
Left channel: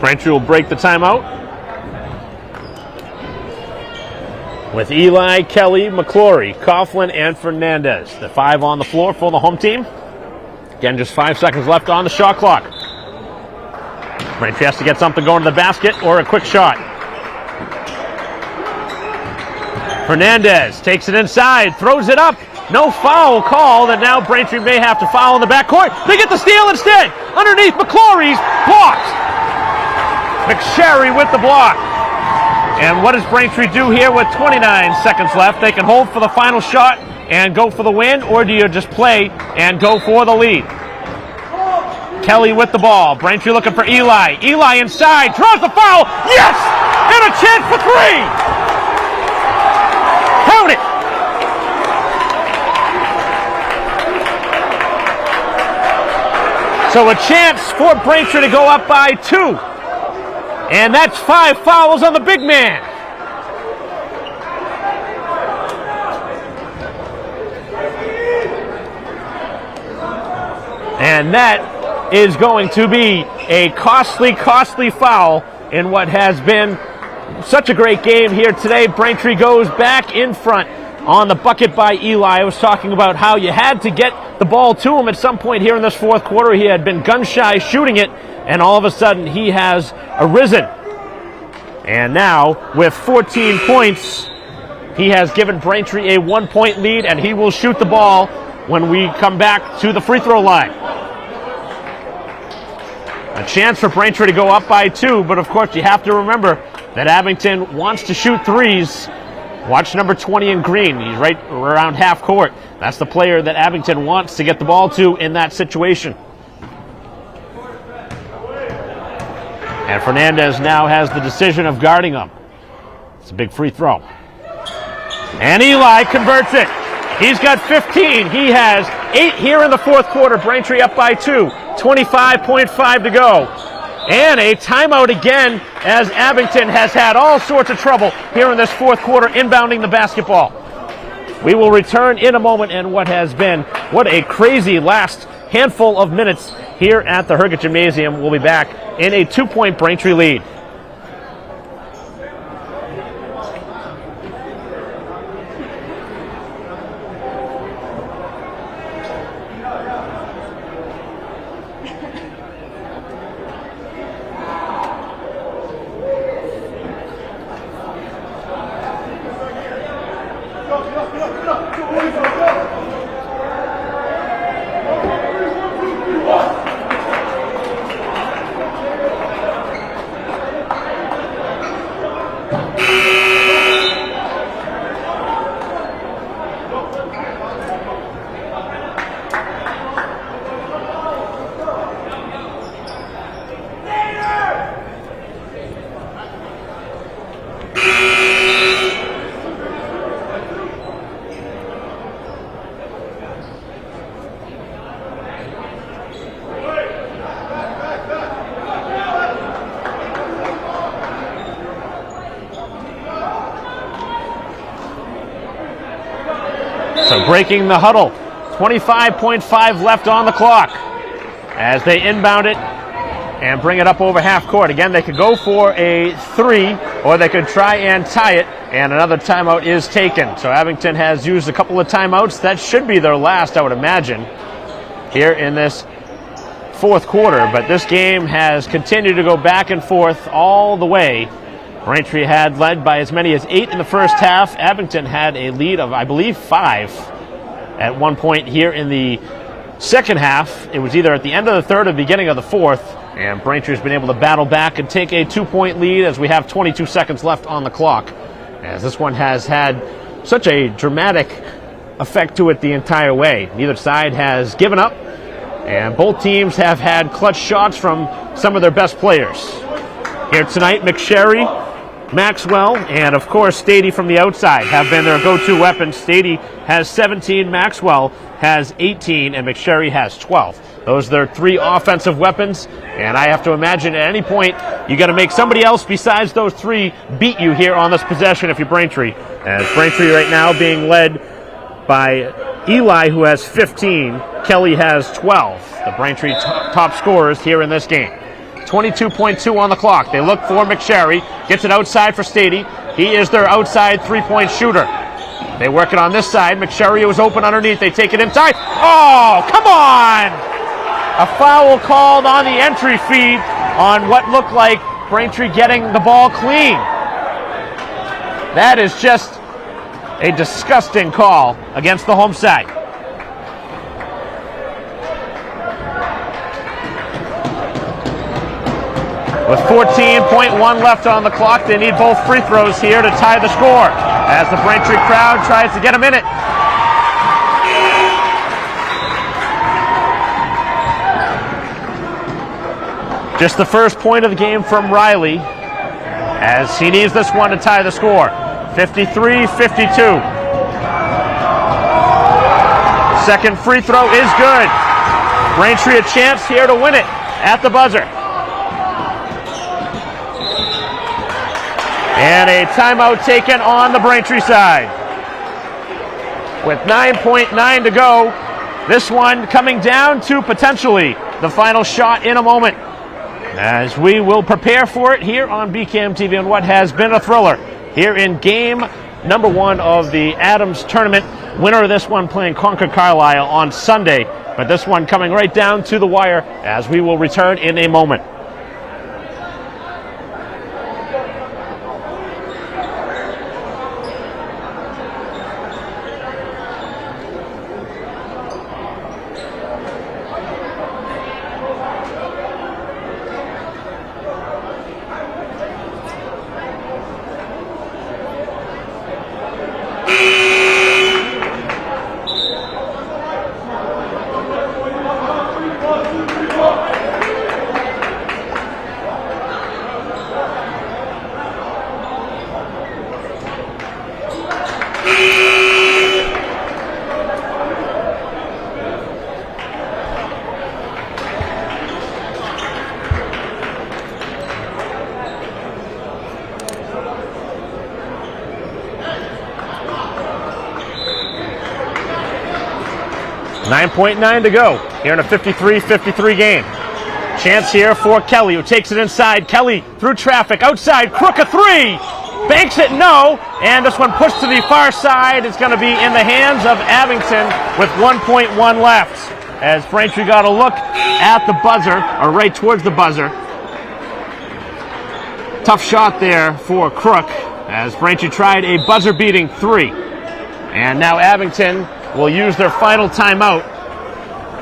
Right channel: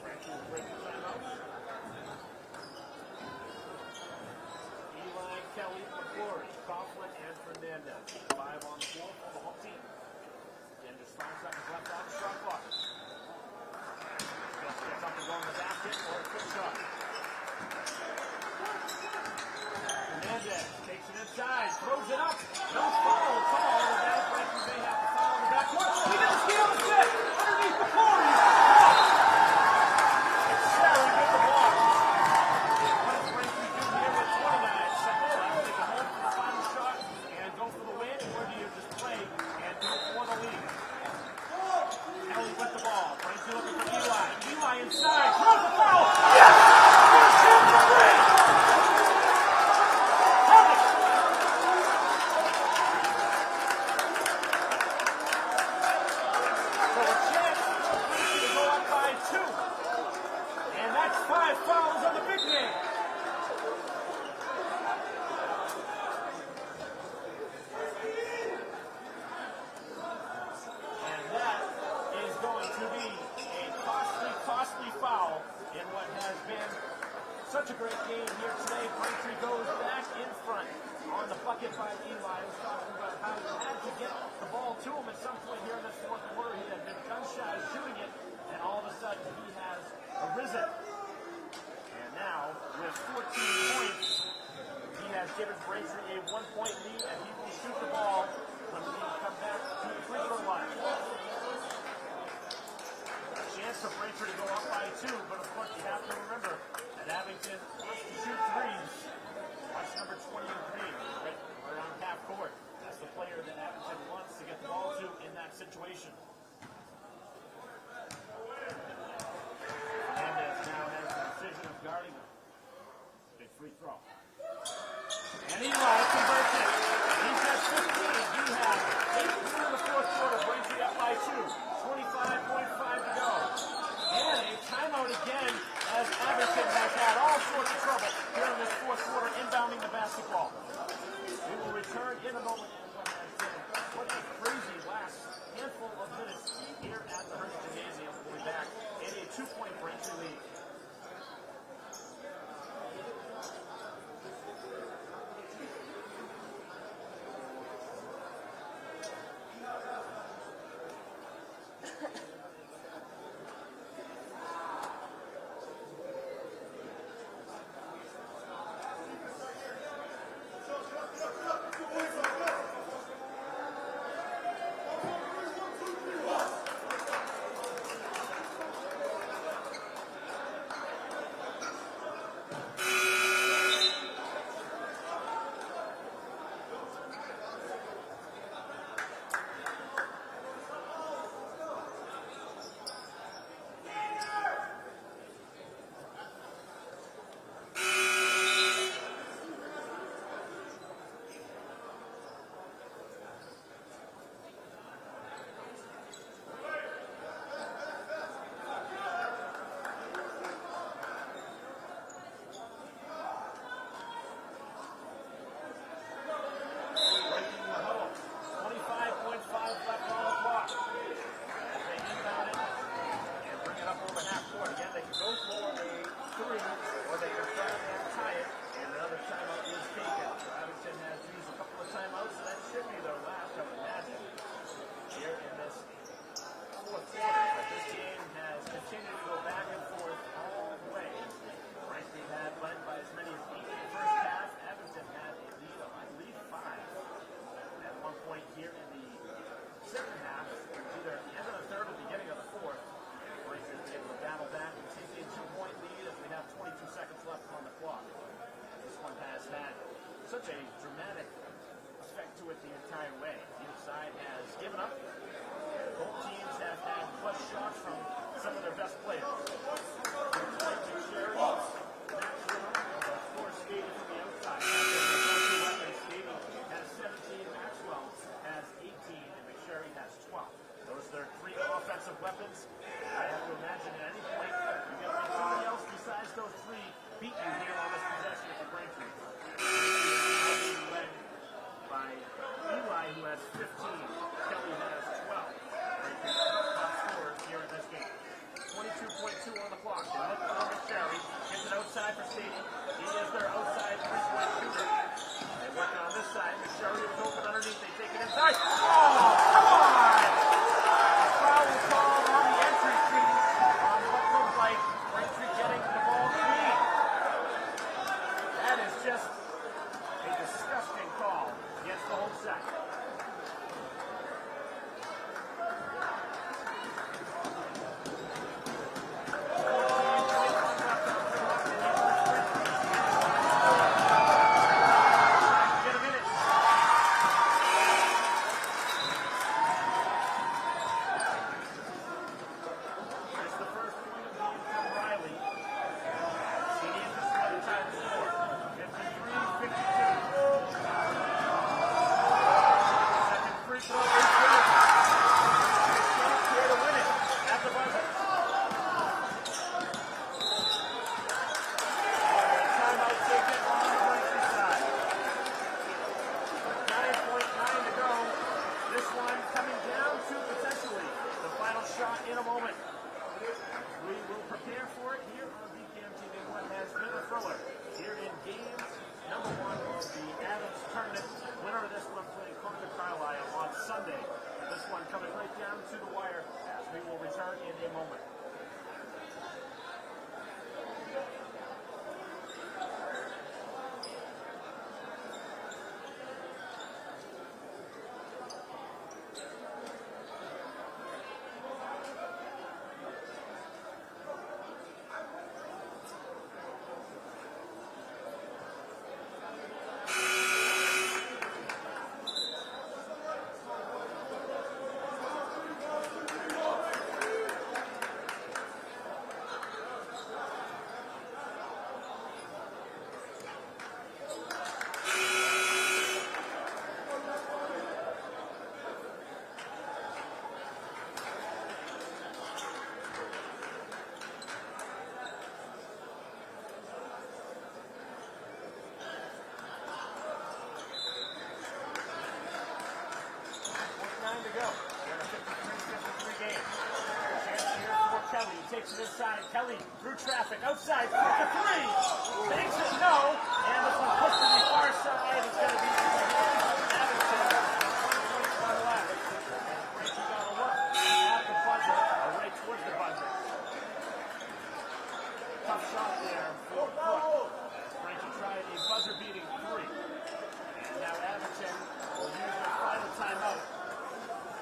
Braintree will break the timeout with Eli, Kelly, McClory, Coughlin, and Fernandez. The 5 on the floor for the home team. Again, just 5 seconds left on the shot clock. Braintree has to get something going to the basket or a quick shot. Fernandez takes it inside, throws it up. No foul call, that now Braintree may have to foul in the backcourt. They get the steal instead. Underneath, McClory's blocked. McSherry with the block. And what does Braintree do here with 29 seconds left? They can hold for the final shot and go for the win, or do you just play and go for the lead? Kelly with the ball. Braintree looking for Eli. Eli inside, draws the foul. Yes! And a chance for 3! Count it! So a chance for Braintree to go up by 2. And that's 5 fouls on the big man. And that is going to be a costly foul in what has been such a great game here today. Braintree goes back in front on the bucket by Eli. I was talking about how you had to get the ball to him at some point here in this fourth quarter. He had been gun-shy shooting it, and all of a sudden he has arisen. And now, with 14 points, he has given Braintree a 1-point lead, and he will shoot the ball when we come back to the free throw line. A chance for Braintree to go up by 2, but of course you have to remember that Abington wants to shoot threes. Watch number 20 in green. He's right around half court. That's the player that Abington wants to get the ball to in that situation. And Fernandez now has the decision of guarding him. It's a big free throw. And Eli converts it. He's got 15. He has 8 here in the fourth quarter. Braintree up by 2. 25.5 to go. And a timeout again, as Abington has had all sorts of trouble here in this fourth quarter inbounding the basketball. We will return in a moment, and what a crazy last handful of minutes here at the Herget Gymnasium. We'll be back in a 2-point Braintree lead. So breaking the huddle, 25.5 left on the clock as they inbound it and bring it up over half court. Again, they could go for a 3, or they could try and tie it, and another timeout is taken. So Abington has used a couple of timeouts. That should be their last, I would imagine. here in this fourth quarter, but this game has continued to go back and forth all the way. Braintree had led by as many as 8 in the first half. Abington had a lead of, I believe, 5 at one point here in the second half. It was either at the end of the third or the beginning of the fourth, and Braintree's been able to battle back and take a 2-point lead as we have 22 seconds left on the clock, as this one has had such a dramatic effect to it the entire way. Neither side has given up, and both teams have had clutch shots from some of their best players. Here tonight, McSherry, Maxwell, and of course Stady from the outside have been their go-to weapons. Stady has 17, Maxwell has 18, and McSherry has 12. Those are their 3 offensive weapons, and I have to imagine at any point you got to make somebody else besides those 3 beat you here on this possession if you're Braintree. As Braintree right now being led by Eli, who has 15, Kelly has 12. The Braintree top scorers here in this game. 22.2 on the clock. They look for McSherry. Gets it outside for Stady. He is their outside 3-point shooter. They work it on this side. McSherry was open underneath. They take it inside. Oh, come on! A foul called on the entry feed on what looked like Braintree getting the ball clean. That is just a disgusting call against the home side. With 14.1 left on the clock, they need both free throws here to tie the score as the Braintree crowd tries to get them in it. Just the first point of the game from Riley as he needs this one to tie the score. 53-52. Second free throw is good. Braintree a chance here to win it at the buzzer. And a timeout taken on the Braintree side. With 9.9 to go, this one coming down to potentially the final shot in a moment, as we will prepare for it here on BCAM TV on what has been a thriller here in game number 1 of the Adams tournament. Winner of this one playing Concord Carlisle on Sunday, but this one coming right down to the wire as we will return in a moment. .9 to go here in a 53-53 game. Chance here for Kelly, who takes it inside. Kelly through traffic, outside, Crook a 3. Banks it, no. And this one pushed to the far side. It's going to be in the hands of Abington with 1.1 left. As Braintree got a look at the buzzer, or right towards the buzzer. Tough shot there for Crook, as Braintree tried a buzzer-beating 3. And now Abington will use their final timeout.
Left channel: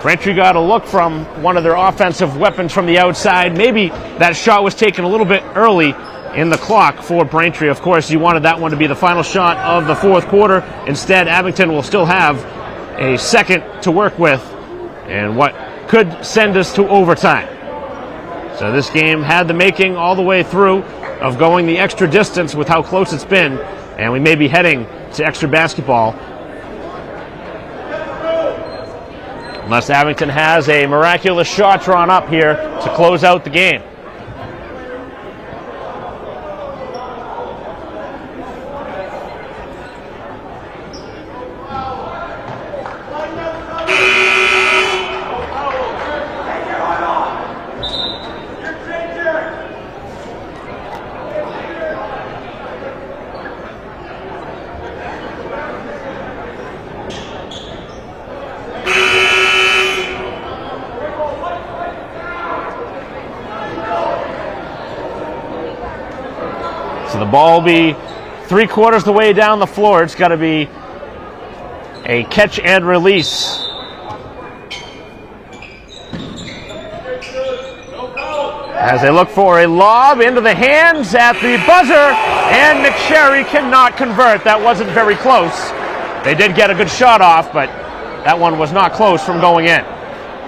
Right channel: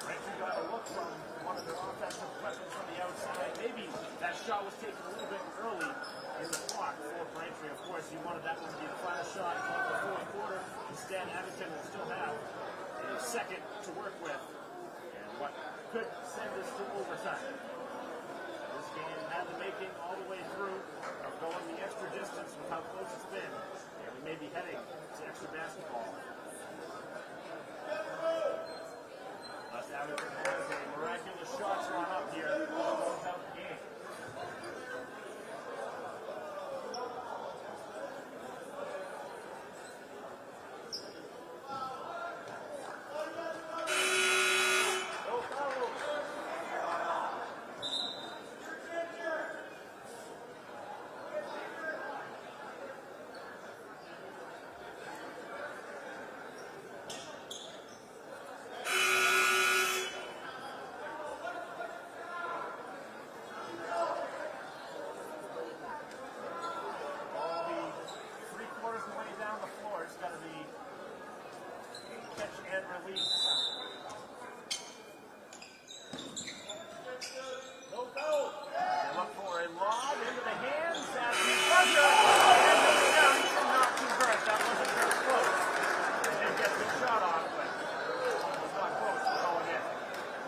Braintree got a look from one of their offensive weapons from the outside. Maybe that shot was taken a little bit early in the clock for Braintree. Of course, you wanted that one to be the final shot of the fourth quarter. Instead, Abington will still have a second to work with and what could send us to overtime. So this game had the making all the way through of going the extra distance with how close it's been, and we may be heading to extra basketball unless Abington has a miraculous shot drawn up here to close out the game. ball will be 3/4 the way down the floor. It's got to be a catch and release. As they look for a lob into the hands at the buzzer, and McSherry cannot convert. That wasn't very close. They did get a good shot off, but that one was not close from going in.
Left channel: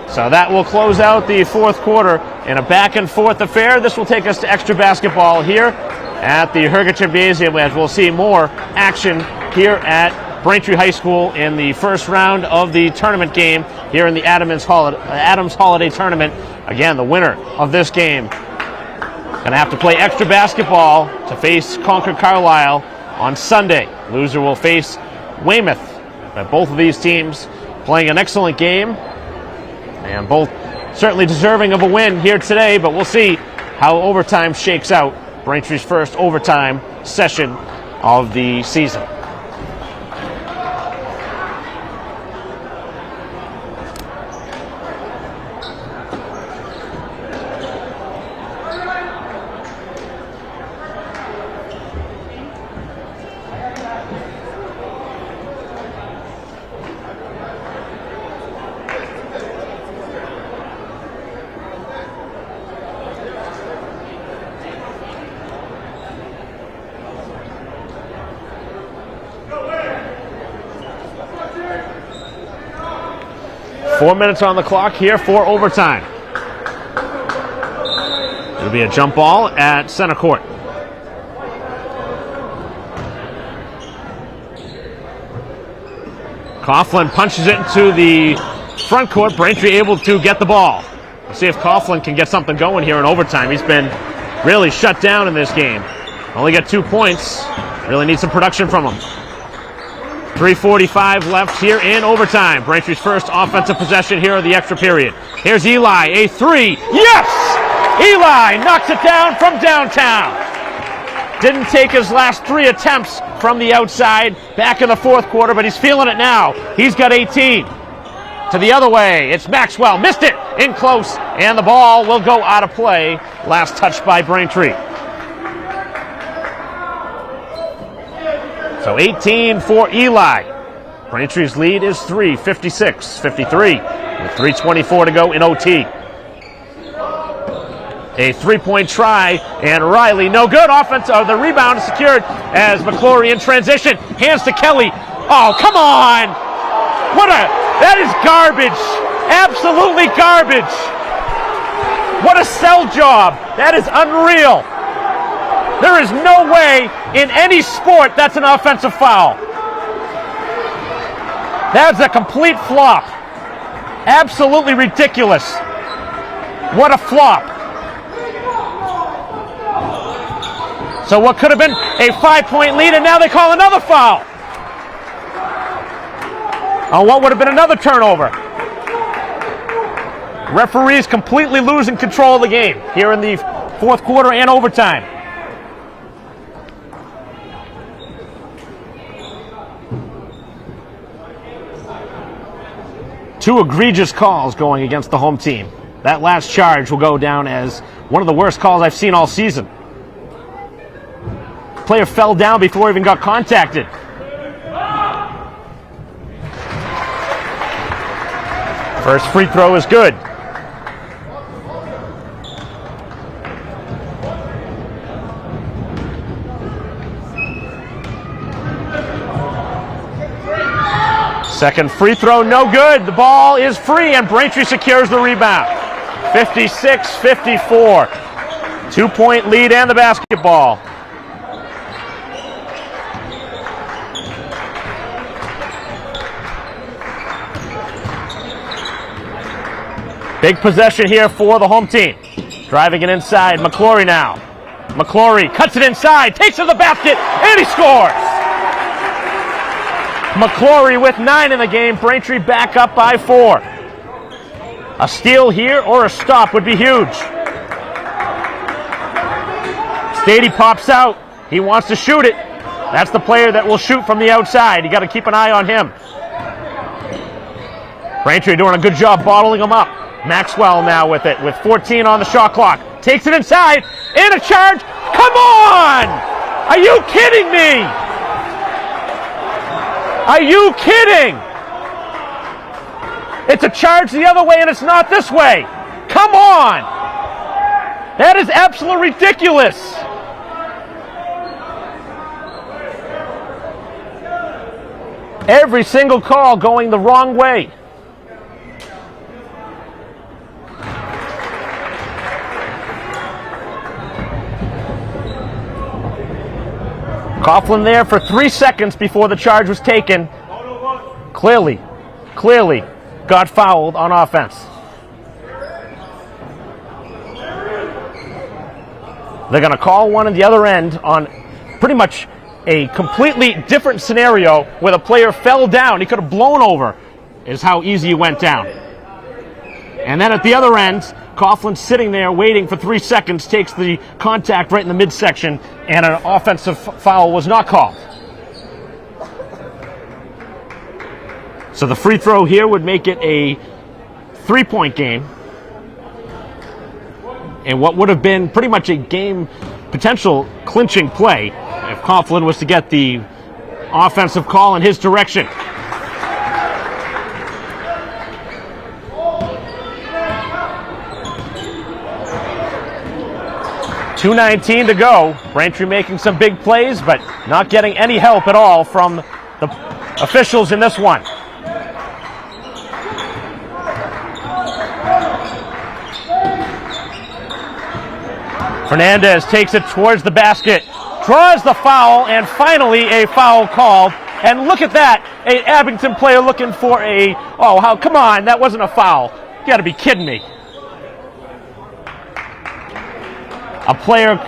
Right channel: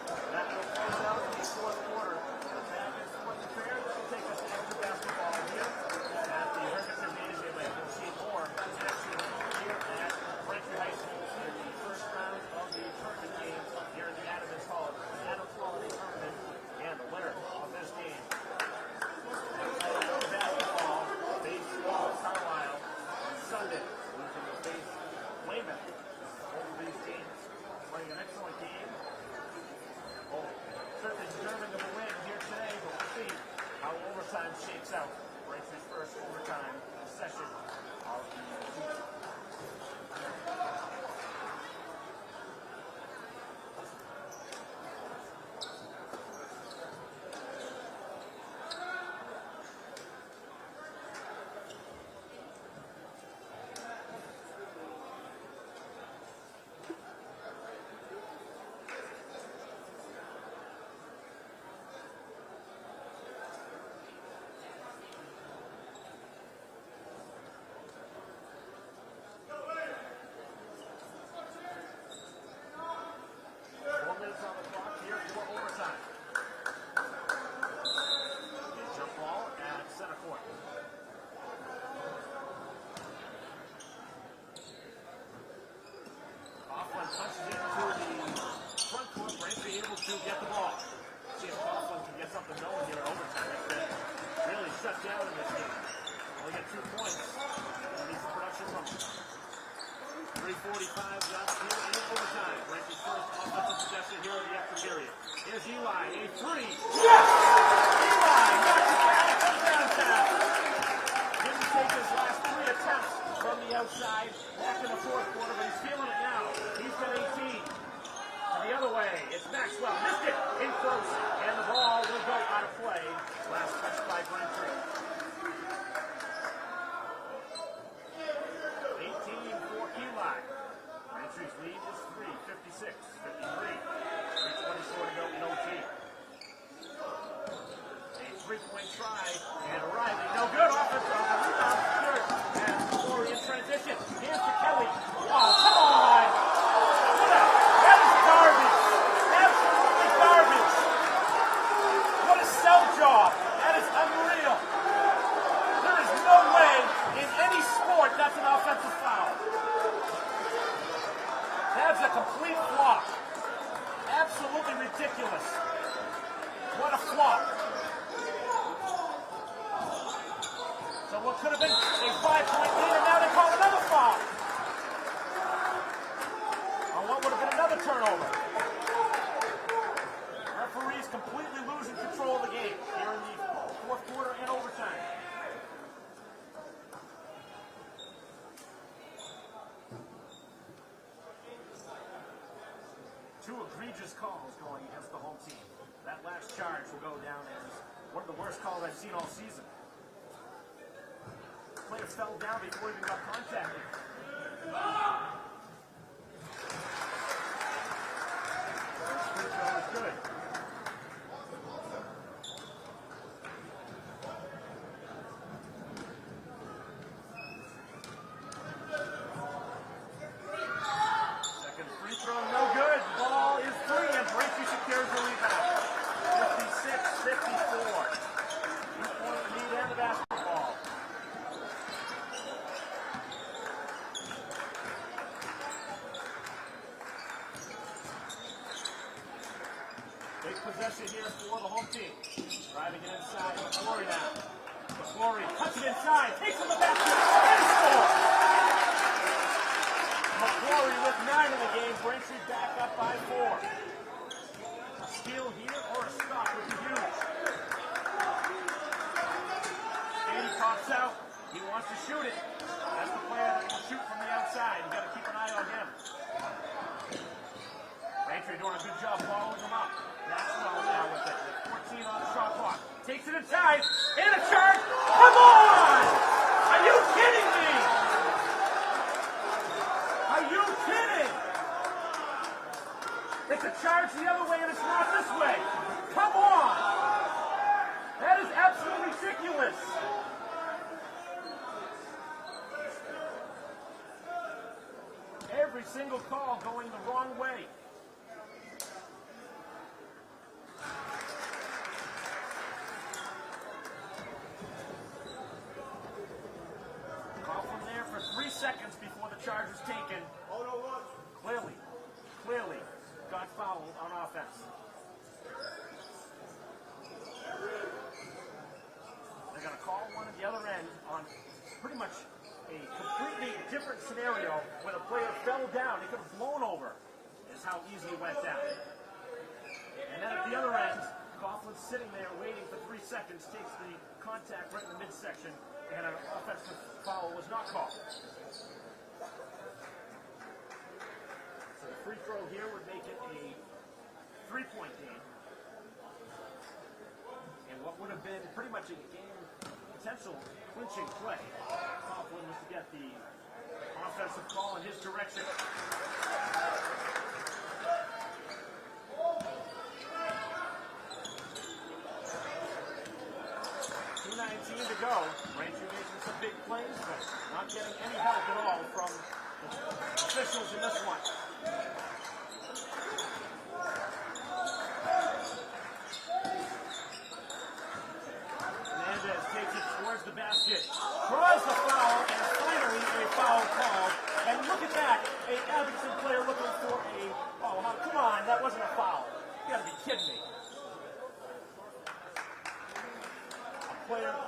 So that will close out the fourth quarter in a back and forth affair. This will take us to extra basketball here at the Herga Gymnasium, as we'll see more action here at Braintree High School in the first round of the tournament game here in the Adams Holiday Tournament. Again, the winner of this game going to have to play extra basketball to face Concord Carlisle on Sunday. Loser will face Weymouth. But both of these teams playing an excellent game, and both certainly deserving of a win here today, but we'll see how overtime shakes out. Braintree's first overtime session of the season. 4 minutes on the clock here for overtime. It'll be a jump ball at center court. Coughlin punches it into the front court. Braintree able to get the ball. We'll see if Coughlin can get something going here in overtime. He's been really shut down in this game. Only got 2 points. Really need some production from him. 3:45 left here in overtime. Braintree's first offensive possession here of the extra period. Here's Eli, a three. Yes! Eli knocks it down from downtown. Didn't take his last 3 attempts from the outside back in the fourth quarter, but he's feeling it now. He's got 18. To the other way, it's Maxwell. Missed it in close, and the ball will go out of play. Last touch by Braintree. So 18 for Eli. Braintree's lead is 3, 56-53, with 3:24 to go in OT. A three-point try, and Riley, no good. The rebound is secured as McClory in transition. Hands to Kelly. Oh, come on! That is garbage. Absolutely garbage. What a sell job. That is unreal. There is no way in any sport that's an offensive foul. That's a complete flop. Absolutely ridiculous. What a flop. So what could have been a 5-point lead, and now they call another foul. On what would have been another turnover. Referees completely losing control of the game here in the fourth quarter and overtime. Two egregious calls going against the home team. That last charge will go down as one of the worst calls I've seen all season. Player fell down before he even got contacted. First free throw is good. Second free throw, no good. The ball is free, and Braintree secures the rebound. 56-54. 2-point lead and the basketball. Big possession here for the home team. Driving it inside, McClory now. McClory cuts it inside, takes to the basket, and he scores! McClory with 9 in the game. Braintree back up by 4. A steal here or a stop would be huge. Stady pops out. He wants to shoot it. That's the player that will shoot from the outside. You got to keep an eye on him. Braintree doing a good job bottling him up. Maxwell now with it, with 14 on the shot clock. Takes it inside, and a charge. Come on! Are you kidding me? Are you kidding? It's a charge the other way and it's not this way. Come on. That is absolutely ridiculous. Every single call going the wrong way. Coughlin there for 3 seconds before the charge was taken. Clearly got fouled on offense. They're going to call one at the other end on pretty much a completely different scenario where the player fell down. He could have blown over, is how easy he went down. And then at the other end, Coughlin sitting there waiting for 3 seconds, takes the contact right in the midsection, and an offensive foul was not called. So the free throw here would make it a 3-point game. And what would have been pretty much a game potential clinching play if Coughlin was to get the offensive call in his direction. .219 to go. Braintree making some big plays, but not getting any help at all from the officials in this one. Fernandez takes it towards the basket, draws the foul, and finally a foul called. And look at that, an Abington player looking for a, come on, that wasn't a foul. You gotta be kidding me. A player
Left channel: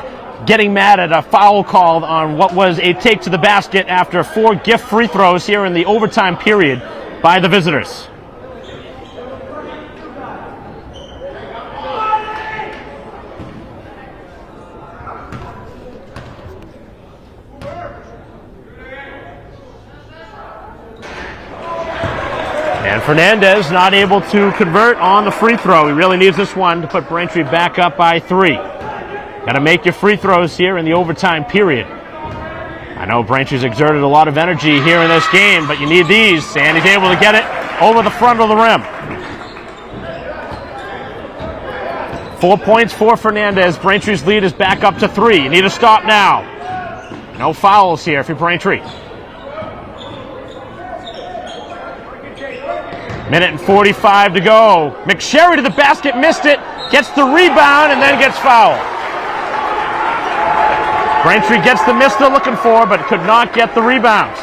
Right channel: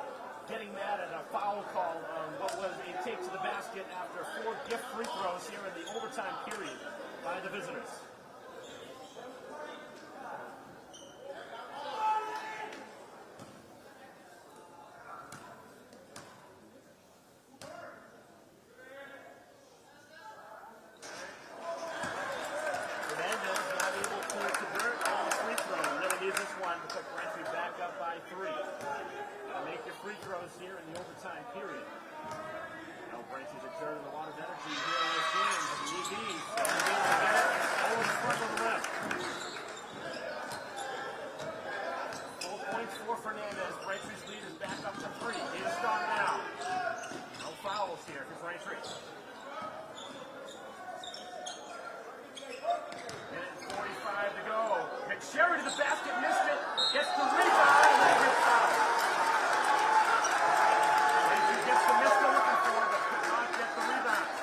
getting mad at a foul called on what was a take to the basket after 4 gift free throws here in the overtime period by the visitors. And Fernandez not able to convert on the free throw. He really needs this one to put Braintree back up by 3. Got to make your free throws here in the overtime period. I know Braintree's exerted a lot of energy here in this game, but you need these, and he's able to get it over the front of the rim. 4 points for Fernandez. Braintree's lead is back up to 3. You need to stop now. No fouls here for Braintree. Minute and 45 to go. McSherry to the basket, missed it, gets the rebound, and then gets fouled. Braintree gets the miss they're looking for, but could not get the rebounds.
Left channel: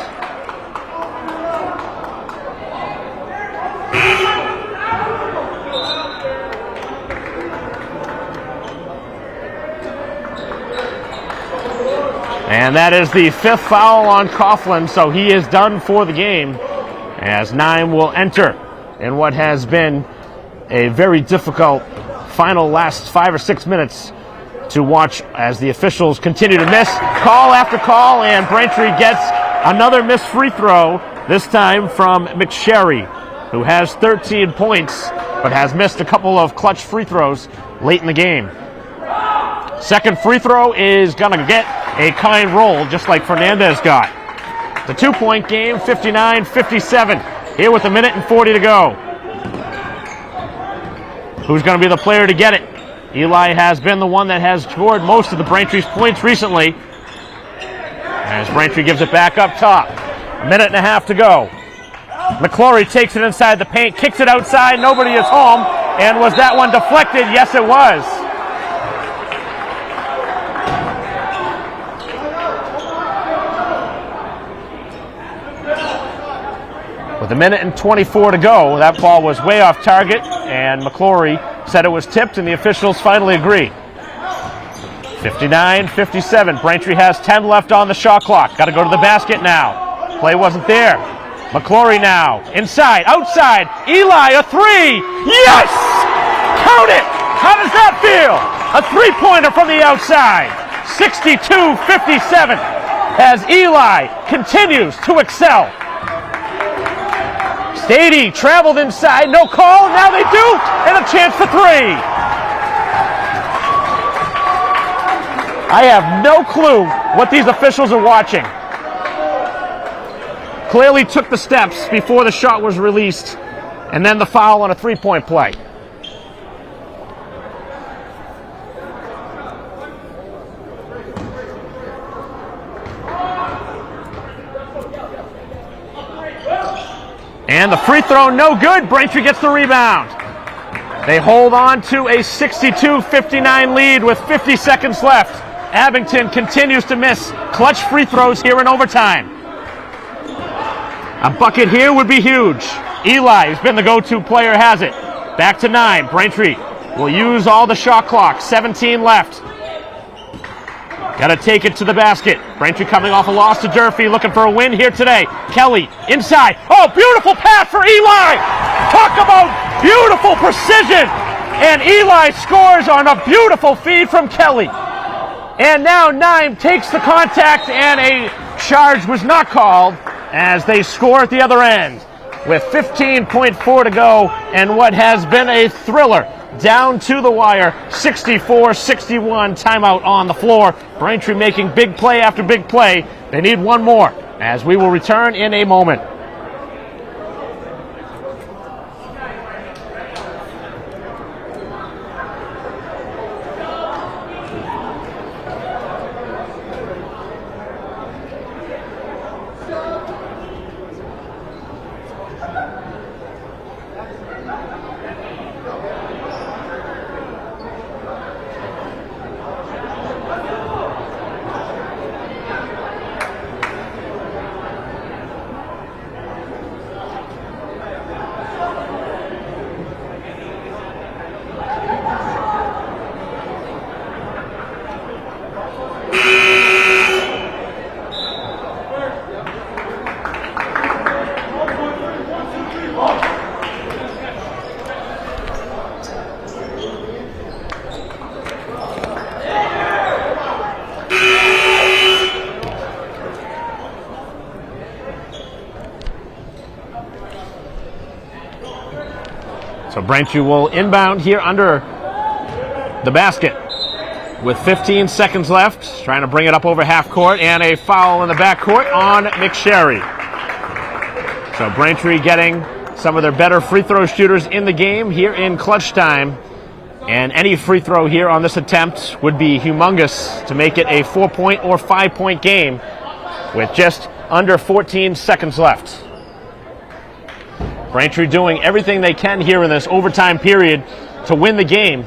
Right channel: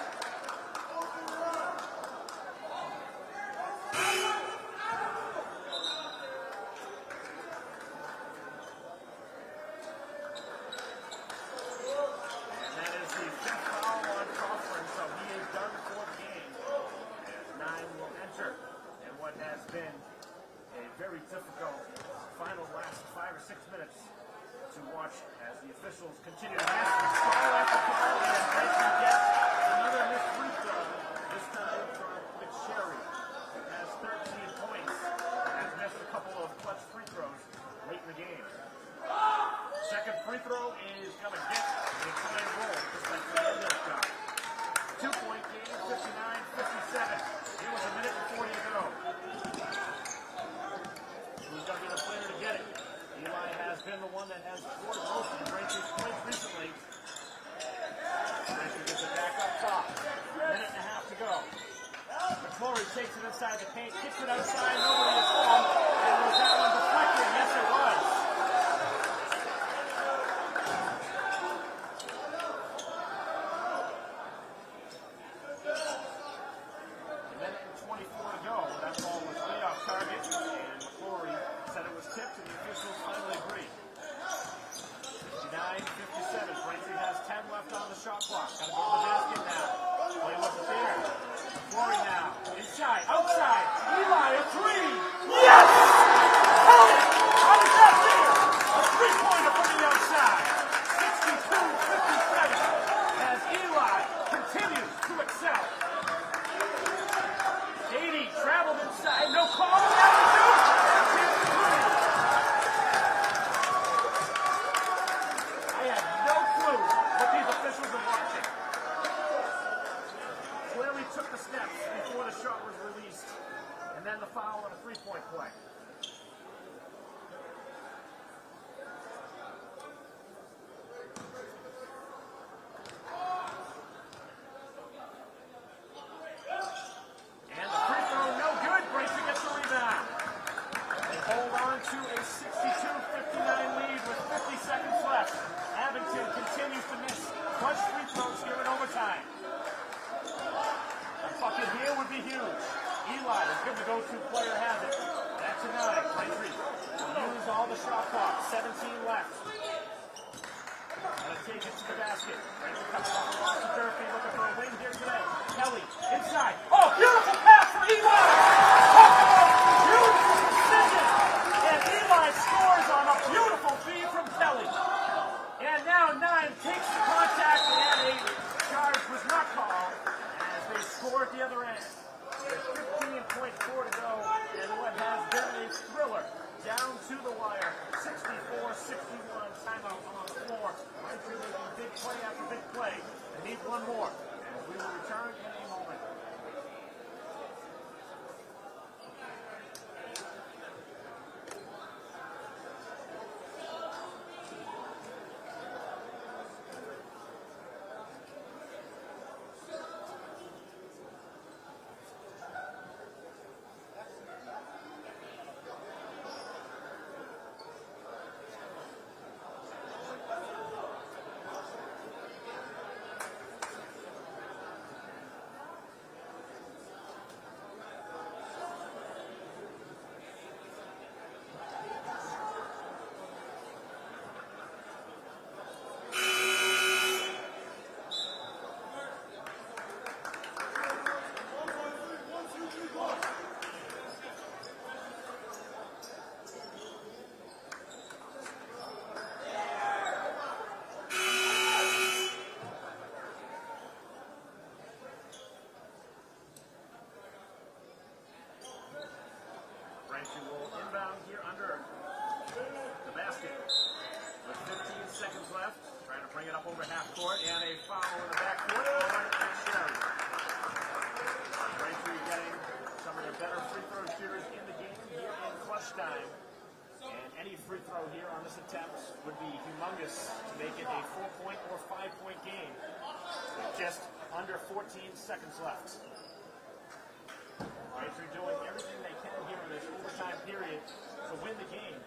And that is the 5th foul on Coughlin, so he is done for the game, as 9 will enter in what has been a very difficult final last 5 or 6 minutes to watch as the officials continue to miss call after call, and Braintree gets another missed free throw, this time from McSherry, who has 13 points but has missed a couple of clutch free throws late in the game. Second free throw is going to get a kind roll, just like Fernandez got. The 2-point game, 59-57, here with 1 minute and 40 to go. Who's going to be the player to get it? Eli has been the one that has scored most of the Braintree's points recently, as Braintree gives it back up top. 1.5 minutes to go. McClory takes it inside the paint, kicks it outside, nobody is home, and was that one deflected? Yes, it was. With 1 minute and 24 to go, that ball was way off target, and McClory said it was tipped, and the officials finally agree. 59-57. Braintree has 10 left on the shot clock. Got to go to the basket now. Play wasn't there. McClory now. Inside, outside. Eli, a 3. Yes! Count it! How does that feel? A 3-pointer from the outside. 62-57 as Eli continues to excel. Stady traveled inside, no call, now they do, and a chance for 3. I have no clue what these officials are watching. Clearly took the steps before the shot was released, and then the foul on a three-point play. And the free throw, no good. Braintree gets the rebound. They hold on to a 62-59 lead with 50 seconds left. Abington continues to miss clutch free throws here in overtime. A bucket here would be huge. Eli, who's been the go-to player, has it. Back to 9. Braintree will use all the shot clock. 17 left. Got to take it to the basket. Braintree coming off a loss to Durfee, looking for a win here today. Kelly inside. Oh, beautiful pass for Eli. Talk about beautiful precision. And Eli scores on a beautiful feed from Kelly. And now 9 takes the contact, and a charge was not called as they score at the other end with 15.4 to go, and what has been a thriller down to the wire. 64-61, timeout on the floor. Braintree making big play after big play. They need one more, as we will return in a moment. So Braintree will inbound here under the basket with 15 seconds left, trying to bring it up over half court, and a foul in the back court on McSherry. So Braintree getting some of their better free throw shooters in the game here in clutch time, and any free throw here on this attempt would be humongous to make it a 4-point or 5-point game with just under 14 seconds left. Braintree doing everything they can here in this overtime period to win the game,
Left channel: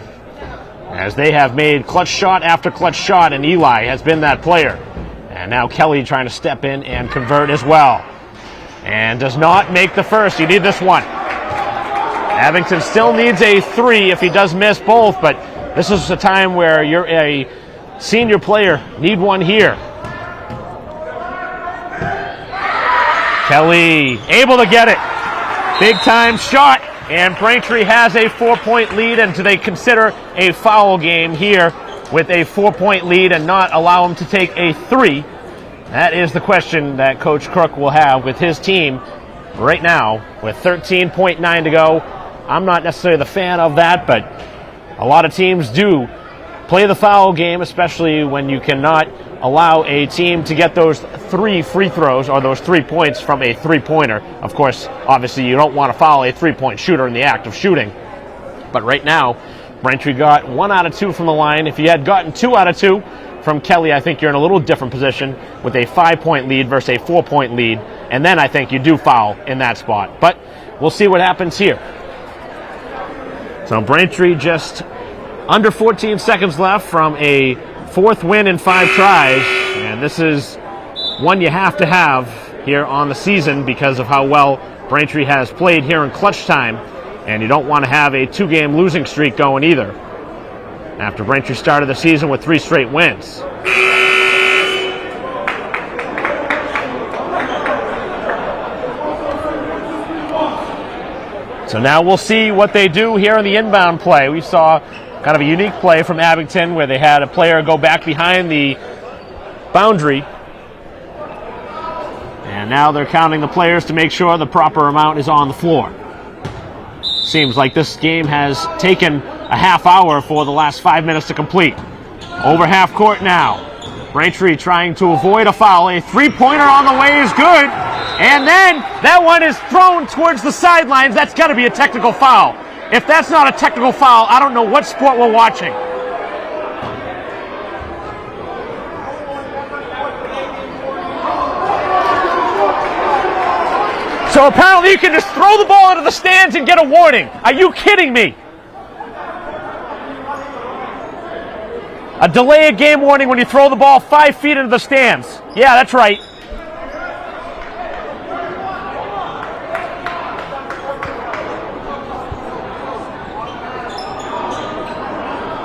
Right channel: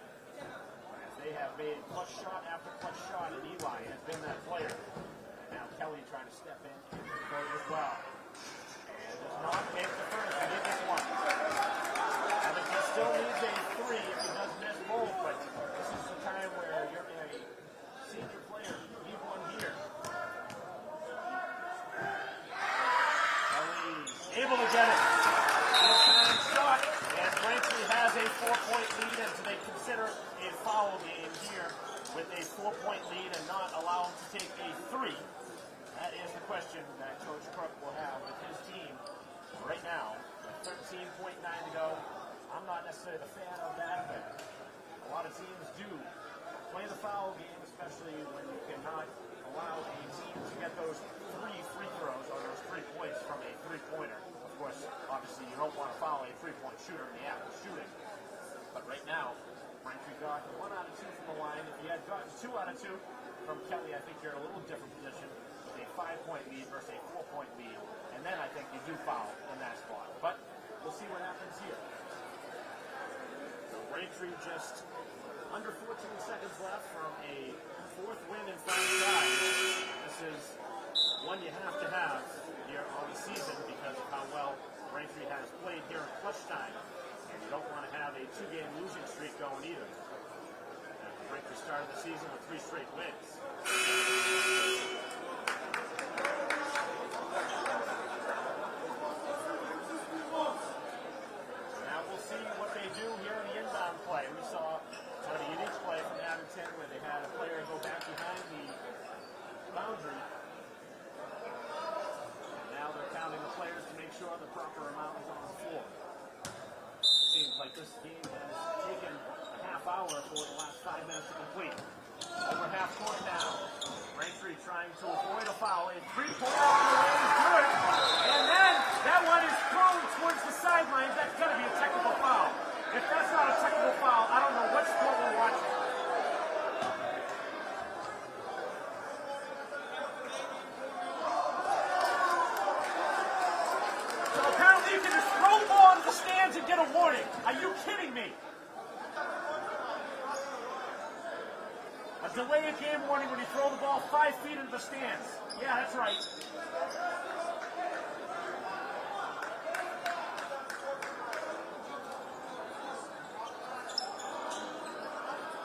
as they have made clutch shot after clutch shot, and Eli has been that player. And now Kelly trying to step in and convert as well. And does not make the first. You need this one. Abington still needs a 3 if he does miss both, but this is a time where you're a senior player. Need one here. Kelly able to get it. Big time shot, and Braintree has a 4-point lead, and do they consider a foul game here with a 4-point lead and not allow him to take a 3? That is the question that Coach Crook will have with his team right now with 13.9 to go. I'm not necessarily the fan of that, but a lot of teams do play the foul game, especially when you cannot allow a team to get those 3 free throws or those 3 points from a 3-pointer. Of course, obviously you don't want to foul a 3-point shooter in the act of shooting. But right now, Braintree got 1 out of 2 from the line. If you had gotten 2 out of 2 from Kelly, I think you're in a little different position with a 5-point lead versus a 4-point lead. And then I think you do foul in that spot. But we'll see what happens here. So Braintree just under 14 seconds left from a 4th win in 5 tries, and this is one you have to have here on the season because of how well Braintree has played here in clutch time, and you don't want to have a 2-game losing streak going either after Braintree started the season with 3 straight wins. So now we'll see what they do here in the inbound play. We saw kind of a unique play from Abington where they had a player go back behind the boundary. And now they're counting the players to make sure the proper amount is on the floor. Seems like this game has taken a half hour for the last 5 minutes to complete. Over half court now. Braintree trying to avoid a foul. A three-pointer on the way is good. And then that one is thrown towards the sidelines. That's got to be a technical foul. If that's not a technical foul, I don't know what sport we're watching. So apparently you can just throw the ball into the stands and get a warning. Are you kidding me? A delay of game warning when you throw the ball 5 feet into the stands. Yeah, that's right.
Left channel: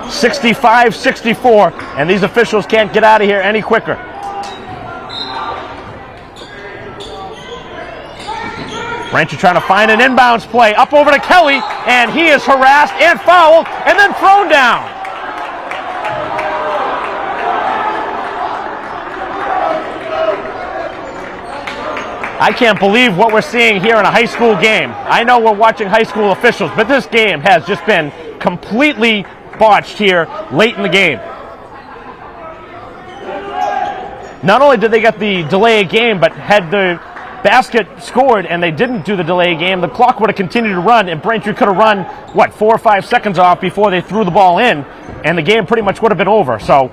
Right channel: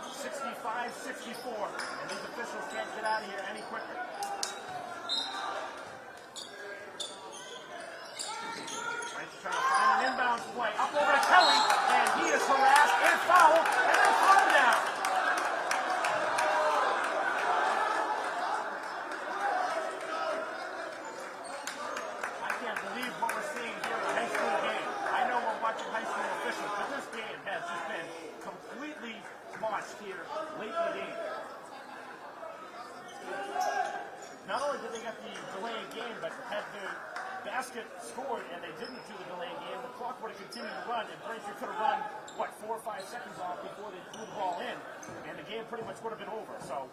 (65-64), and these officials can't get out of here any quicker. Braintree trying to find an inbounds play. Up over to Kelly, and he is harassed and fouled, and then thrown down. I can't believe what we're seeing here in a high school game. I know we're watching high school officials, but this game has just been completely botched here late in the game. Not only did they get the delay of game, but had the basket scored and they didn't do the delay game, the clock would have continued to run, and Braintree could have run, 4 or 5 seconds off before they threw the ball in, and the game pretty much would have been over. So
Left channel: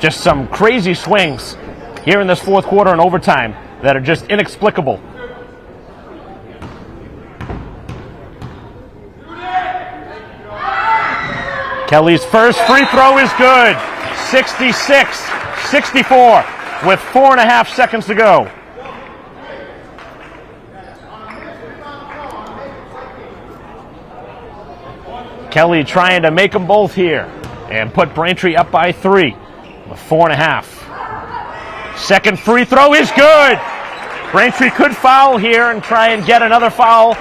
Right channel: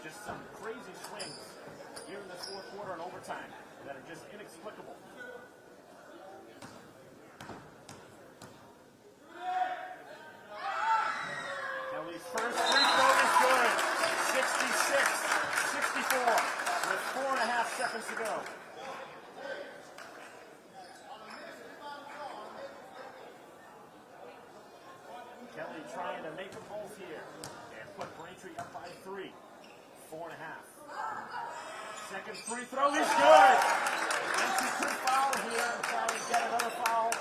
just some crazy swings here in this fourth quarter and overtime that are just inexplicable. Kelly's first free throw is good. 66-64 with 4.5 seconds to go. Kelly trying to make them both here and put Braintree up by 3 with 4.5. Second free throw is good. Braintree could foul here and try and get another foul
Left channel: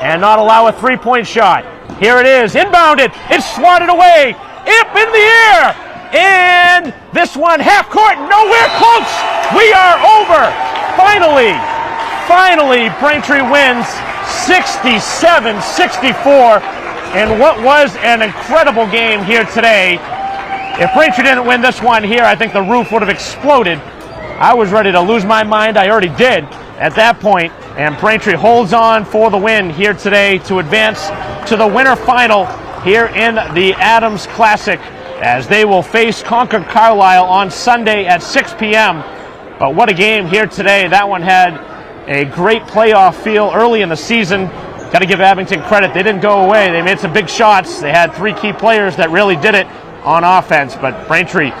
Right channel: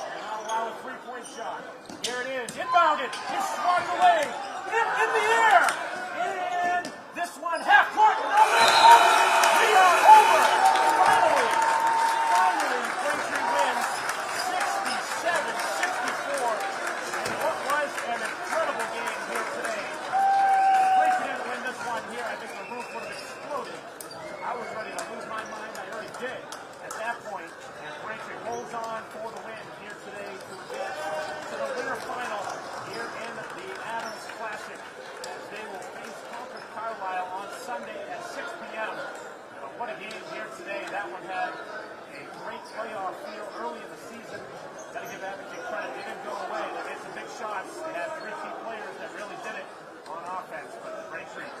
and not allow a three-point shot. Here it is, inbounded, it's swatted away, up in the air, and this one half court, nowhere close. We are over. Finally, Braintree wins 67-64, and what was an incredible game here today. If Braintree didn't win this one here, I think the roof would have exploded. I was ready to lose my mind. I already did at that point, and Braintree holds on for the win here today to advance to the winter final here in the Adams Classic, as they will face Concord Carlisle on Sunday at 6 p.m. But what a game here today. That one had a great playoff feel early in the season. Got to give Abington credit. They didn't go away. They made some big shots. They had 3 key players that really did it on offense, but Braintree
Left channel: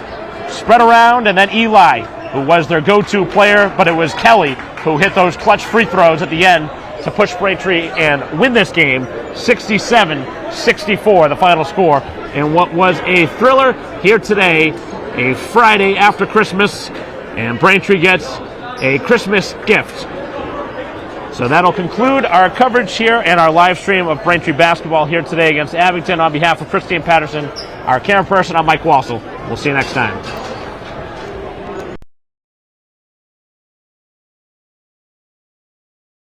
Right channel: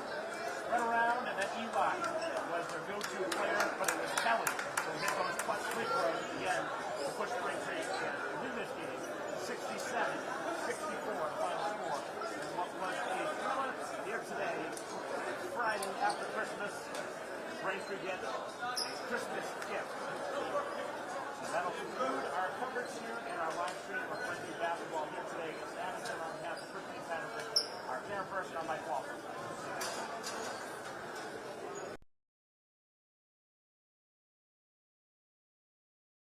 spread around, and then Eli, who was their go-to player, but it was Kelly who hit those clutch free throws at the end to push Braintree and win this game 67-64, the final score, in what was a thriller here today, a Friday after Christmas, and Braintree gets a Christmas gift. So that'll conclude our coverage here and our live stream of Braintree basketball here today against Abington. On behalf of Christine Patterson, our camera person, I'm Mike Wassel. We'll see you next time.